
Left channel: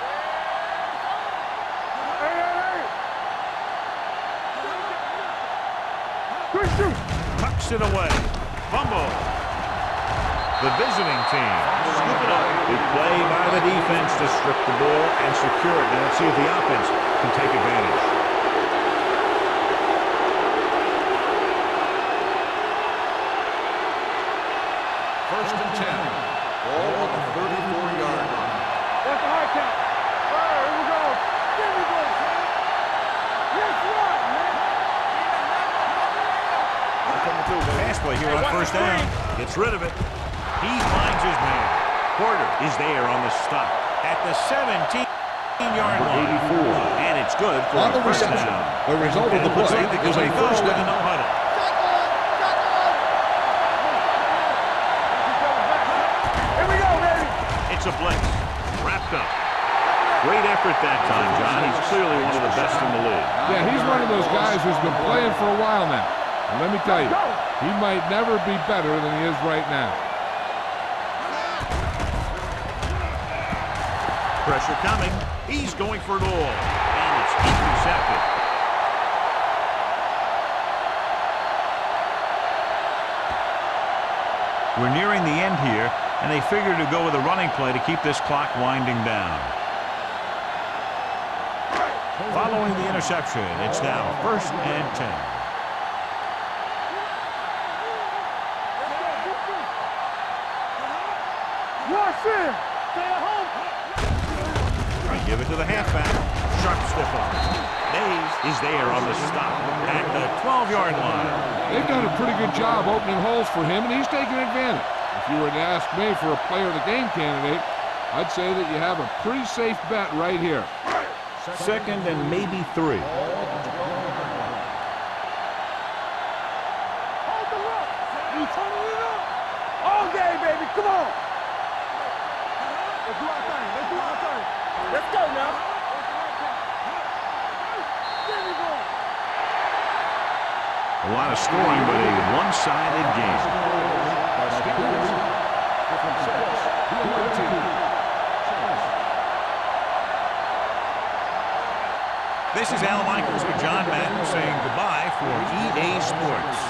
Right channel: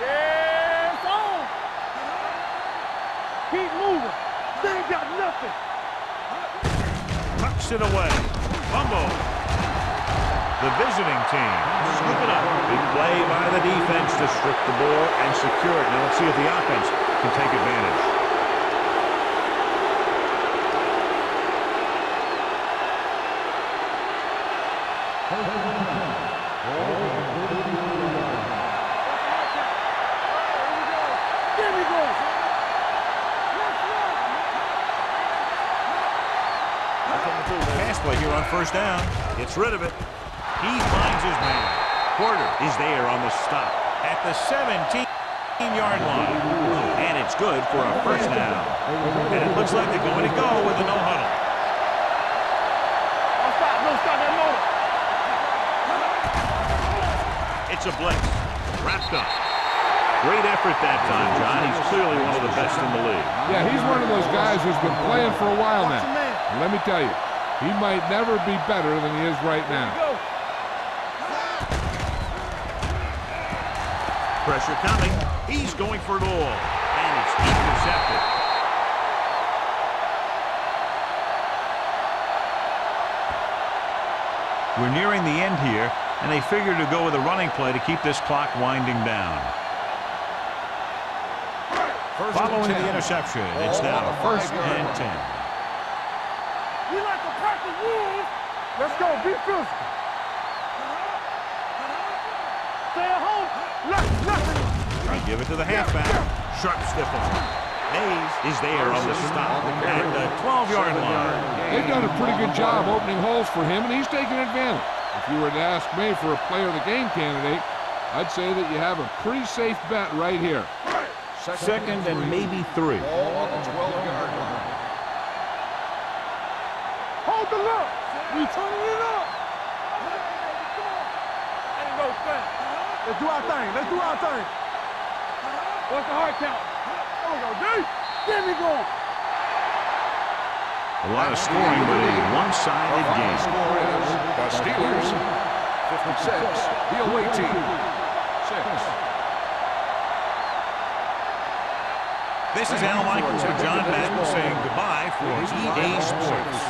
Yeah, it's on. Hey. Keep moving. They ain't got nothing. 3-2. Tucks it away. Fumble. The visiting team scoop it up. Big play by the defense to strip the ball and secure it. Now let's see if the offense can take advantage. First and 10. Ball on the 34-yard line. What's the hard count? All right, here we go. Give me goals. Let's run, man. Pass play here on first down. Gets rid of it. He finds his man. Porter is there on the stop at the 17-yard line. And it's good for a first down. And it looks like they're going to go with a no huddle. Don't stop that motor. Here we go, baby. It's a blitz. Wrapped up. Great effort that time, John. He's clearly one of the best in the league. Yeah, he's one of those guys who's been playing for a while now. And let me tell you, he might never be better than he is right now. Pressure coming. He's going for it all. And it's intercepted. We're nearing the end here, and they figure to go with a running play to keep this clock winding down. Following the interception, it's now first and 10. We like to crack the rules. Let's go. Be physical. Watch in. Stay at home. They give it to the halfback. Sharp stiff arm. Mays is there on the stop at the 12-yard line. They've done a pretty good job opening holes for him, and he's taking advantage. If you were to ask me for a player of the game candidate, I'd say that you have a pretty safe bet right here. Second and maybe 3. Ball on the 12-yard line. Hold the look. We turning it up. All day, baby. Come on. Ain't no thing. Let's do our thing. Let's do our thing. Let's go now. What's the hard count? Give me goal. A lot of scoring, but a one-sided The game. score is the Steelers 56, the away team 6. This is Al Michaels with John Madden saying goodbye for EA Sports.